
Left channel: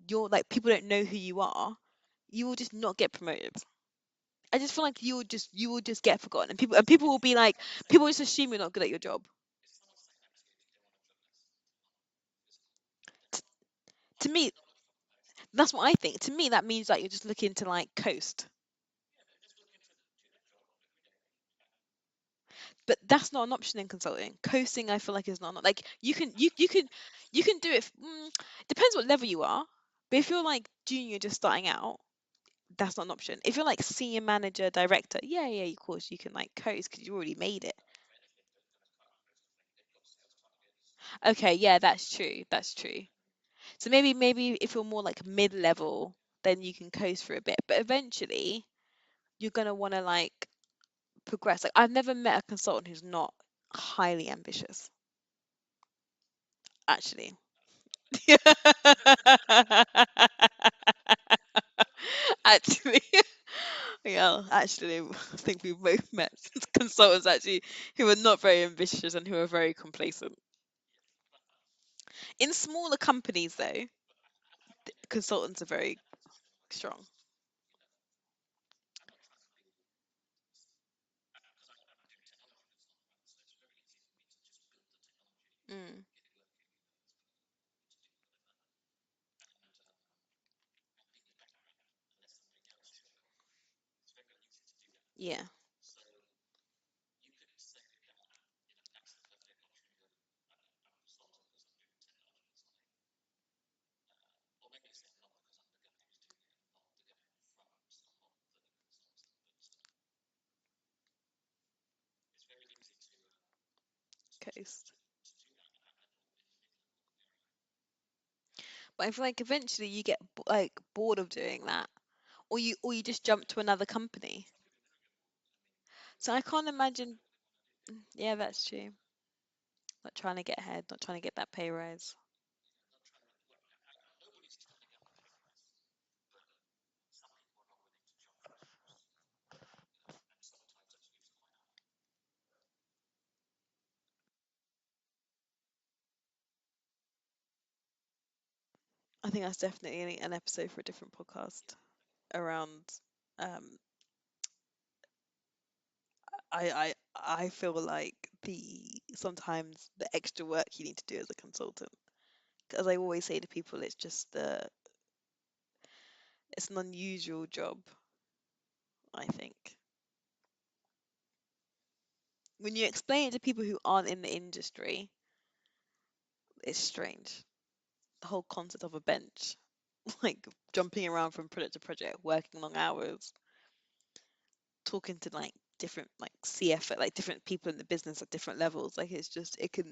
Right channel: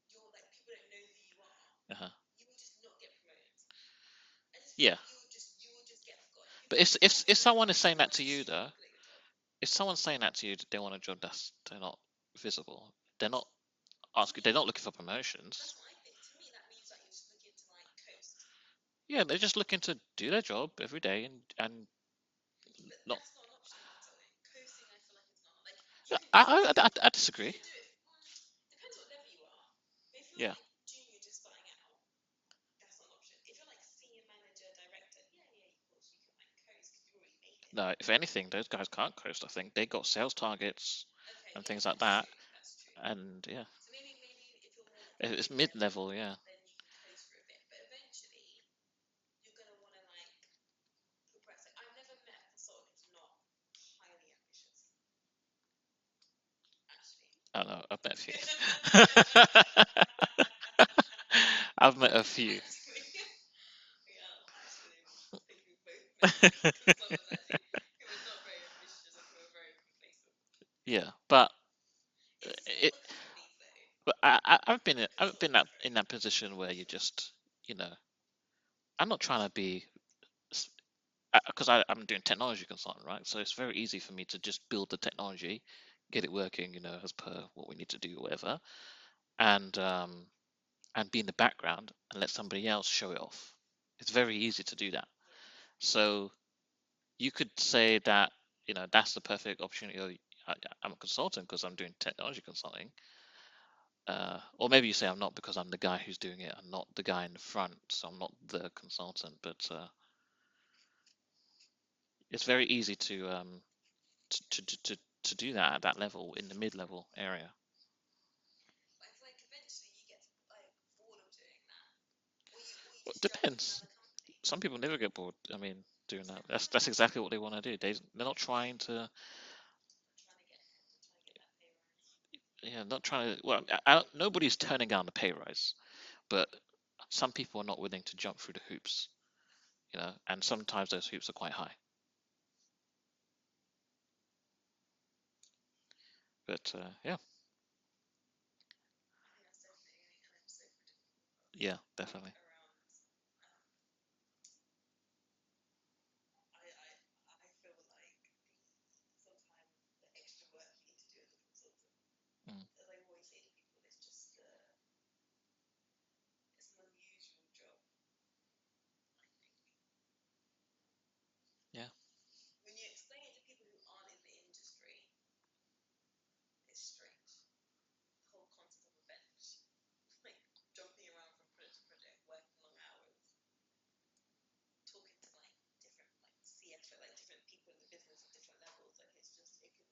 you're like people don't know who you are, Uh-huh. you will just not get promoted. I just feel Yeah, like you will just get forgotten, and people but and if people will be like someone is saying people that just to you assume you're though, not good at your job. if someone's saying that to you, that they want a job that's they're not visible, they're not To asking, me, they're not looking for promotions. that's what I think. To me, that means like you're just looking to like coast. Yeah, they're just looking to do their job every day and But look. that's not an option in consulting. Coasting, I feel like is not like you I, can I, I, I you disagree. can do it. Depends what level you are. But if you're Yeah. like junior, just starting out, that's not an option. If you're like senior manager, director, yeah, of course you can like coast because you already made it. No, if anything, those guys can't coast. I think they got sales targets Okay, and yeah, things like that's that. true. That's true. And yeah, So maybe if you're more like it's mid-level. mid-level, Yeah. then you can coast for a bit. But eventually, you're gonna want to like progress. Like I've never met a consultant who's not highly ambitious, actually. I know. I've met a few. I've met a few. Actually, yeah, actually, I think we've both met consultants actually who are not very ambitious and who are very complacent. Yeah, but In it. smaller companies, though, But I've been consultants are in very that position where you strong. just, you know, I'm not trying to be, because I'm doing technology consultant, right? So it's very easy for me to just build the technology, Mm, get it working, as per what we need to do, whatever, and be in the background and let somebody else show it off. It's very easy to do that. yeah, So you could say that, that's the perfect opportunity. I'm a consultant because I'm doing technology consulting. Or maybe you say I'm not because I'm the guy who's doing it. I'm not the guy in the front, so I'm not the consultant. But it's very easy coast. to do that at that level in the mid-level area. But I feel like eventually you get like bored of doing that, or you Well, it just jump to depends. another company. Some people never get bored. I mean, doing So I that. can't That's imagine. exactly what they want to do. They're Yeah, not that's trying true. to Not trying to get ahead, not trying to get that pay rise. Yeah, not trying to. Well, nobody's turning down the pay rise, but some people are not willing to jump through the hoops, and sometimes those hoops are quite high. But yeah, I think that's definitely an episode for a different podcast yeah, definitely. around. Um, I feel like the sometimes the extra work you need to do as a consultant. Mm, As I always say to people, it's an unusual job, I think. yeah, When you explain it to people who aren't in the industry, it's strange. The whole concept of a bench, like jumping around from project to project, working long hours, talking to like different like CF like different people in the business at different levels. Like it's just it can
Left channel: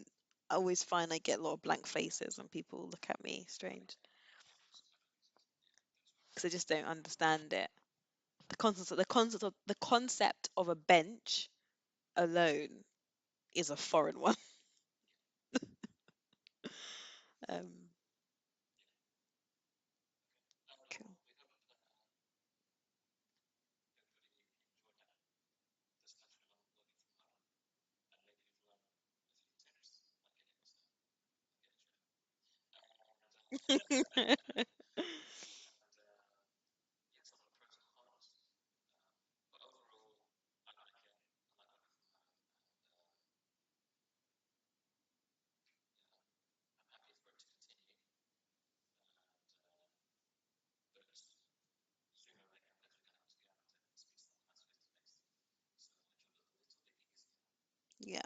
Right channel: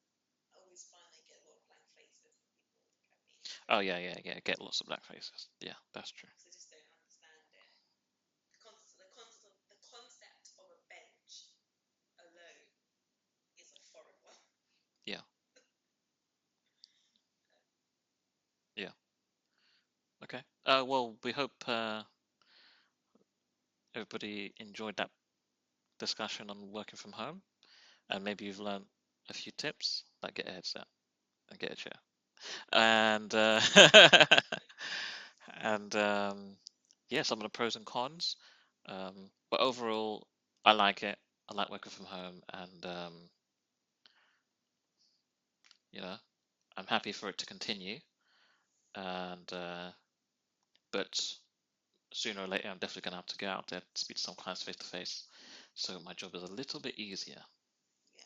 I always find I get a lot of blank faces when people look at me oh strange yeah, yeah, yeah. Get lots of black faces. Yeah, that's true. because they just don't understand it. The concept of a bench alone is a foreign one. Yeah, Um, yeah. Okay. Well, cool. we hope everybody enjoyed that discussion on working from home, and maybe you've learned a few tips, like get a headset and get a chair, and and yeah, some of the pros and cons. But overall, I like it. I like working from home, and you know, I'm happy for it to continue. And but sooner or later, I'm definitely gonna have to get out there, speak to some clients face to face, so my job is a little bit easier. Yeah.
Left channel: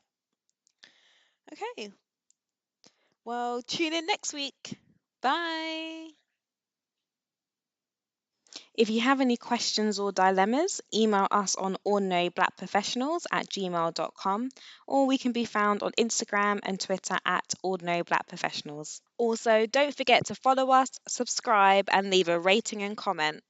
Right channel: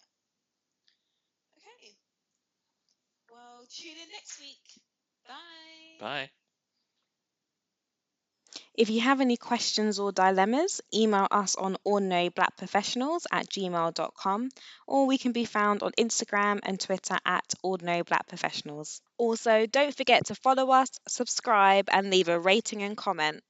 Okay. Well, tune in next week. Bye. Bye. If you have any questions or dilemmas, email us on ordinaryblackprofessionals@gmail.com, or we can be found on Instagram and Twitter at ordinaryblackprofessionals. Also, don't forget to follow us, subscribe, and leave a rating and comment.